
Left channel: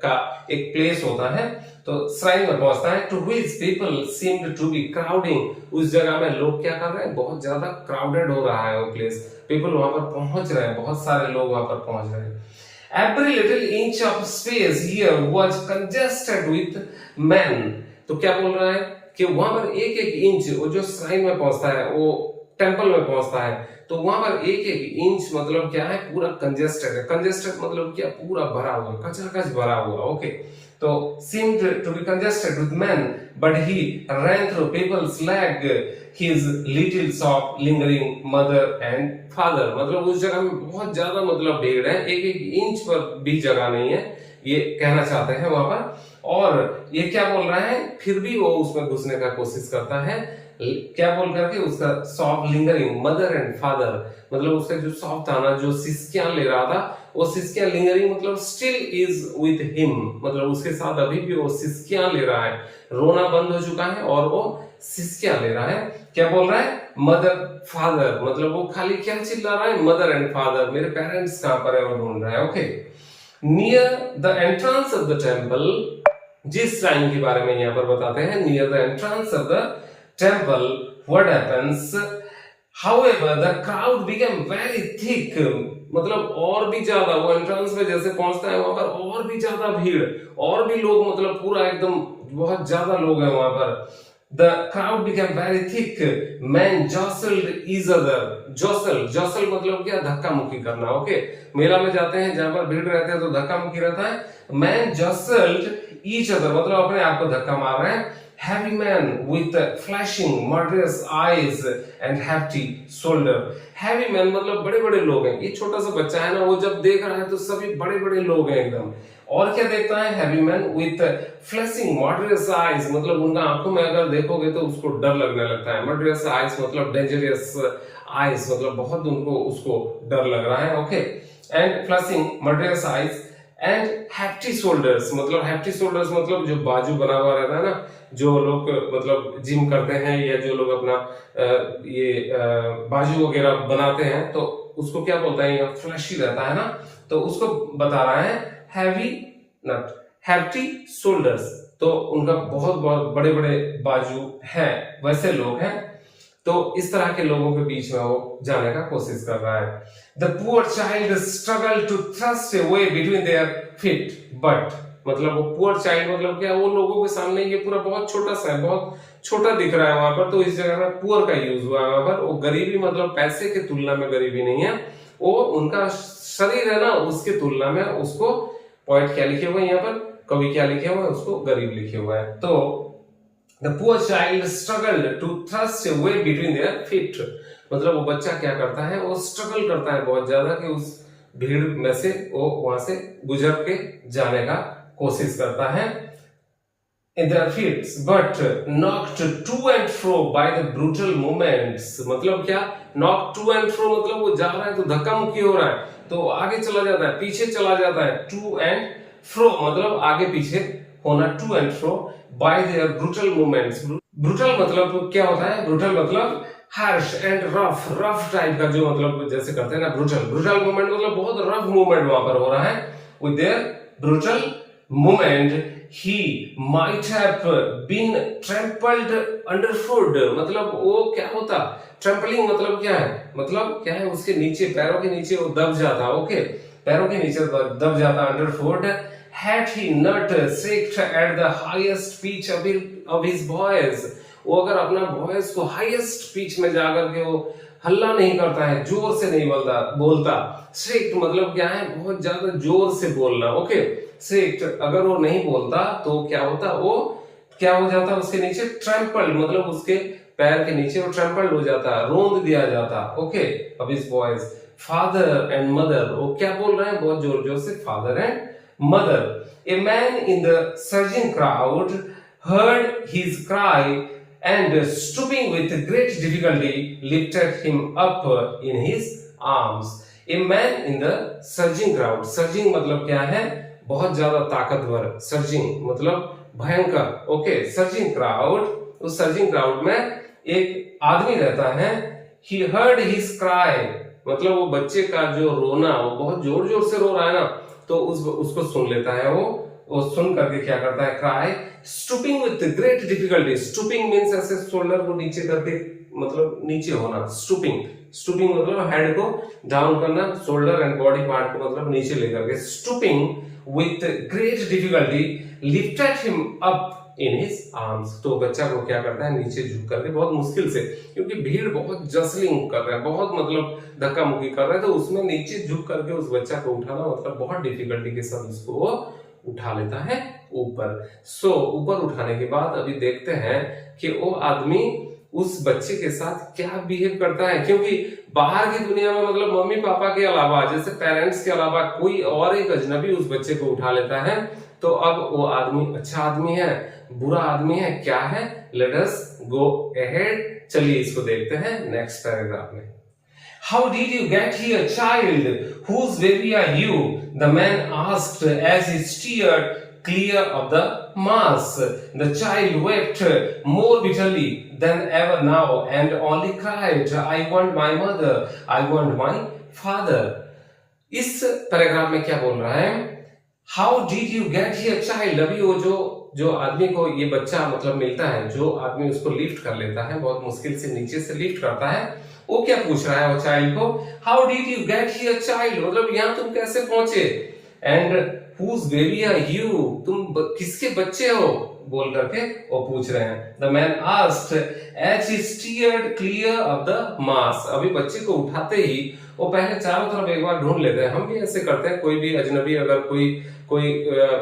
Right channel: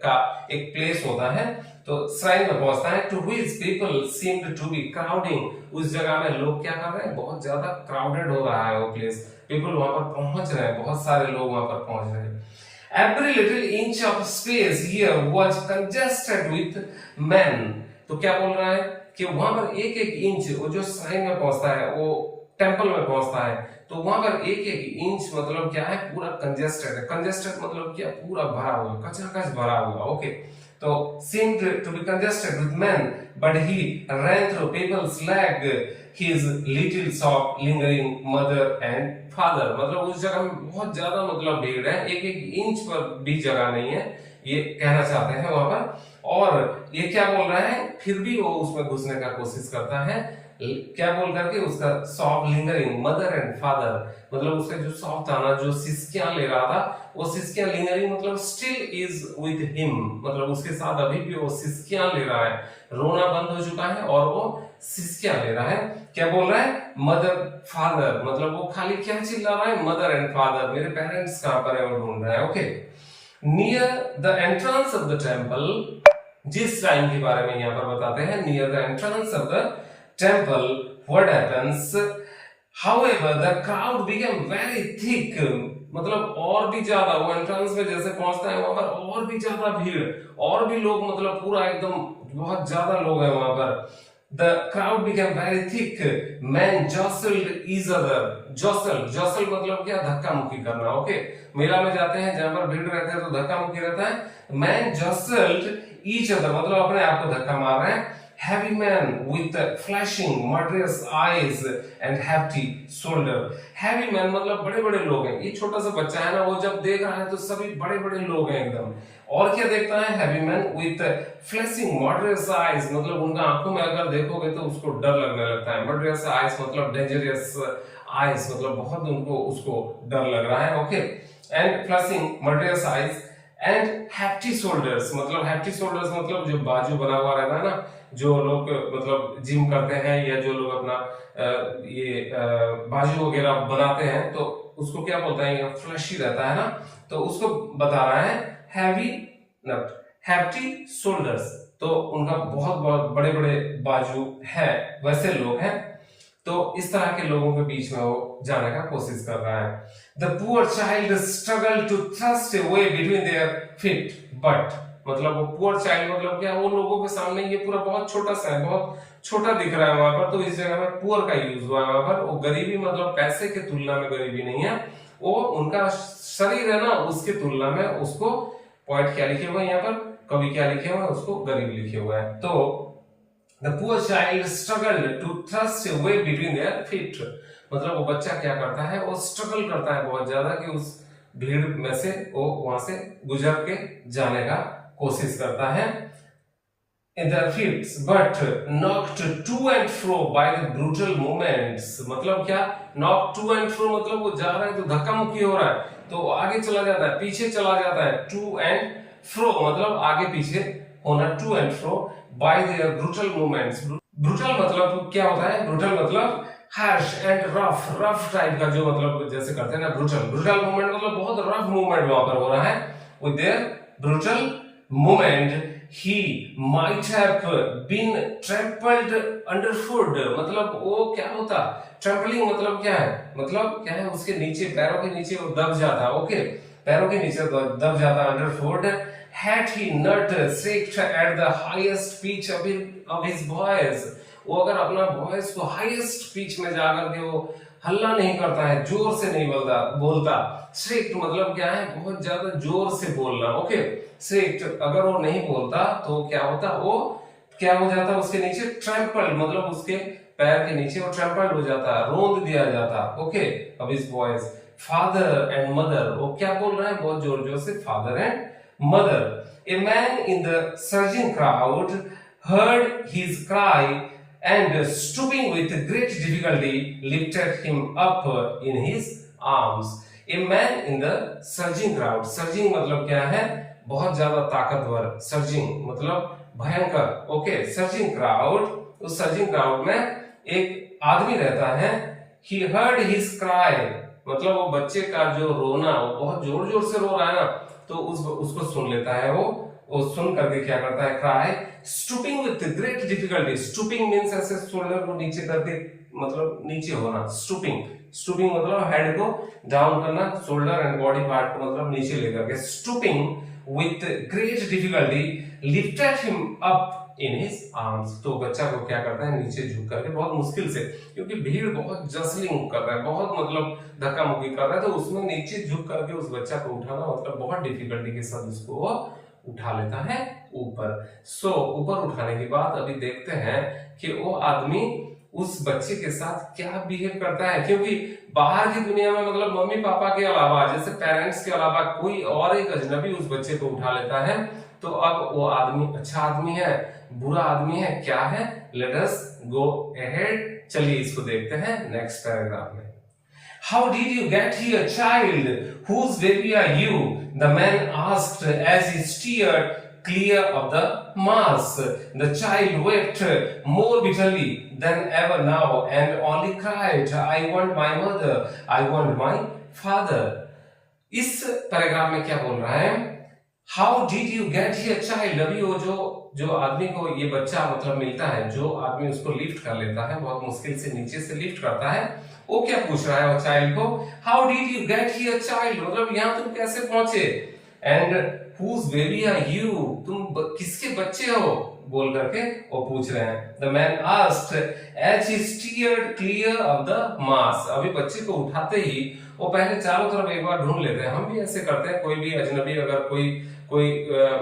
का एक प्लेस होता है। तो श्राइन में पहुंचता है, to which people seemed to be crowding. उस जगह में लोग क्या कर रहे हैं, बहुत ज्यादा क्राउडेड हो रहा है वो प्लेस, पीपल वहां पर पहुंच रहे हैं, बहुत सारे लोग वहां पर पहुंच रहे हैं। Every little inch of space here was congested with men। तो क्या बोल रहा है कि वहां पर एक एक इंच, वो जो श्राइन में पहुंचता है, वो टेंपल में पहुंचता है, तो वहां पर एक एक इंच मतलब क्या है, पूरा कंजेस्टेड है। कंजेस्टेड मतलब क्या, पूरा भरा हुआ, कचाकच भरा हुआ। ओके, तो seemed to be congested with men, but he ran through people's leg, his little shop lingering mother and father। मतलब उस जगह में बहुत ज्यादा मतलब भीड़ है, एक एक इंच पर भी जगह नहीं है, ये कहना चाहते हैं वहां पर। और ये क्या बोल रहा है, फिर भी वो उसमें घुसने का कोशिश करता है, क्या बोल करके, उसका soft lingering mother and father, मतलब उसका जो सॉफ्ट था ना, जो सिसकियां ले रहा था, वो सिसकियां लिंगरिंग मतलब स्टिल इज विद हिम, मतलब उसके साथ अभी भी वो सिसकियां ले रहा है, रोना बंद हो चुका है और वो सिसकियां ले रहा है। क्या बोल रहा है, मदर फादर, मतलब वो खाली क्या चिल्ला रहा है, मदर एंड फादर, मेरे पेरेंट्स कहां पर है, वो ढूंढ रहा है। Okay, near the entrance of the temple, जिस श्राइन के बारे में यहाँ पर बताते हैं, near the entrance of the temple what happens, however the crowd became very thick, मतलब और भी ज्यादा, वो एंट्रेंस में जैसे पहुंचता है वहां पर और भी ज्यादा भीड़, और भी लोग, मतलब पूरा एकदम बहुत ज्यादा लोग हैं वहां पर। The crowd became very thick, men jostled each other। jostle मतलब क्या, धक्का मुक्की करना। ओके, मेला में जाते हैं जहां पर भीड़ रहते हैं तो धक्का मुक्की रहता है। men jostled each other मतलब अपने आप को धक्का मार रहे हैं। heavy man with flashing murderous eyes and hefty shoulder। heavy man मतलब बड़े बड़े लोग हैं, ये छोटा सा बच्चा है ना, वो जब देख रहा है तो सभी बड़े बड़े लोग हैं एकदम। और क्या देखता है, heavy man with flashing murderous eyes मतलब उनका आंखों में अगर देखोगे तो उसको डर लगने लगता है। murderous eyes मतलब dangerous eyes मतलब बहुत उनको उसको डर लग रहा है। Okay, and flashing murderous eyes and hefty shoulders मतलब hefty shoulders मतलब जो बाजू बना हुआ रहता है ना, जो लोग मतलब जिम करते हैं या जो लोग अपना बाजू वगैरह बनाते हैं तो उसको क्या बोलते हैं, फ्लैशी रहता है ना, तो उसको बता रहा है हैवी नट हैप्टी शोल्डर्स, तो उनका बहुत बहुत बड़े बड़े बाजू है, वैसे लोग हैं। तो इस तरह के लोगों के बीच में वो जाने का कोशिश कर रहा है। The poor child struggle to thrust a way between their feet, but मतलब वो पुअर चाइल्ड मतलब क्या, वो लोगों के सामने ये पूरा बहुत छोटा सा है, बहुत छोटा दिख रहा है वहां पर, तो इस जगह में पुअर का यूज हुआ है वहां पर। वो गरीबी मतलब पैसे की तुलना में गरीबी नहीं है, वो उनका शरीर है ना, उसकी तुलना में उसको, पॉइंट क्या लिखे हुए हैं यहाँ पर, कवि क्या लिखे हुए हैं, उसको गरीब लिखे हुआ है। तो the poor child struggled to thrust a way between their feet, मतलब वो बच्चा क्या करता है, वो स्ट्रगल करता है बहुत ज्यादा कि उस भीड़ में से वो वहां से गुजर के जाने का कोशिश करता है। in their feet but knocked to and fro by the brutal movements, मतलब क्या, knocked to and fro मतलब वो जा रहा है तो धक्का मुक्की हो रहा है, तो आगे चला जाता है, पीछे चला जाता है। to and fro मतलब आगे पीछे होना, to and fro by their brutal movements। brutal मतलब क्या होता है, brutal मतलब harsh and rough टाइप का, जो मतलब जैसे करते हैं ना brutal movement मतलब बहुत rough movement वहां पर हो रहा है। with their brutal movement he might have been trampled underfoot, मतलब वो क्या होता, ट्रैम्पलिंग मतलब क्या है, मतलब क्या है, उसके नीचे, पैरों के नीचे वो दब जाता। ओके, पैरों के नीचे दब जाता अंडरफुट। had he not shrieked at the highest pitch of his voice, वो अगर अपना वॉइस को हाईएस्ट पिच में जाकर के वो हल्ला नहीं करता है, जोर से नहीं बोलता। श्रिक्ट मतलब क्या है, बहुत ज्यादा जोर से बोलना। ओके, श्रिक्ट अगर वो नहीं बोलता तो क्या होता, वो क्या हो जाता, उसके नीचे ट्रैम्पल्ड मतलब उसके पैर के नीचे वो ट्रैम्पल्ड हो जाता, रोंद दिया जाता। ओके, अब इस वॉइस फादर एंड मदर, वो क्या बोल रहा है बहुत जोर जोर से, father and mother. A man in the surging crowd heard his cry and stooping with great difficulty lifted him up in his arms। A man in the surging crowd, surging मतलब क्या है, बहुत ज्यादा ताकतवर, सर्जिंग मतलब भयंकर। Okay, surging crowd, उस surging crowd में एक आदमी रहता है, he heard his cry, मतलब वो बच्चे का जो रोना, वो बहुत जोर जोर से रो रहा है ना, तो उसको सुन लेता है वो सुन करके क्या करता है, cry stooping with great difficulty. Stooping means ऐसे शोल्डर को नीचे करके, मतलब नीचे होना, स्टूपिंग। स्टूपिंग मतलब हेड को डाउन करना, शोल्डर एंड बॉडी पार्ट को मतलब नीचे लेकर के। Stooping with great difficulty lifted him up in his arms. तो बच्चा को क्या करता है, नीचे झुक करके बहुत मुश्किल से, क्योंकि भीड़ बहुत जसलिंग कर रहा है, बहुत मतलब धक्का मुक्की कर रहा है, तो उसमें नीचे झुक करके उस बच्चा को उठाना मतलब बहुत डिफिकल्टी के साथ उसको वो उठा लेता है ऊपर। ऊपर उठाने के बाद अभी देखते हैं कि वो आदमी उस बच्चे के साथ क्या बिहेव करता है, क्योंकि बाहर की दुनिया में मतलब मम्मी पापा के अलावा, जैसे पेरेंट्स के अलावा कोई और एक अजनबी उस बच्चे को उठा लेता है, तो अब वो आदमी अच्छा आदमी है, बुरा आदमी है, क्या है? लेट अस गो अहेड, चलिए इसको देखते हैं नेक्स्ट पैराग्राफ में। How did you get here, child? Whose baby are you? The man asked as he steered clear of the mass. The child wept more bitterly than ever now and only cried, I want my mother, I want my father. इस paragraph में क्या बोल रहा है? How did you get here, child? अभी वो जो आदमी को ये बच्चा मतलब मिलता है, जो आदमी उसको लिफ्ट कर लेता है, बहुत मुश्किल से नीचे से लिफ्ट करता है, वो क्या पूछ रहा है वो चाइल्ड को? How did you get here child, मतलब यहाँ तुम कैसे पहुंचे? And whose baby are you, तुम किसके बच्चे हो, बोल करके वो पूछ रहे हैं। The man asked as he steered clear of the mass. अभी बच्चे को उठाते ही वो पहले चारों तरफ एक बार ढूंढ लेते हैं। हम भी ऐसे करते हैं, कोई भी अजनबी अगर कोई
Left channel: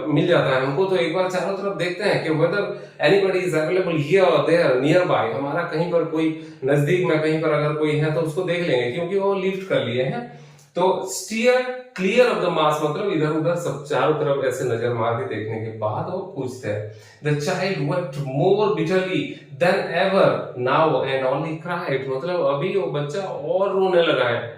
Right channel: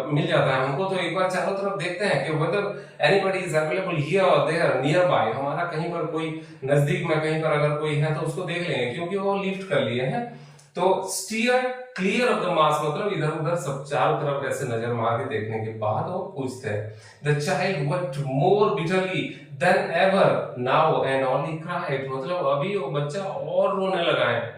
मिल जाता है हमको, तो एक बार चारों तरफ देखते हैं कि whether anybody is available here और देयर नियर बाय। हमारा कहीं पर कोई नजदीक में कहीं पर अगर कोई है तो उसको देख लेंगे, क्योंकि वो लिफ्ट कर लिए हैं। तो steer clear of the mass मतलब इधर उधर सब चारों तरफ ऐसे नजर मार के देखने के बाद वो पूछते हैं। The child wept more bitterly than ever now and only cried, मतलब अभी वो बच्चा और रोने लगा है।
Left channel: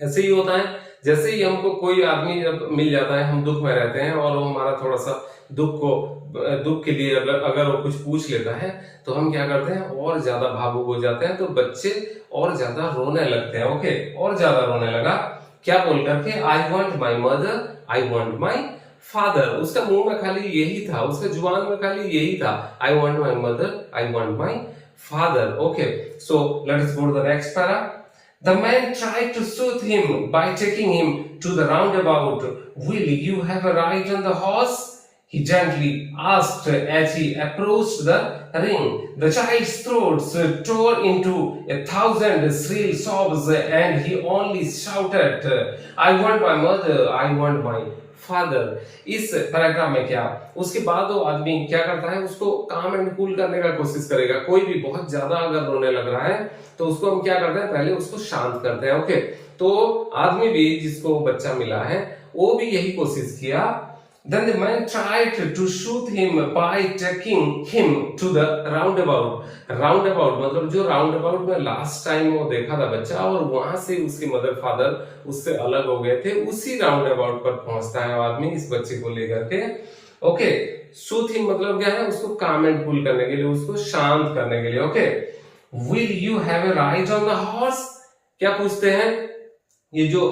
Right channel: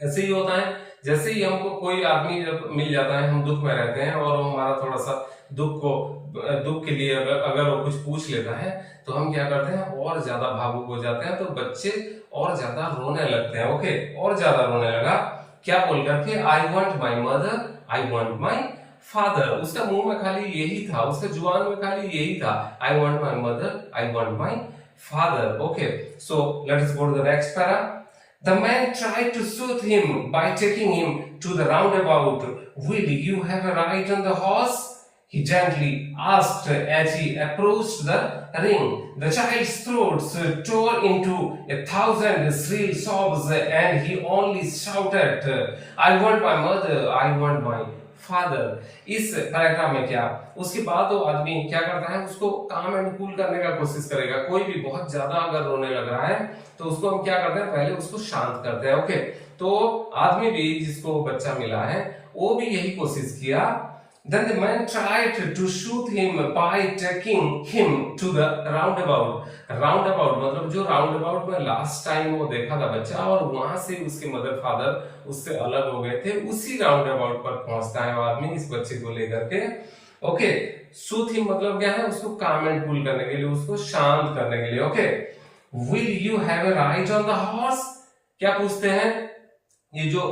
ऐसे ही होता है, जैसे ही हमको कोई आदमी जब मिल जाता है, हम दुख में रहते हैं और वो हमारा थोड़ा सा दुख के लिए अगर वो कुछ पूछ लेता है, तो हम क्या करते हैं, और ज्यादा भावुक हो जाते हैं, तो बच्चे और ज्यादा रोने लगते हैं। ओके, और ज्यादा रोने लगा, क्या बोल करके? आई want my mother, I want my father. उसका मुंह में खाली यही था, उसका जुबान में खाली यही था, I want my mother, I want my father. Okay, so let us go to the next para. The man tried to soothe him by taking him to the roundabout. Will you have a ride on the horse? He gently asked as he approached the ring. The child's throat tore into 1,000 shrill sobs and he only shouted, I want my mother, I want my father. इस paragraph में क्या, उसके बाद वो आदमी क्या करता है, उसको काम एंड कूल करने का कोशिश करेगा। कोई भी बहुत ज्यादा अगर रोने लग रहा है तो उसको हम क्या करते हैं, पहले उसको शांत करते हैं। ओके, तो आदमी भी जिसको बच्चा मिला है वो भी यही कोशिश किया। Then the man tried to soothe him by taking him to the roundabout. राउंडाबाउट मतलब जो राउंडाबाउट में लास्ट टाइम वो देखा था बच्चा, और वहां से उसके मदर फादर उससे अलग हो गए थे, उसी राउंडाबाउट पर पहुंचता है आदमी इस बच्चे को लेकर के। ओके, सूथ हिम मतलब क्या है, उसको काम एंड कूल करने के लिए, उसको शांत करने के लिए। Okay, will you have a ride on the horse, क्या पूछते हैं? ये जो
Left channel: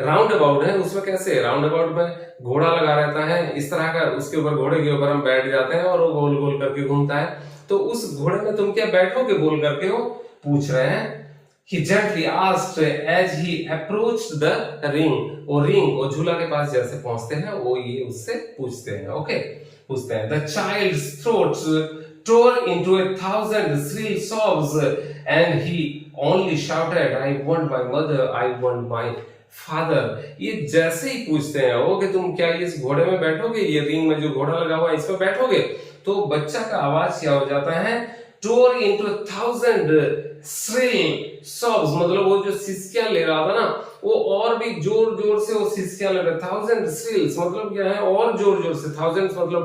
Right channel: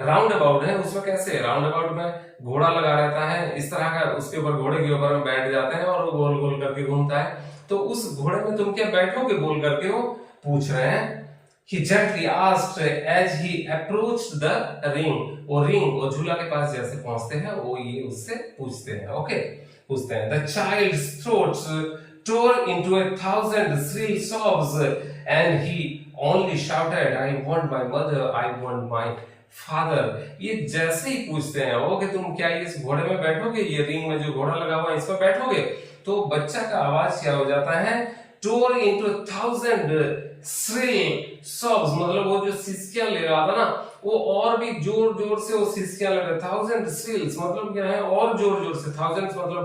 राउंड अबाउट है उसमें कैसे, राउंड अबाउट में घोड़ा लगा रहता है इस तरह का, उसके ऊपर घोड़े के ऊपर हम बैठ जाते हैं और वो गोल गोल करके घूमता है, तो उस घोड़े में तुम क्या बैठोगे, बोल करके वो पूछ रहे हैं। He gently asked as he approached the ring. वो झूला के पास जैसे पहुंचते हैं वो ये उससे पूछते हैं। ओके, पूछते हैं। The child's throat tore into 1,000 shrill sobs and he only shouted, I want my mother, I want my father. ये जैसे ही पूछते हैं वो कि तुम क्या इस घोड़े में बैठोगे, ये रिंग में जो घोड़ा लगा हुआ है इसमें बैठोगे, तो बच्चा का आवाज क्या हो जाता है, tore into 1,000 shrill sobs, मतलब वो जो सिसकियां ले रहा था ना, वो और भी जोर जोर से वो सिसकियां ले रहा। 1,000 shrills मतलब क्या है, और जोर जोर से, 1000 मतलब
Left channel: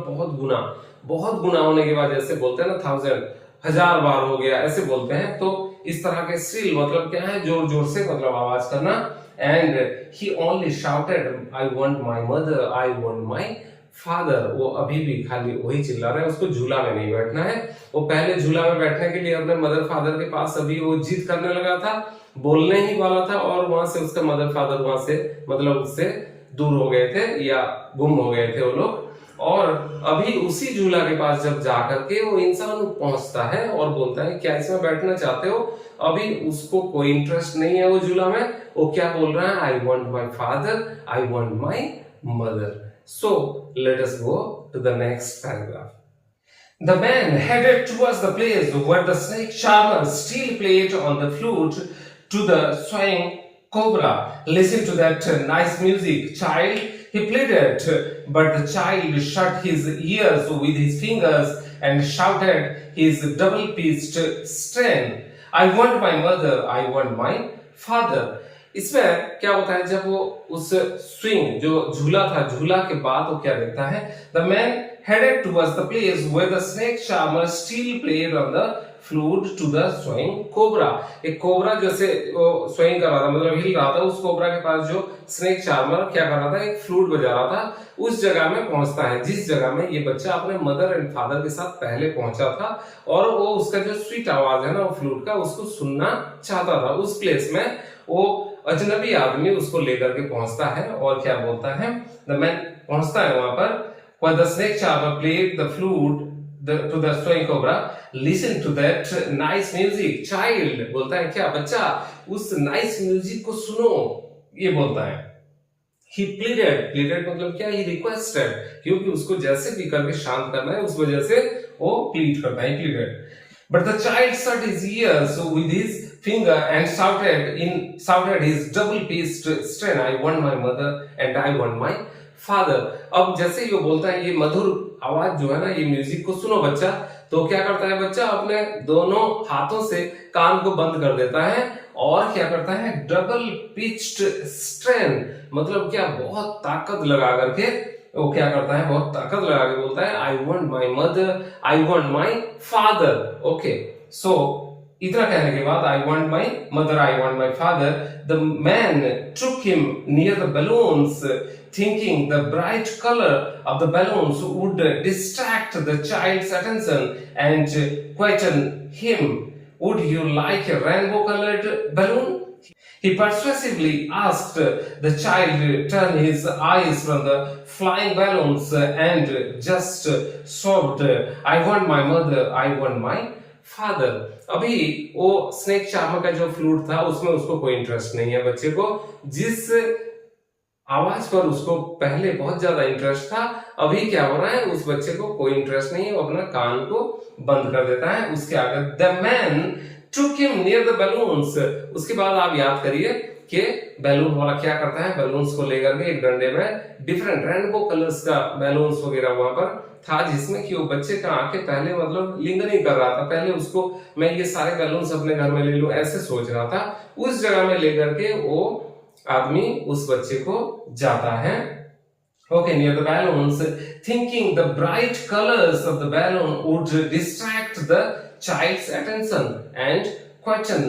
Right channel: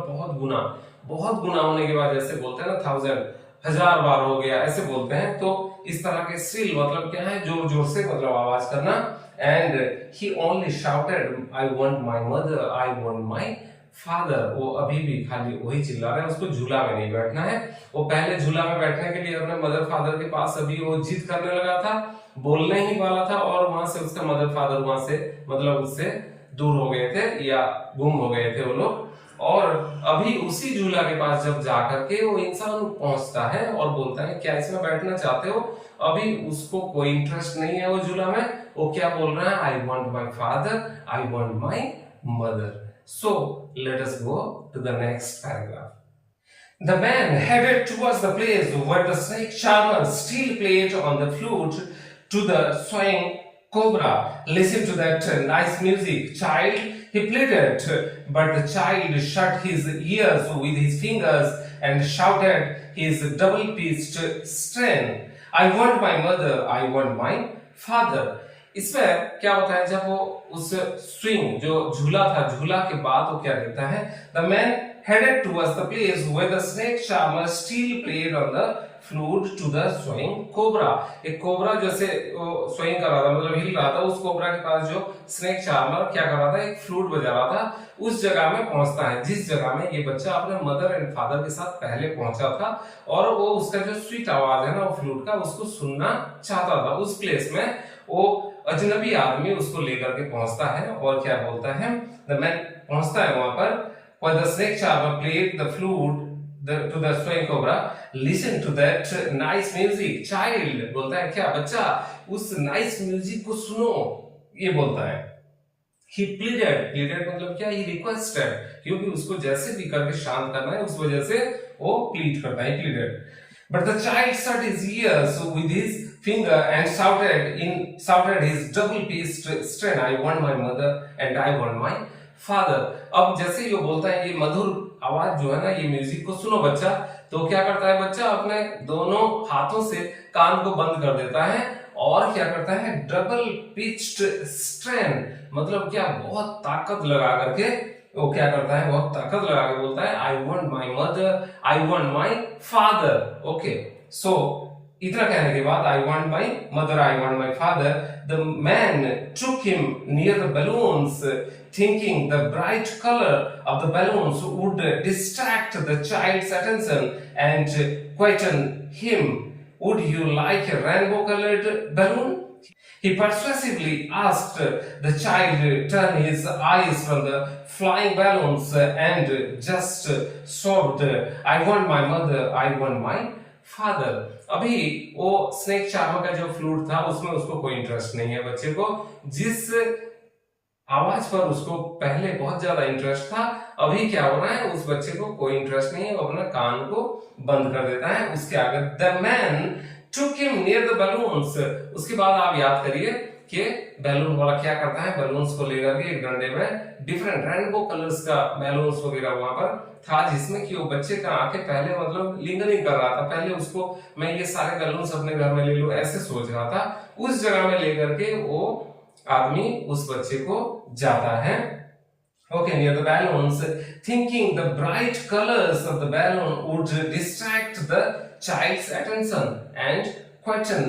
बहुत गुना होने के बाद जैसे बोलते हैं ना 1000, 1000 बार हो गया ऐसे बोलते हैं, तो इस तरह के shrill मतलब क्या है, जोर जोर से मतलब आवाज करना। And he only shouted, I want my mother, I want my father. वो अभी भी खाली वही चिल्ला रहे हैं, उसको झूला में नहीं बैठना है। वो पहले झूला में बैठने के लिए अपने मदर फादर के पास अभी वो जिद करने लगा था, बोलने ही वाला था और वहां से उसका मदर फादर वहां से मतलब उससे दूर हो गए थे या गुम हो गए थे वो लोग। और अभी उसी झूला के पास जब जाकर के वो इंसान पहुंचता है और बोलता है क्या इसमें बैठना चाहते हो, अभी उसको कोई इंटरेस्ट नहीं है वो झूला में। वो क्या बोल रहा है, I want my father, I want my mother. So let us go to the next paragraph. The man headed towards the place where the snake charmer still played on the flute to the swaying cobra. Listen to that nice music, child, he pleaded, but the child shut his ears with his fingers and shouted his double-pitched strain. I want my mother, I want my father. इसमें क्या होता है, जब वो उस swing जो झूला था, झूला के बाद वो क्या देखता है, the man headed towards the place where the snake charmer still played on the flute to the swaying cobra. एक कोबरा जैसे swaying कर रहा था, मतलब हिल रहा था, उस कोबरा के पास जो स्नेक चार्मर क्या कर रहा था, एक फ्लूट बजा रहा था, उस जगह में पहुंचता है जिस जगह में ये बच्चा अपने मदर एंड फादर के साथ पहले पहुंचा था। और वो उसका जो स्वीट आवाज है ना वो फ्लूट का, उसको सुनना चाहता था। उस प्लेस में वो अजनबी आदमी उसको लेकर के पहुंचता है और क्या बोलता है, द मैन पहुंचता है वहां पर, where the snake charmer played the flute to the swaying cobra. Listen to that nice music, child. बोलता है क्या बच्चा, उस nice music को सुनो, ये बोलता है। He pleaded मतलब क्या, he requested, क्योंकि उसको जैसे भी करके शांत करना है उस वजह से वो plead करता है, pleaded. But the child shut his ears with his finger and shouted his double-pitched strain, I want my mother and I want my father. अब जैसे ये बोलता है, ये मधुर आवाज जो है ना, ये म्यूजिक को सुनो बच्चा, तो क्या करता है बच्चा, अपने दोनों हाथों से कान को बंद कर देता है और क्या करता है, डबल पिच्ड स्ट्रेन मतलब क्या, बहुत ताकत लगा करके वो क्या करता है, बहुत ताकत लगा के बोलता है, I want my mother, I want my father. Okay, so इतना कहने के बाद, I want my mother, I want my father, the man took him near the balloons, thinking the bright color of the balloons would distract the child's attention and quieten him. Would you like a rainbow-colored balloon? He persuasively asked. The child turned his eyes from the flying balloons and just sobbed, I want my mother, I want my father. अभी वो snake charmer का जो flute था उसमें उसको कोई interest नहीं है बच्चे को। जिस आवाज पर उसको पहले बहुत ज्यादा इंटरेस्ट था, अभी क्या हो रहा है, उस बच्चे को कोई इंटरेस्ट नहीं है, वो अपना कान को बंद कर देता है। उसके आगे the man took him near the balloons. उसके बाद आप याद करिए कि बैलून वाला क्या करता है, बैलून्स को लेकर के एक डंडे में डिफरेंट रेनबो कलर्स का बैलून्स वगैरह वहां पर था, जिसमें कि वो बच्चे का आंखें पहले मतलब लिंगरिंग कर रहा था, पहले उसको मैं ये सारे बैलून्स अपने घर में ले लूं ऐसे सोच रहा था। उस जगह में लेकर के वो आदमी उस बच्चे को जाता है। Okay, near the balloons, thinking the bright colors of the balloon would distract the child's attention and quieten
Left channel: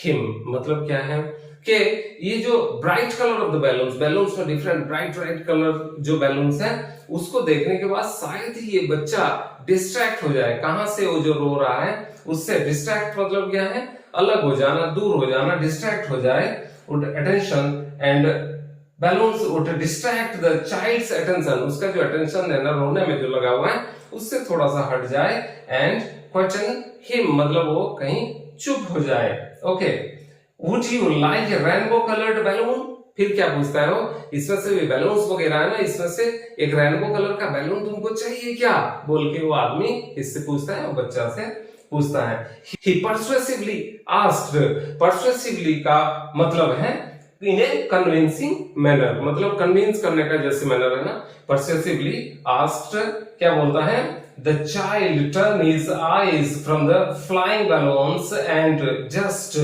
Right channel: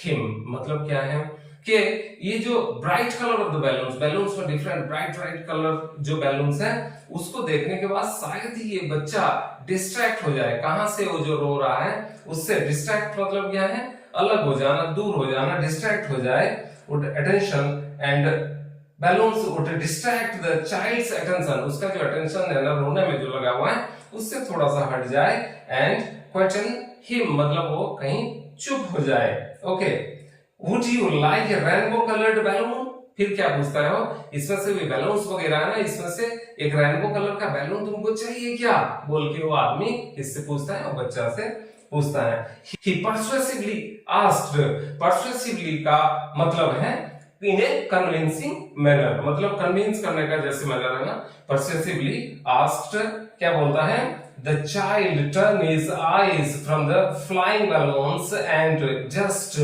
him. मतलब क्या है कि ये जो bright colour of the balloons में डिफरेंट ब्राइट कलर जो बैलून्स है, उसको देखने के बाद शायद ही ये बच्चा डिस्ट्रैक्ट हो जाए। कहां से वो जो रो रहा है उससे डिस्ट्रैक्ट मतलब क्या है, अलग हो जाना, दूर हो जाना, डिस्ट्रैक्ट हो जाए, would attention and balloons would distract the child's attention, उसका जो attention है ना रोने में जो लगा हुआ है उससे थोड़ा सा हट जाए, and quieten him मतलब वो कहीं चुप हो जाए। Okay, would you like a rainbow colored balloon? फिर क्या पूछता है वो, इसमें से बैलून्स वगैरह है ना, इसमें से एक रेनबो कलर का बैलून तुमको चाहिए क्या, बोल के वो आदमी इससे पूछता है और बच्चा से पूछता है। He persuasively asked, persuasively का मतलब है in a convincing manner, मतलब कन्विंस करने का जैसे मैनर है ना, persuasively asked क्या बोलता है, the child turned his eyes from the flying balloons and just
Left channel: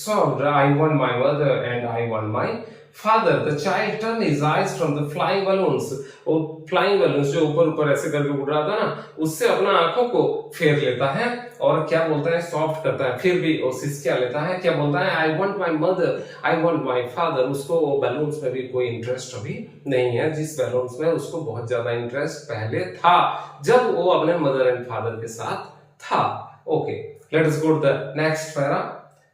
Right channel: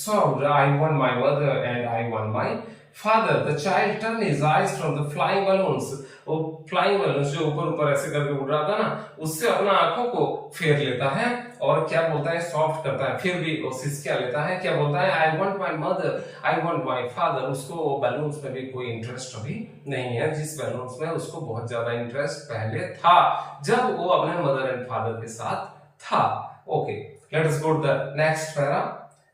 sobbed, I want my mother and I want my father. The child turned his eyes from the flying balloons, वो flying balloons जो ऊपर ऊपर ऐसे करके उड़ रहा था ना, उससे अपना आंखों को फेर लेता है और क्या बोलता है, सॉफ्ट करता है, फिर भी वो सिसकिया लेता है, क्या बोलता है, I want my mother, I want my father. उसको वो बैलून्स में भी कोई इंटरेस्ट अभी नहीं है, जिस बैलून्स में उसको बहुत ज्यादा इंटरेस्ट पहले था जब वो अपने मदर एंड फादर के साथ था। Okay, let us go to the next para.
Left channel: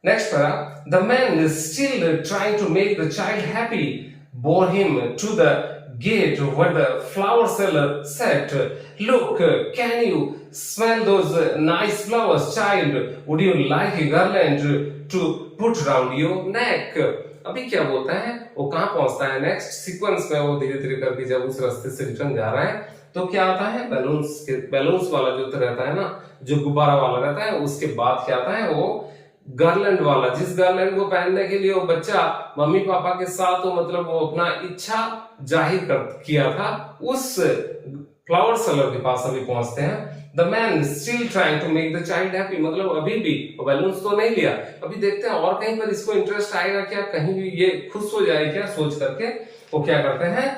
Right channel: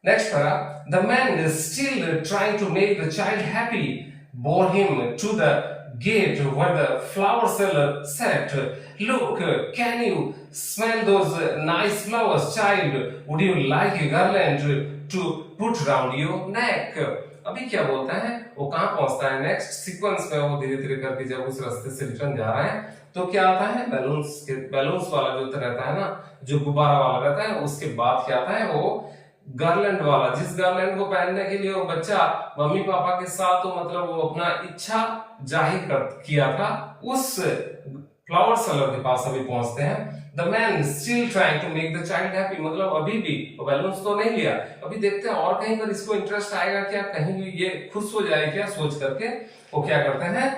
Next para, the man is still trying to make the child happy, bore him to the gate where the flower seller said, "Look, can you smell those nice flowers, child? Would you like a garland to put round your neck?" अभी क्या बोलता है, वो कहाँ पहुंचता है next sequence में, वो धीरे धीरे करके जब उस रास्ते से रिटर्न जा रहा है तो क्या आता है, बैलून्स वाला जो रहता है ना, जो गुब्बारा वाला रहता है, उसके बाद क्या आता है, वो गार्लैंड वाला, जिस गार्लैंड को पहनने के लिए वो बच्चा मम्मी पापा के साथ तो मतलब वो अपना इच्छा जाहिर किया था, उस फ्लावर सेलर के पास अभी पहुंचते हैं। The man still trying to make the child happy, मतलब अभी भी वो बैलून्स तो नहीं लिया, अभी देखते हैं और कहीं पर इसको इंटरेस्ट आएगा क्या, कहीं भी ये खुश हो जाए क्या, सोच करके वो क्या करते हैं,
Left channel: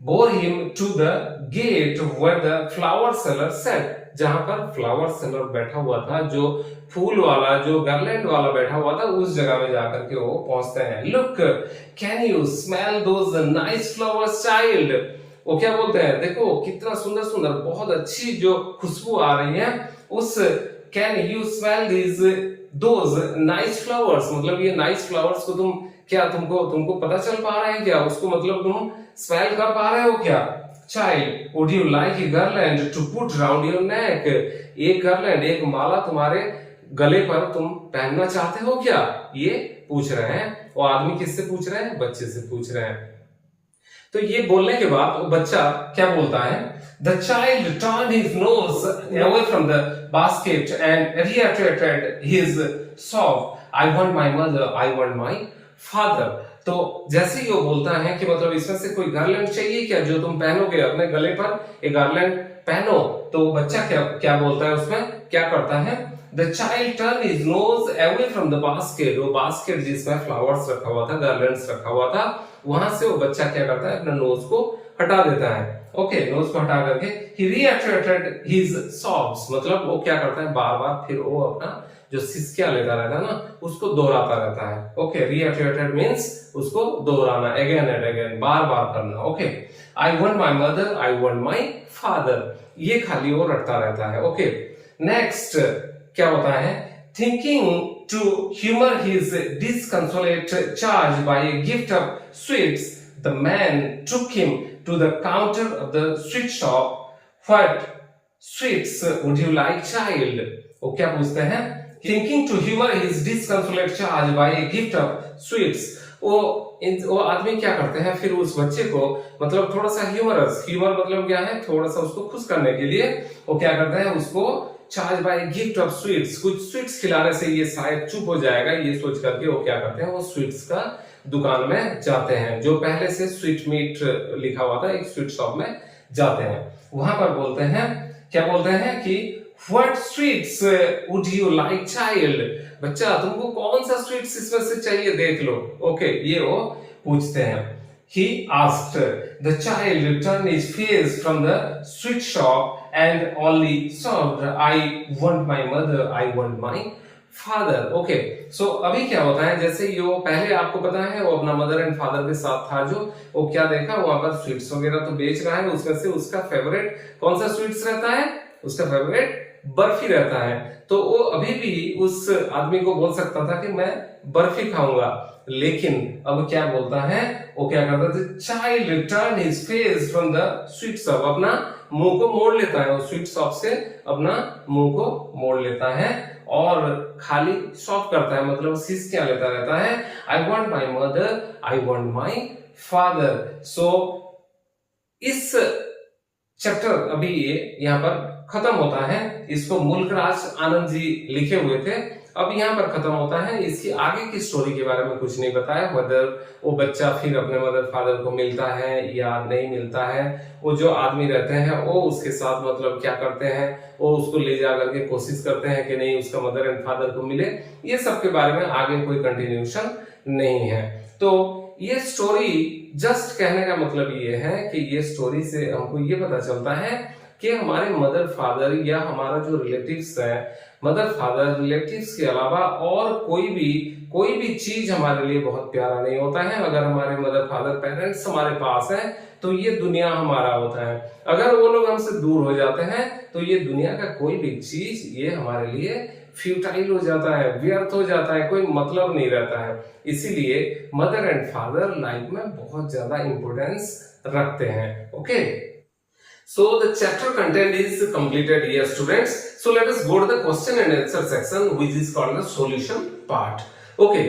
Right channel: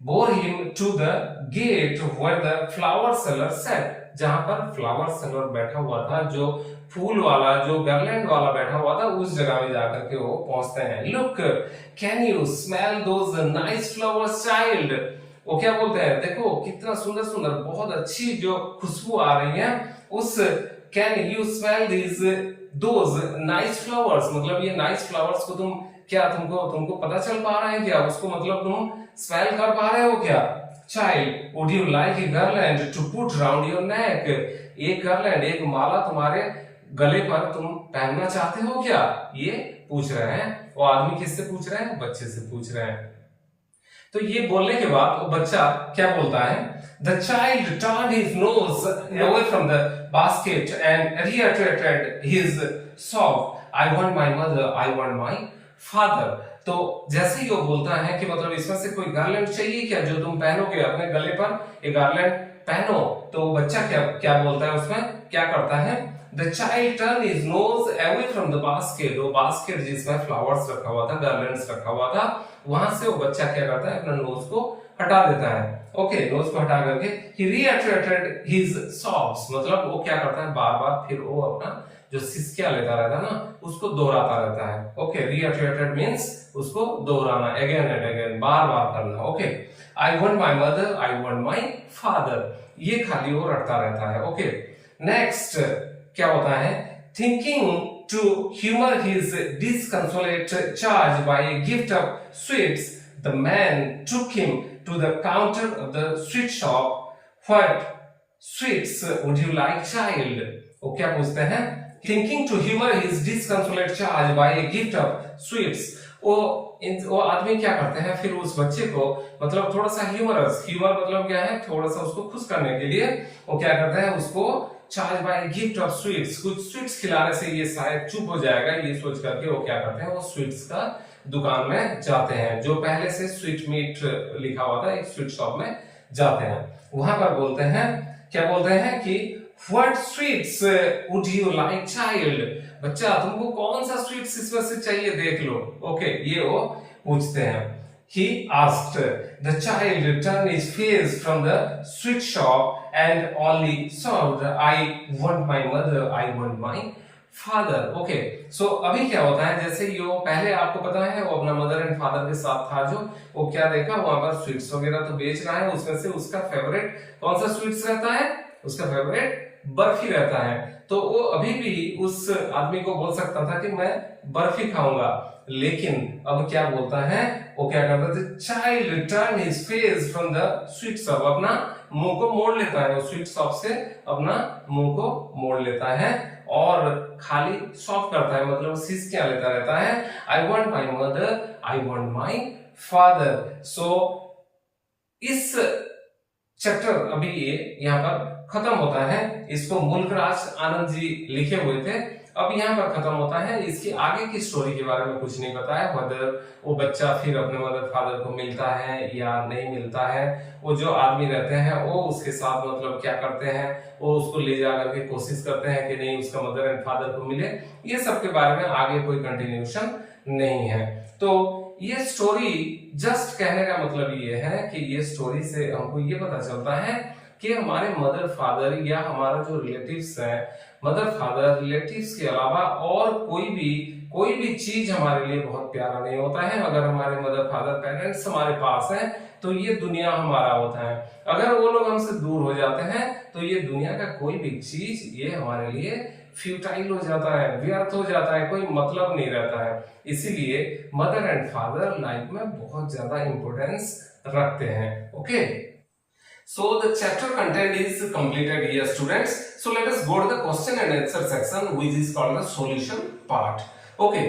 bore him to the gate where the flower seller sat, जहां पर फ्लावर सेलर बैठा हुआ था, जो फूल वाला, जो गार्लैंड वाला बैठा हुआ था, उस जगह में जाकर के वो पहुंचते हैं। Look, can you smell those nice flowers, child? वो क्या बोलते हैं, देखो कितना सुंदर सुंदर, बहुत अच्छी जो खुशबू आ रही है उस can you smell those nice flowers, मतलब ये nice flowers को तुम क्या, तुमको पता चल पा रहे हैं क्या, उसको मतलब तुम स्मेल कर पा रहे हो क्या? Child, would you like a garland to put round your neck? एक garland, एक माला तुम्हारे गले पर तुम पहनना चाहते हो क्या? ये पूछ रहे हैं। वो आदमी किससे पूछ रहे हैं? बच्चे से पूछ रहे हैं। तो ये बोलने के बाद वो बच्चा क्या बोलता है? The child turned his nose away from the basket and reiterated his sob, I want my mother, I want my father. तो जैसे ही वो बोलता है कि मतलब इसमें से कोई गार्लैंड चाहिए क्या, जो तुम पहनोगे अपने गले पर, ये गार्लैंड पहनो, तो वो बच्चा क्या बोलता है, उसमें क्या करता है? The child turned his nose away from the basket, वो बास्केट जिसमें फ्लावर्स रखा हुआ था, गार्लैंड्स रखा हुआ था, वहां से वो बच्चा क्या करता है, अपना नोज को हटा देता है। ओके, नोज को हटा करके he reiterated his sobs, मतलब वो क्या करता है, बार बार फिर वो अपना जो सिसकियां लेता रहता है ना, उसको दोहराता रहता है। ओके, reiterated means उसको दोहराना, अगेन एंड अगेन, बार बार करना। Okay, I want my mother, I want my father, ये खाली वो रटता रहता है। ओके, नेक्स्ट क्या होता है? Thinking to humor his disconsolate charge by a gift of sweets, the man took him to the counter of the sweet shop. What sweets would you like, child? वो क्या पूछते हैं? Thinking to humor his disconsolate charge by a gift of sweets, वो आदमी क्या करते हैं, फिर उस बच्चे को मतलब थोड़ा सा ह्यूमर मतलब क्या है, थोड़ा सा उसको खुश करने के लिए वो क्या करते हैं, उसको charge by gift of sweets, कुछ स्वीट्स खिलाने से ये शायद चुप हो जाएगा, ये सोच करके वो क्या करते हैं, वो स्वीट्स का दुकान में जाते हैं, जो पहले से स्वीट मीट लिखा हुआ था, एक स्वीट शॉप में जाते हैं। वहां पर बोलते हैं, क्या बोलते हैं कि What sweets would you like, child? बच्चा तुमको कौन सा स्वीट्स इसमें से चाहिए, देख लो। ओके, ये वो पूछते हैं। He asked. The child turned his face from the sweet shop and only sobbed, I want my mother, I want my father. Okay, so अभी क्या होता है, जैसे ये पहले आपको पता है वो अपना मदर एंड फादर के साथ था, जो वो क्या देखा, वहां पर स्वीट्स वगैरह तो बेच रहा है, उसमें से उसका फेवरेट कौन सा स्वीट्स रहता है, उसका फेवरेट बर्फी रहता है। तो वो अभी भी उस आदमी को बोल सकता था कि मैं बर्फी खाऊंगा, लेकिन अब क्या बोलता है, वो क्या करता है, child turn his face from the sweet shop, अपना मुंह को मोड़ लेता है, वो स्वीट शॉप से अपना मुंह को मोड़ लेता है और खाली शॉप करता है, मतलब सीस क्या लेता रहता है, I want my mother, I want my father. So इस चैप्टर अभी ये यहाँ पर खत्म होता है, इसको मुल्कराज आनंद जी लिखे हुए थे, अब यहाँ पर खत्म होता है। इसकी आगे की स्टोरी के बारे में कुछ नहीं बताया, वदर वो बच्चा फिर अपने मदर फादर को मिलता है या नहीं मिलता है, वो जो आदमी रहते हैं वो उसके साथ मतलब क्या करते हैं, वो उसको ले जा करके कोशिश करते हैं कि नहीं उसका मदर एंड फादर को मिले, ये सब के बारे में आगे कोई कंटिन्यूशन नहीं है। तो ये स्टोरी जस्ट कहने का मतलब ये है कि ये स्टोरी से हमको ये पता चलता है कि हमारे मदर फादर या हमारा जो रिलेटिव्स है, मदर फादर रिलेटिव्स के अलावा और कोई भी चीज हमारे लिए बहुत प्यारा नहीं होता है। अगर हमारे मदर फादर पेरेंट्स हमारे पास हैं तो ये दुनिया हमारा होता है, अगर वो लोग हमसे दूर हो जाते हैं तो ये दुनिया का कोई भी चीज ये हमारे लिए फ्यूटाइल हो जाता है, व्यर्थ हो जाता है, कोई मतलब नहीं रहता है। इसीलिए मदर एंड फादर लाइफ में बहुत ज्यादा इंपॉर्टेंस रखते हैं। Okay, so the chapter content is completed here, students. So let us go to the question and answer section, which is called the solution part. Okay,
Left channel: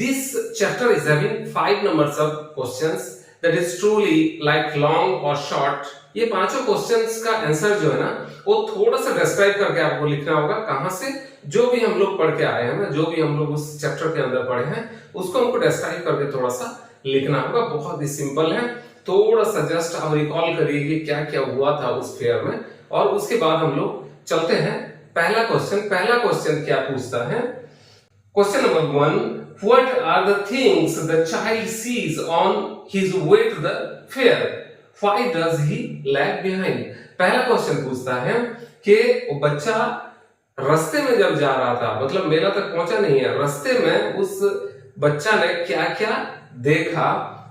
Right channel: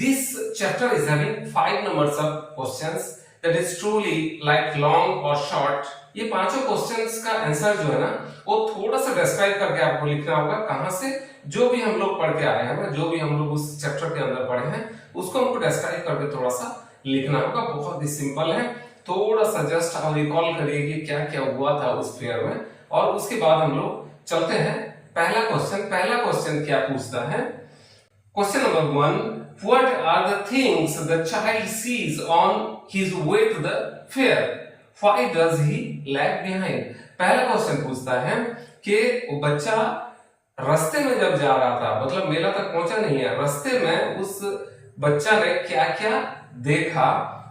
this chapter is having 5 numbers of questions, that is truly like long or short. ये पांचों questions का answer जो है ना वो थोड़ा सा describe करके आपको लिखना होगा, कहां से जो भी हम लोग पढ़ के आए हैं ना, जो भी हम लोग उस चैप्टर के अंदर पढ़े हैं उसको हमको डिस्क्राइब करके थोड़ा सा लिखना होगा। बहुत ही सिंपल है, थोड़ा सा जस्ट आप रिकॉल करिए कि क्या क्या हुआ था उस फेयर में, और उसके बाद हम लोग चलते हैं पहला क्वेश्चन क्या पूछता है। Question number 1, what are the things the child sees on his way to the fair, why does he lag behind. पहला क्वेश्चन पूछता है कि वो बच्चा रास्ते में जब जा रहा था, मतलब मेला तक पहुंचा नहीं है, रास्ते में उस बच्चा ने क्या क्या देखा,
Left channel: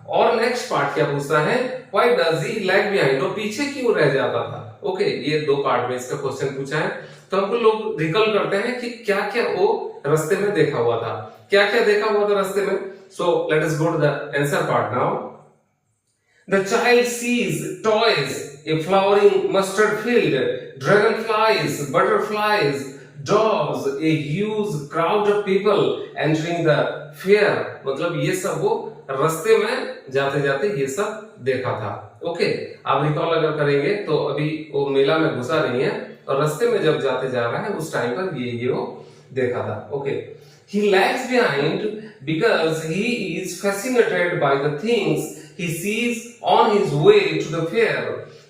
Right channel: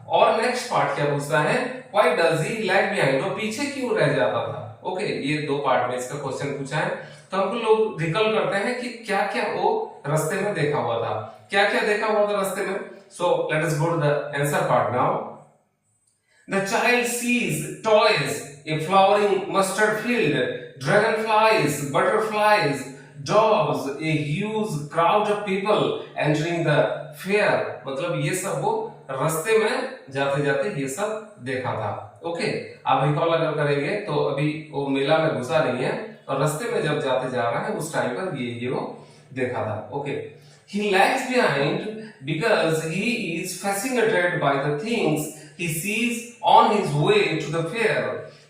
और नेक्स्ट पार्ट क्या पूछता है, why does he lag behind, वो पीछे क्यों रह जाता था। ओके, ये दो पार्ट में इसका क्वेश्चन पूछा है। तो हमको लोग रिकॉल करते हैं कि क्या क्या वो रास्ते में देखा हुआ था, क्या क्या देखा हुआ था रास्ते में। So let us go to the answer part now. The child sees toys, a flowering mustard field, dragonflies, butterflies, dogs, a huge crowd of people entering the fair। मतलब ये सब वो रास्ते में जाते जाते ये सब देखा था। ओके, आप रिकॉल अगर करेंगे तो अभी वो मेला में घुसा नहीं है, और रास्ते में जब जाते जा रहा है उस टाइम पर ये वो देखा था। Okay, he lags behind because he is fascinated by the things he sees on his way to the fair।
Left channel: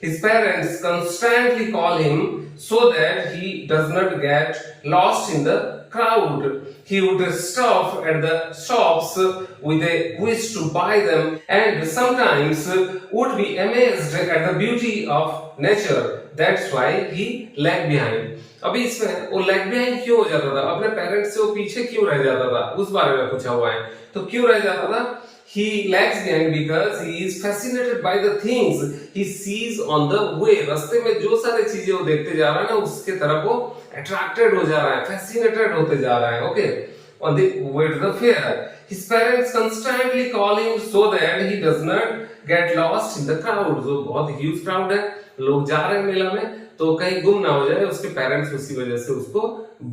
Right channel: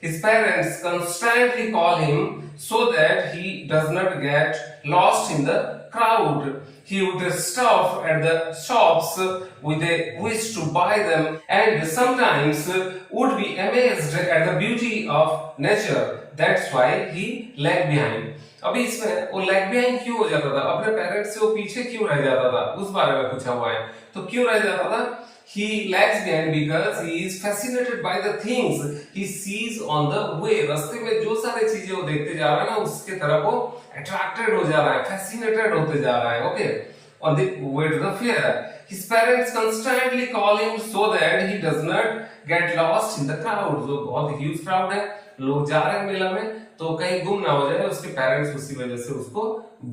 His parents constantly call him so that he does not get lost in the crowd। He would stop at the shops with a wish to buy them, and sometimes would be amazed at the beauty of nature। That's why he lagged behind। अभी इसमें वो lag behind क्यों हो जाता था, अपने parents से वो पीछे क्यों रह जाता था, उस बारे में पूछा हुआ है। तो क्यों रह जाता था, he lags behind because he is fascinated by the things he sees on the way। रास्ते में जो सारी चीजें वो देखते जा रहा है ना, उसके तरफ वो अट्रैक्टेड हो जा रहा है, फैसिनेटेड होते जा रहा है। Okay, on the way to the fair, his parents constantly call him so that he does not get lost in the crowd। जो बहुत ह्यूज क्राउड है, लोग जा रहे हैं मेला में, तो कहीं गुम ना हो जाए, उसके पेरेंट्स उसी वजह से उसको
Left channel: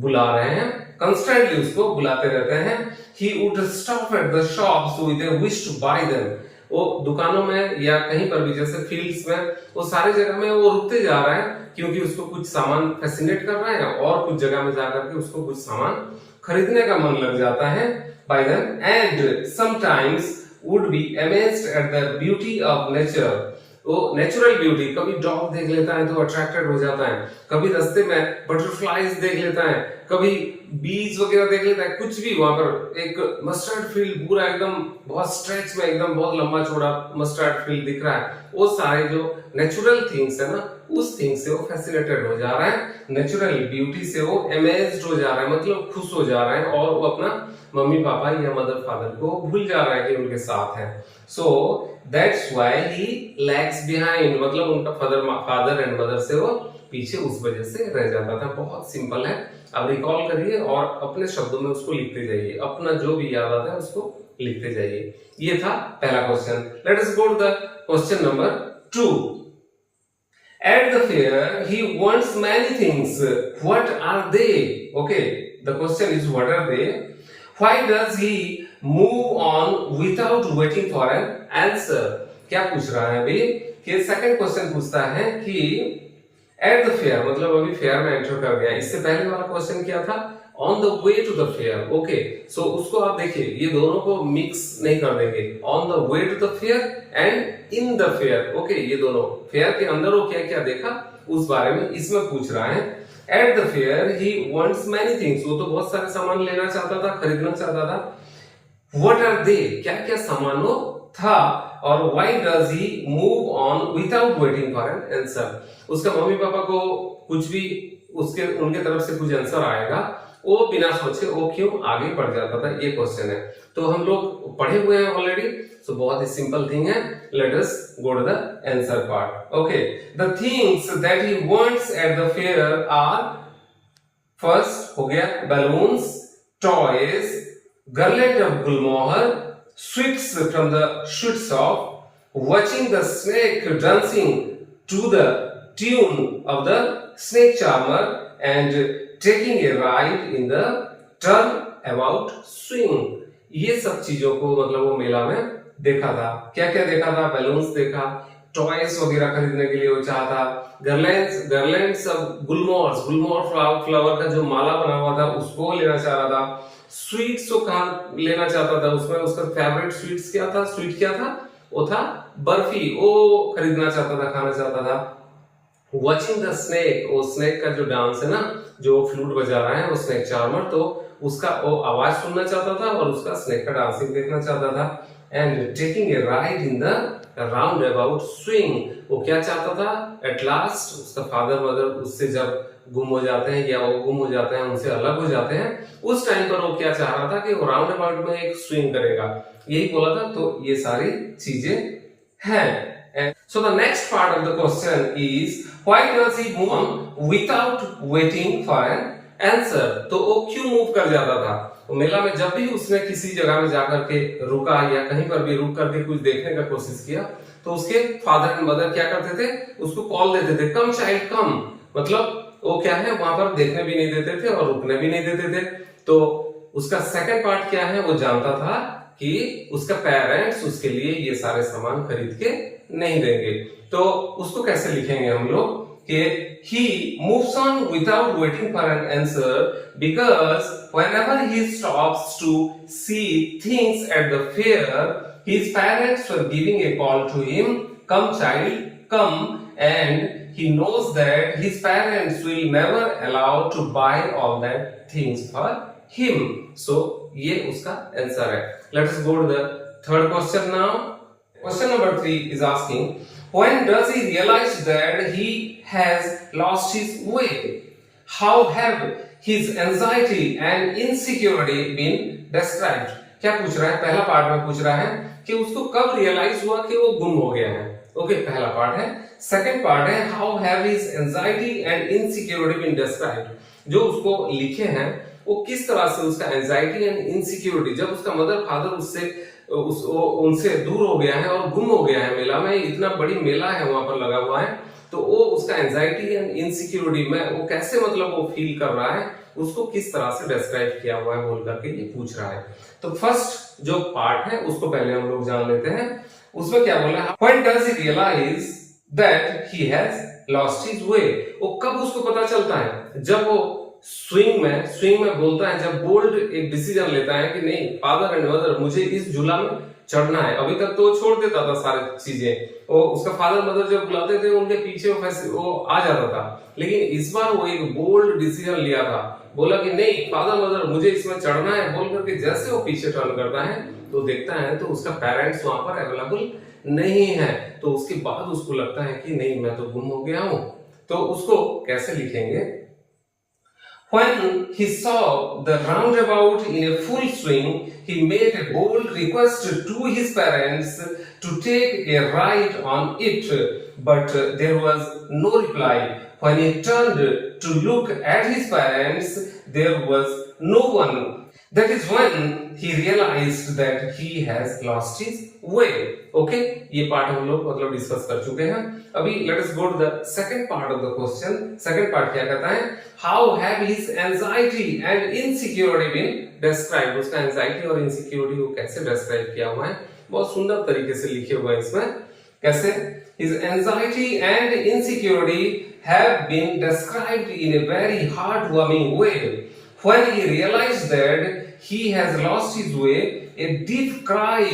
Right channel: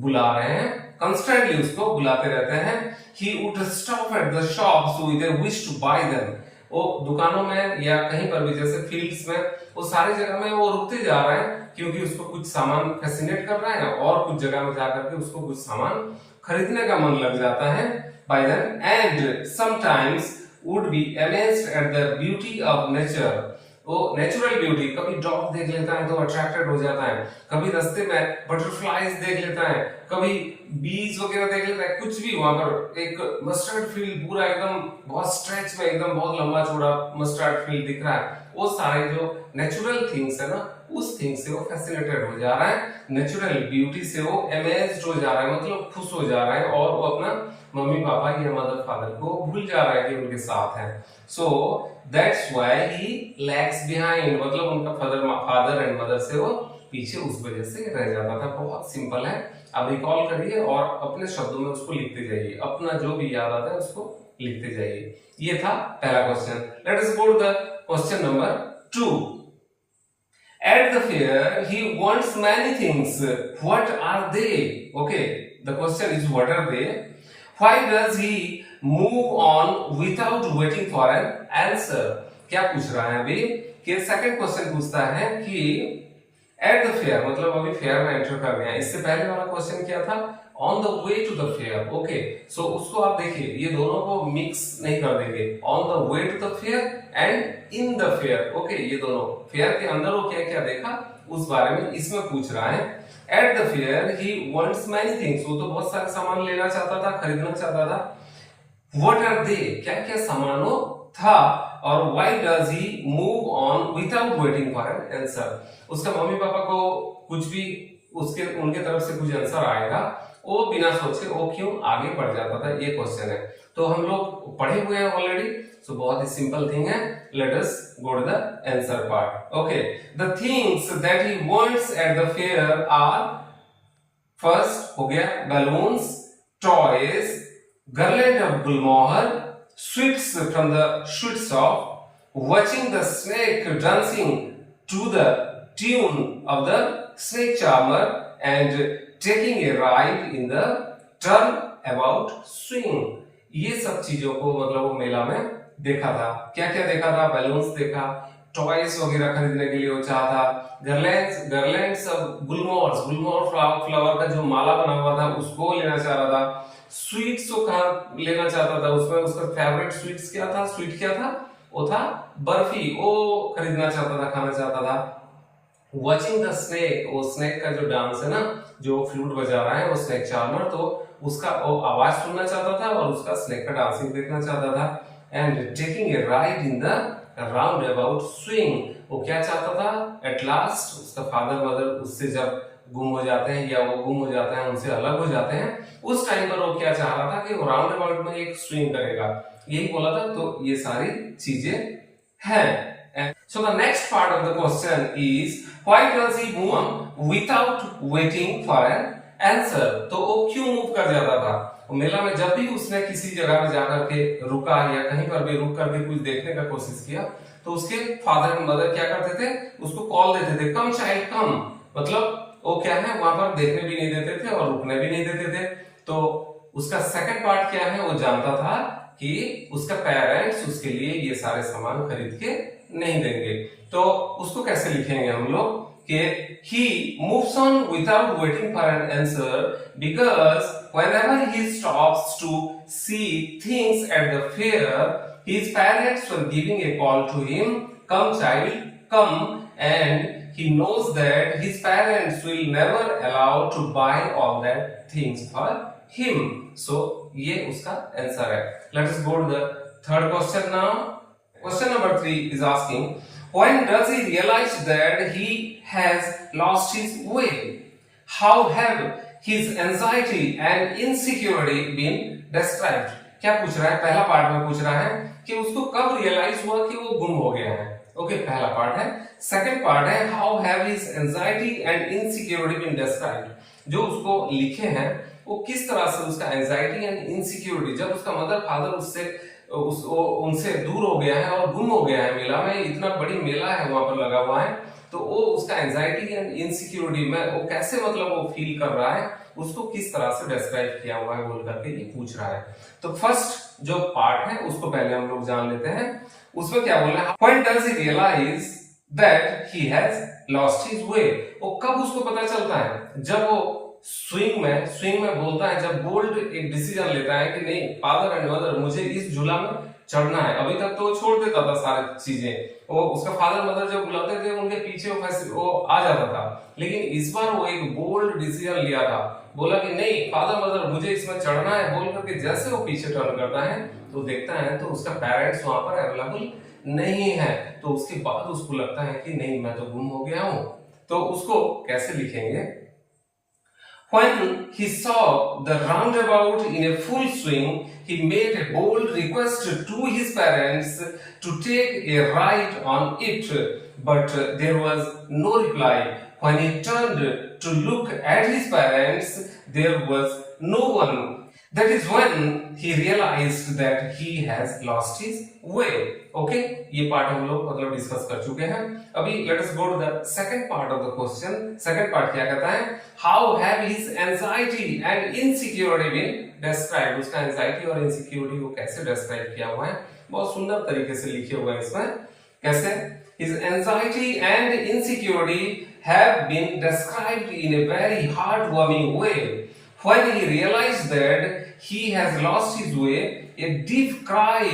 बुला रहे हैं, कंस्टेंटली उसको बुलाते रहते हैं। He would stop at the shops with a wish to buy them। वो दुकानों में या कहीं पर भी, जैसे फील्ड्स में, वो सारी जगह में वो रुकते जा रहा है क्योंकि उसको कुछ सामान फैसिनेट कर रहा है, और कुछ जगह में जाकर के उसको कुछ सामान खरीदने का मन लग जाता है by them, and sometimes would be amazed at the beauty of nature। वो नेचुरल ब्यूटी, कभी डॉग देख लेता है तो अट्रैक्टेड हो जाता है, कभी रास्ते में बटरफ्लाइज देख लेता है, कभी बीज वगैरह देख लेता है, कुछ भी। वहां पर एक मस्टर्ड फील्ड पूरा एकदम बहुत स्ट्रेच में, एकदम बहुत लंबा चौड़ा मस्टर्ड फील्ड दिख रहा है, वो सारे जो नेचुरल थिंग्स है ना, उस थिंग से वो फैसिनेटेड हो जा रहा है, नेचुरल ब्यूटी से वो अमेज्ड हो जा रहा है, मतलब खुश हो जा रहा है, और वो अपना मम्मी पापा या मदर फादर को भूल जा रहा है कि उनके साथ है। So that's why he lags behind, मतलब उनका फादर एंड मदर से वो पीछे उस वजह से रह जाता था। बहुत सिंपल है, आप रिकॉल करिए और अपने शब्दों में उसको लिखते जाइए, अपना जो भी याद आता है उसको लिखते जाइए। ये था पहला question. Let us go to the question number 2। At the fair, he wants many things. What are they? Okay, the question is what are they? Why does he move on without waiting for an answer? क्या पूछ रहा है अभी कि second question पूछता है कि eight the fair, मतलब अभी फेयर में एंटर कर गया। इससे पहले वाला क्वेश्चन क्या था, on the way to the fair. Okay, so उसको आप देखिए, ये दोनों को मिक्स नहीं कर देंगे, on the way to the fair and in the fair. Okay, ये दोनों फेयर के अंदर वो क्या क्या देखा उस बारे में इसमें पूछ रहा है। Eight the fair he wants many things, वो तो बहुत सारे सामान लेना चाहता था, खरीदना चाहता था। व्हाट आर दे, क्या क्या सामानों था, और why does he move on without waiting for an answer. उसका मम्मी पापा को कुछ भी उसके उनके तरफ से कुछ आंसर आएगा, वो बिना सोचे वो क्यों आगे बढ़ जाता था, ये क्वेश्चन है। तो हम लोग पढ़े हुए हैं ऑलरेडी, सो बहुत ही सिंपल थिंग है। Let us go to the answer part. Okay, the things that he wants at the fair are first हो गया balloons, toys, garland of gulmohar, sweets from the sweet shop, watching the snake dancing to the tune of the snake charmer, and taking a ride in the turnabout swing. ये सब चीजों को मतलब वो मेला में देखा था। क्या क्या देखा था? बैलून्स देखा, टॉयज वगैरह खरीदने के लिए वो चाहा था, गर्लैंड्स गुलमोहर फ्लावर का जो माला बना हुआ था उसको लेना चाह रहा था, स्वीट्स को कहा लेना चाहता था, उसमें उसका फेवरेट स्वीट्स क्या था? स्वीट क्या था? वो था बर्फी, वो खरीदना चाहता था, खाना चाहता था। वॉचिंग द स्नेक, वो स्नेक का जो डांस है ना, जो फ्लूट बजा रहा है वो स्नेक चार्मर, तो उसका वो आवाज सुनना चाहता था और उसका स्नेक का डांसिंग देखना चाहता था। And taking a ride in the round about swing, वो क्या चाहता था? एट लास्ट उसका फादर मदर उससे जब गुम हो जाते हैं या वो गुम हो जाते हैं, उनसे अलग हो जाते हैं, उस टाइम पर वो क्या चाह रहा था कि वो राउंड अबाउट में एक स्विंग करेगा, यही बोला था। तो ये सारी चीजें हैं। So the next part of the question is, why does he move without waiting for an answer? तो वो क्यों मूव कर जाता था? तो मेला में जब भी उसने किसी जगह में जाकर के रुका या कहीं पर भी रुक करके कुछ देखने का कोशिश किया, तो उसके फादर एंड मदर क्या करते थे? उसको कॉल देते थे, कम चाइल्ड कम, मतलब वो क्या है वहां पर देखने भी नहीं देते थे और रुकने भी नहीं देते थे। तो उसका सेकंड पार्ट क्या है? वो जानता था कि उसका पेरेंट्स उसके लिए ये सारे सामान खरीद के नहीं देंगे। तो उसको कैसे लिखेंगे हम लोग कि he moves on without waiting for an answer because whenever he stops to see things at the fair, his parents were giving a call to him, come child come, and he knows that his parents will never allow to buy all that things for him. So ये उसका answer है। Let us go to the third question now. Question number 3 is asking, when does he realize that he has lost his way? How have his anxiety and insecurity been described? क्या पूछ रहा है? पहला part में पूछ रहा है कि उसको कब रियलाइज हुआ कि वो गुम हो गया है। ओके, पहला पार्ट है। सेकंड पार्ट है, how have his anxiety and insecurity been described? जो उसको लिखे हैं वो किस तरह से उसका एंजाइटी एंड इनसिक्योरिटी, जब उसका मदर फादर उनसे दूर हो गया है और गुम हो गया है मेला में, इतना बड़ी मेला है वहां पर लगा हुआ है, तो वो उसका एंजाइटी एंड इनसिक्योरिटी में वो कैसे मतलब वो फील कर रहा है, उसको किस तरह से डिस्क्राइब किया हुआ है बोल करके ये पूछ रहा है। तो फर्स्ट जो पार्ट है उसको पहले हम लोग जान लेते हैं। उसमें क्या बोला है? When does he realize that he has lost his way? वो कब उसको पता चलता है? जब वो स्विंग में बोलता है, जब बोल्ड एक डिसीजन लेता है कि नहीं फादर एंड मदर मुझे इस झूला में चढ़ना है। अभी तक तो छोड़ देता था सारी चीजें, वो उसका फादर मदर जब बुलाते थे उनके पीछे वो आ जाता था, लेकिन इस बार वो एक बोल्ड डिसीजन लिया था, बोला कि नहीं फादर मदर मुझे इसमें चढ़ना है बोल करके जैसे वो पीछे टर्न करता है तो देखता है तो उसका पेरेंट्स वहां पर अवेलेबल नहीं है। तो उसके बाद उसको लगता है कि नहीं मैं तो गुम हो गया हूं। तो उसको कैसे लिखेंगे? When he saw the roundabout in a full swing, he made a bold request to his parents to take a ride on it, but there was no reply. When he turned to look at his parents, there was no one. That is when he realized that he has lost his way. Okay, ये part हम लोग मतलब discuss कर चुके हैं। अभी let us go to the second part of the question. Second part क्या कहता है? How have his anxiety and insecurity been described? उसका anxiety और insecurity को कैसे describe किया हुआ है? बहुत सुंदर तरीके से लिखे हुए हैं इसमें। कैसे? His anxiety and insecurity have been described in a very heartwarming way. When he realized that he has lost his way, a deep cry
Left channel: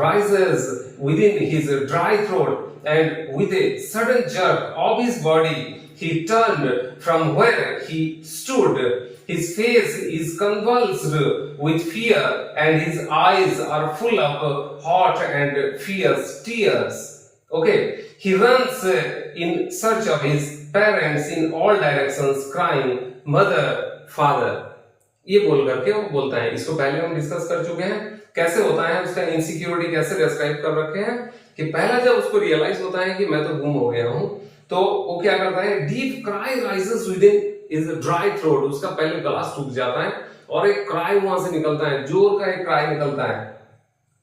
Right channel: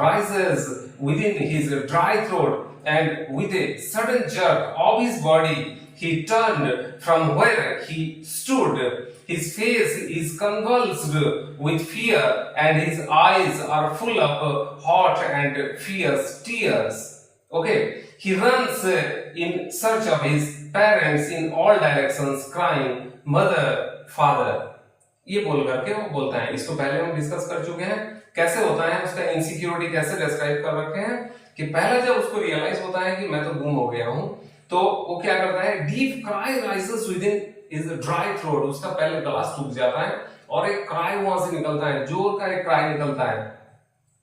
rises within his dry throat, and with a sudden jerk of his body, he turned from where he stood. His face is convulsed with fear, and his eyes are full of hot and fierce tears. Okay, he runs in search of his parents in all directions, crying, "Mother, Father." ये बोल करके वो बोलता है। इसको पहले हम discuss कर चुके हैं कैसे होता है, उसका इनसिक्योरिटी कैसे डिस्क्राइब कर रखे हैं कि पहला जब उसको रियलाइज होता है कि मैं तो गुम हो गया हूं, तो वो क्या करता है? Deep cry rises with in is dry throat, उसका पहले गला सूख जाता है और एक क्राई वहां से निकलता है, जोर का एक क्राई निकलता है,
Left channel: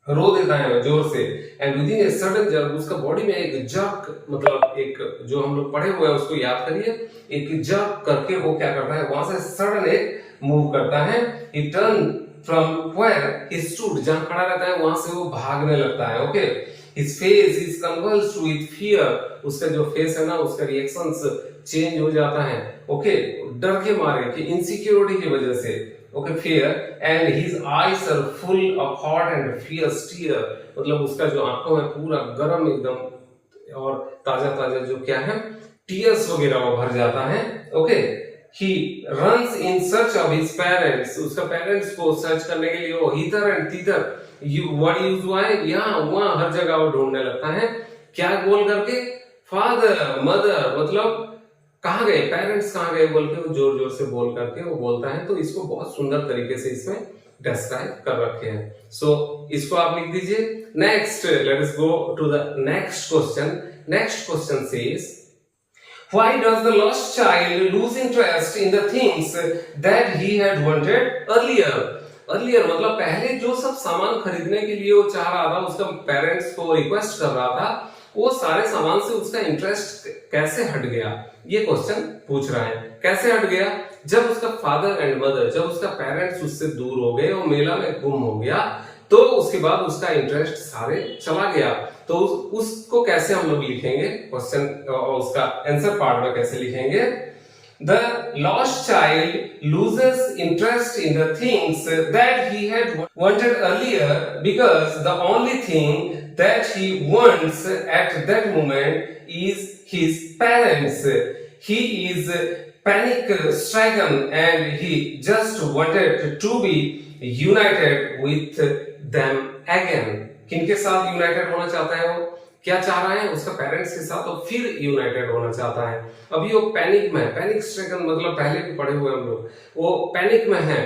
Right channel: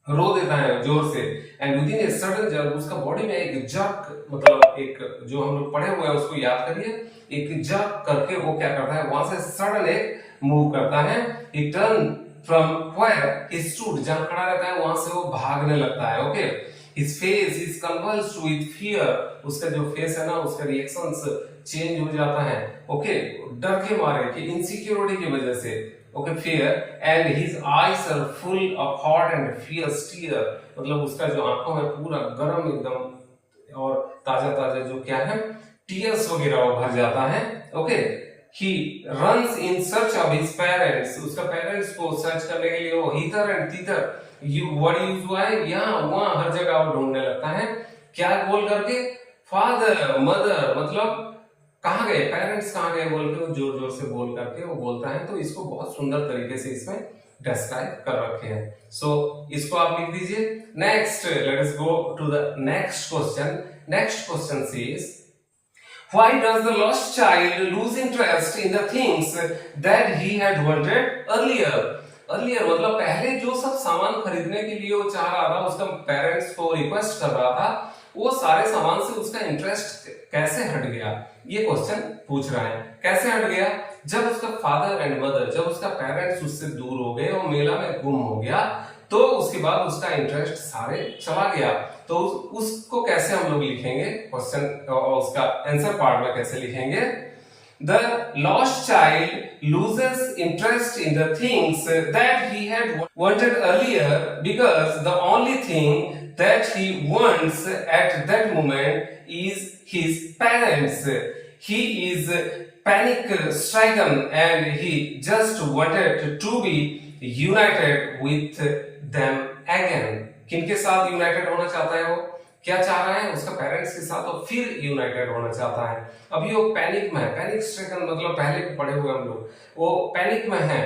रो देता है जोर से। And with in A sudden jerk, उसका बॉडी में एक जर्क, मतलब एक जो हम लोग पढ़े हुए हैं उसको याद करिए, एक जर्क करके वो क्या करता है, वहां से सडन एक मूव करता है। He turn from where he stood, जहां खड़ा रहता है वहां से वो भागने लगता है। Okay, his face is convulsed with fear, उसका जो फेस है ना उसका रिएक्शंस चेंज हो जाता है। ओके, डर के मारे कि इनसिक्योरिटी की वजह से। Okay, fear and his eyes are full of hot and fierce tear, मतलब उसका जो आंखों में पूरा गर्म एकदम और ताजा ताजा जो क्या है टीयर्स वगैरह वो भर जाता है। Okay, he runs in search of his parents, उसका पेरेंट्स को सर्च करने के लिए वो हितर एंड तितर वर्ड यूज हुआ है, यहाँ वहां हर जगह वो ढूंढने लगता है। क्या बोल करके, फादर मदर, मतलब कहाँ गए पेरेंट्स, कहाँ गए बोल के वो जोर जोर से बोल करके वो बोलता है। तो इसको बहुत सुंदर तरीके से इसमें डिस्क्राइब कर रखे हैं। सो इसको आप लिख दीजिए। Next, let us go to the next question. Next question says, why does the lost child lose interest in the things that he had wanted earlier? earlier मतलब पहले जो सब सामान खरीदने के लिए वो चाह रहा था, उसका पेरेंट्स को रिक्वेस्ट कर रहा था, वो सारे सामान से उसका इंटरेस्ट कैसे हट गया, ये क्वेश्चन पूछ रहा है। कैसे हट गया? जब उसका फादर एंड मदर, जब उसका पेरेंट्स उससे दूर हो गए, वो मेला में गुम हो गया, तो उसके बाद उसका इंटरेस्ट सारे चला गया। तो उसको कैसे हम लोग लिखेंगे क्वेश्चन, उसका आंसर पार्ट में कैसे लिखेंगे? The lost child loses interest in the things that he had wanted earlier because the only thing that he wants at that moment is his parents. He is panic stricken and he just wanted to be united with them again. किनके साथ United होना चाहता है? वो क्या चाह रहा है? उसका पेरेंट्स के साथ और फिर यूनाइटेड होना चाहता है। अभी वो पैनिक में है, पैनिक स्ट्रिकन मतलब पहले भी पढ़े हुए हम लोग, वो पैनिक में है,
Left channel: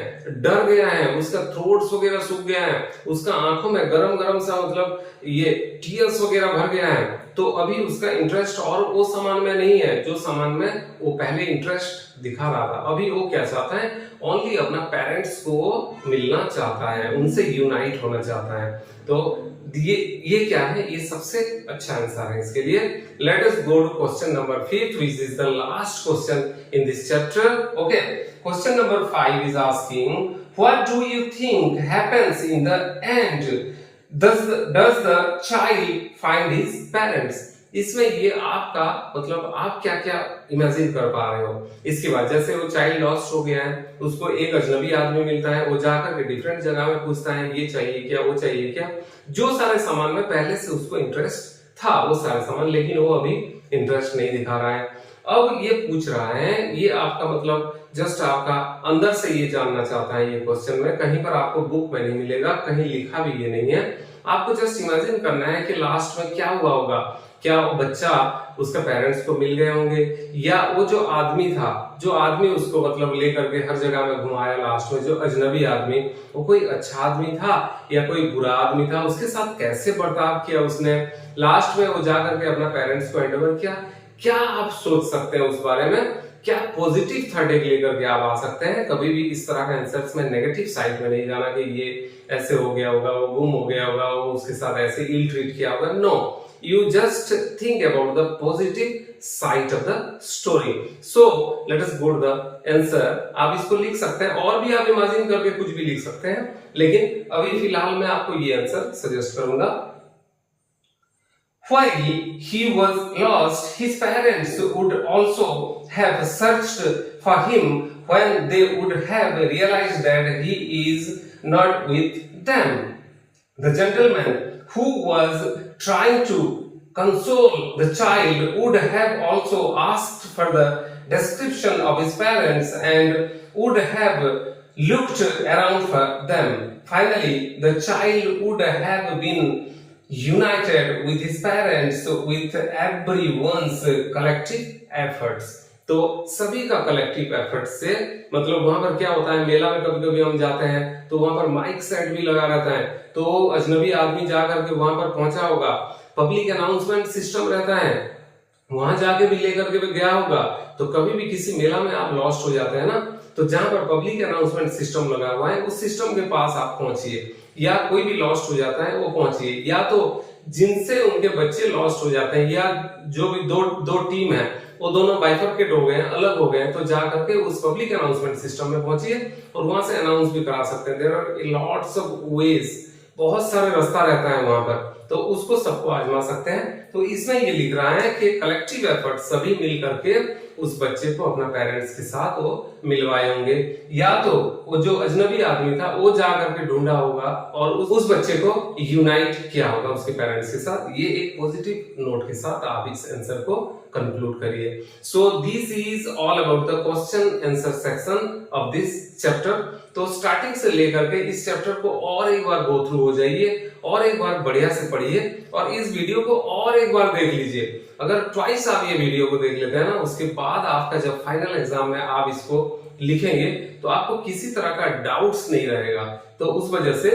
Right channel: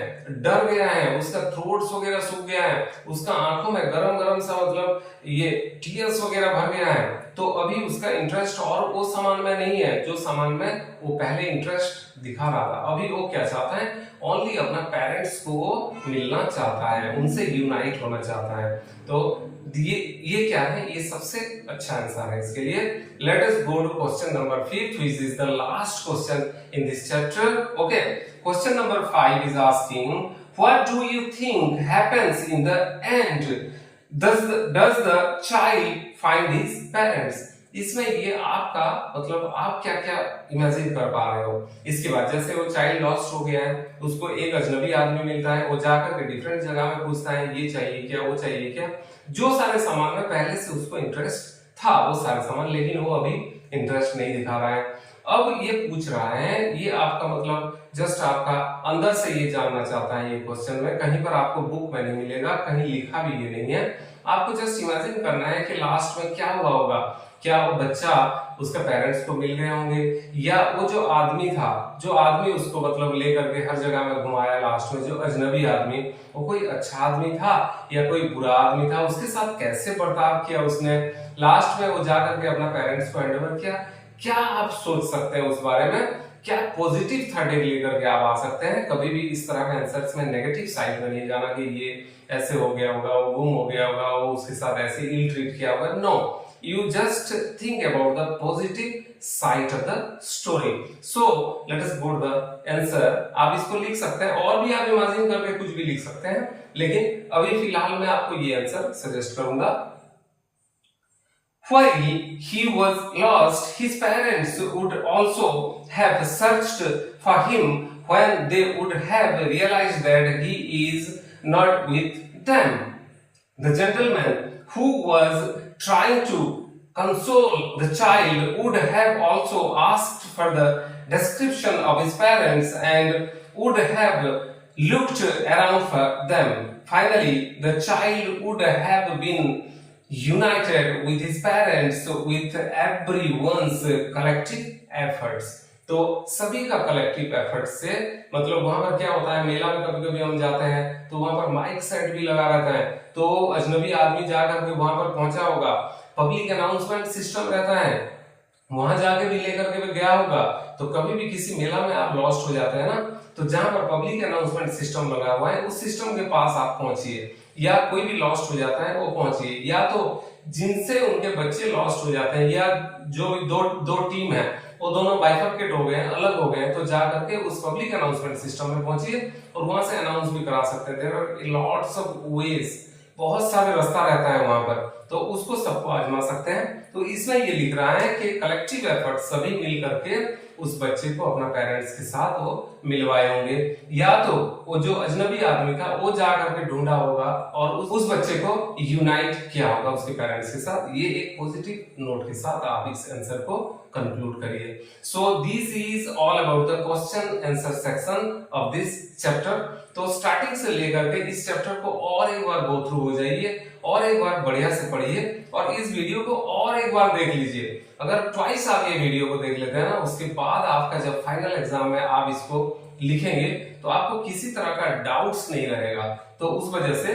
डर गया है, उसका थ्रोट्स वगैरह सूख गया है, उसका आंखों में गरम गरम सा मतलब ये टीयर्स वगैरह भर गया है। तो अभी उसका इंटरेस्ट और वो सामान में नहीं है जो सामान में वो पहले इंटरेस्ट दिखा रहा था। अभी वो क्या चाहता है? ओनली अपना पेरेंट्स को मिलना चाहता है, उनसे यूनाइट होना चाहता है। तो ये क्या है? ये सबसे अच्छा आंसर है इसके लिए। Let us go to question number 5 which is the last question in this chapter. Okay, question number 5 is asking, what do you think happens in the end? does the child find his parents? इसमें ये आपका मतलब आप क्या क्या imagine कर पा रहे हो इसके बाद। जैसे वो चाइल्ड लॉस्ट हो गया है, उसको एक अजनबी आदमी मिलता है, वो जाकर के डिफरेंट जगह में पूछता है ये चाहिए क्या, वो चाहिए क्या, जो सारे सामान में पहले से उसको इंटरेस्ट था वो सारे सामान, लेकिन वो अभी इंटरेस्ट नहीं दिखा रहा है। अब ये पूछ रहा है, ये आपका मतलब जस्ट आपका अंदर से ये जानना चाहता है ये क्वेश्चन में, कहीं पर आपको बुक में नहीं मिलेगा, कहीं लिखा भी ये नहीं है। आपको जस्ट इमेजिन करना है कि लास्ट में क्या हुआ होगा। क्या वो बच्चा उसके पेरेंट्स को मिल गए होंगे, या वो जो आदमी था, जो आदमी उसको मतलब लेकर के हर जगह में घुमाया लास्ट में, जो अजनबी आदमी, वो कोई अच्छा आदमी था या कोई बुरा आदमी था, उसके साथ कैसे बर्ताव किया उसने, लास्ट में वो जाकर के अपना पेरेंट्स को हैंडओवर किया। क्या आप सोच सकते हैं उस बारे में? क्या पॉजिटिव थर्ड एक लेकर के आप आ सकते हैं? कभी भी इस तरह का आंसर्स में नेगेटिव साइड में नहीं जाना कि ये ऐसे हो गया होगा, वो गुम हो गया होगा, वो उसके साथ ऐसे इल ट्रीट किया होगा। No, you just think about the positive side of the story. So let us go to the answer. आप इसको लिख सकते हैं और भी आप इमेजिन करके कुछ भी लिख सकते हैं, लेकिन अभी फिलहाल मैं आपको ये आंसर सजेस्ट करूंगा। While he was lost, his parents would also have searched for him when they would have realized that he is not with them. The gentleman who was trying to console the child would have also asked for the description of his parents and would have looked around for them. Finally, the child would have been united with his parents with everyone's collective efforts. तो सभी का collective effort से मतलब वहां पर क्या होता है, मेला में कभी कभी हम जाते हैं तो वहां पर माइक सेट भी लगा रहता है, तो अजनबी आदमी जाकर के वहां पर पहुंचा होगा, पब्लिक अनाउंसमेंट सिस्टम रहता है, वहां जाके भी लेकर के गया होगा। तो कभी भी किसी मेला में आप लॉस्ट हो जाते हैं ना, तो जहां पर पब्लिक अनाउंसमेंट सिस्टम लगा हुआ है उस सिस्टम के पास आप पहुंचिए, या कोई भी लॉस्ट हो जाता है वो पहुंचिए, या तो जिनसे उनके बच्चे लॉस्ट हो जाते हैं या जो भी दो दो टीम है वो दोनों बाइफरकेट हो गए हैं, अलग हो गए हैं, तो जा करके उस पब्लिक अनाउंसमेंट सिस्टम में पहुंचिए और वहां से अनाउंस भी करा सकते हैं। There are lots of ways, बहुत सारे रास्ता रहता है वहां पर, तो उसको सबको आजमा सकते हैं। तो इसमें ये लिख रहा है कि कलेक्टिव एफर्ट, सभी मिल करके उस बच्चे को अपना पेरेंट्स के साथ वो मिलवाए होंगे, या तो वो जो अजनबी आदमी था वो जा करके ढूंढा होगा और उस बच्चे को यूनाइट किया होगा उसके पेरेंट्स के साथ। ये एक पॉजिटिव नोट के साथ आप इस आंसर को कंक्लूड करिए। So this is all about the question answer section of this chapter. तो स्टार्टिंग से लेकर के इस चैप्टर को और एक बार गो थ्रू हो जाइए और एक बार बढ़िया से पढ़िए और इस वीडियो को और एक बार देख लीजिए। अगर ट्वाइस आप ये वीडियो को देख लेते हैं ना, उसके बाद आपका जब फाइनल एग्जाम में आप इसको लिखेंगे तो आपको किसी तरह का डाउट्स नहीं रहेगा। तो उस वजह से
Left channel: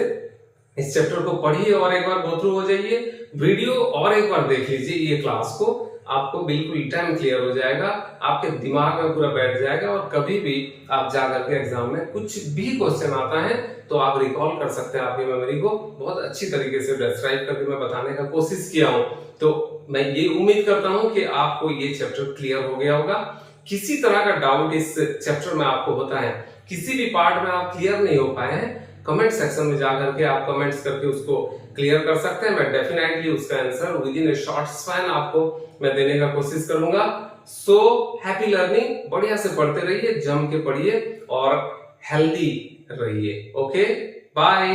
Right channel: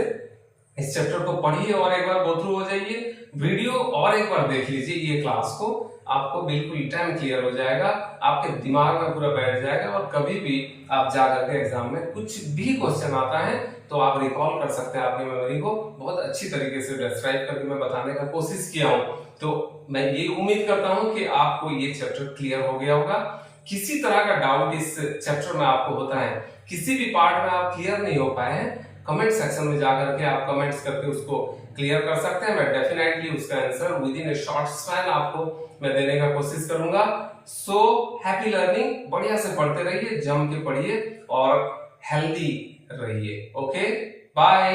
इस चैप्टर को पढ़िए और एक बार गो थ्रू हो जाइए, वीडियो और एक बार देख लीजिए ये क्लास को, आपको बिल्कुल टाइम क्लियर हो जाएगा, आपके दिमाग में पूरा बैठ जाएगा और कभी भी आप जाकर के एग्जाम में कुछ भी क्वेश्चन आता है तो आप रिकॉल कर सकते हैं आपकी मेमोरी को। बहुत अच्छी तरीके से डिस्क्राइब करके मैं बताने का कोशिश किया हूं, तो मैं ये उम्मीद करता हूं कि आपको ये चैप्टर क्लियर हो गया होगा। किसी तरह का डाउट इस चैप्टर में आपको होता है, किसी भी पार्ट में आप क्लियर नहीं हो पाए हैं, कमेंट सेक्शन में जाकर के आप कमेंट्स करके उसको क्लियर कर सकते हैं। मैं डेफिनेटली उसका answer with in A short span आपको मैं देने का कोशिश करूंगा। सो हैप्पी लर्निंग, बढ़िया से पढ़ते रहिए, जम के पढ़िए और हेल्दी रहिए। Okay, bye.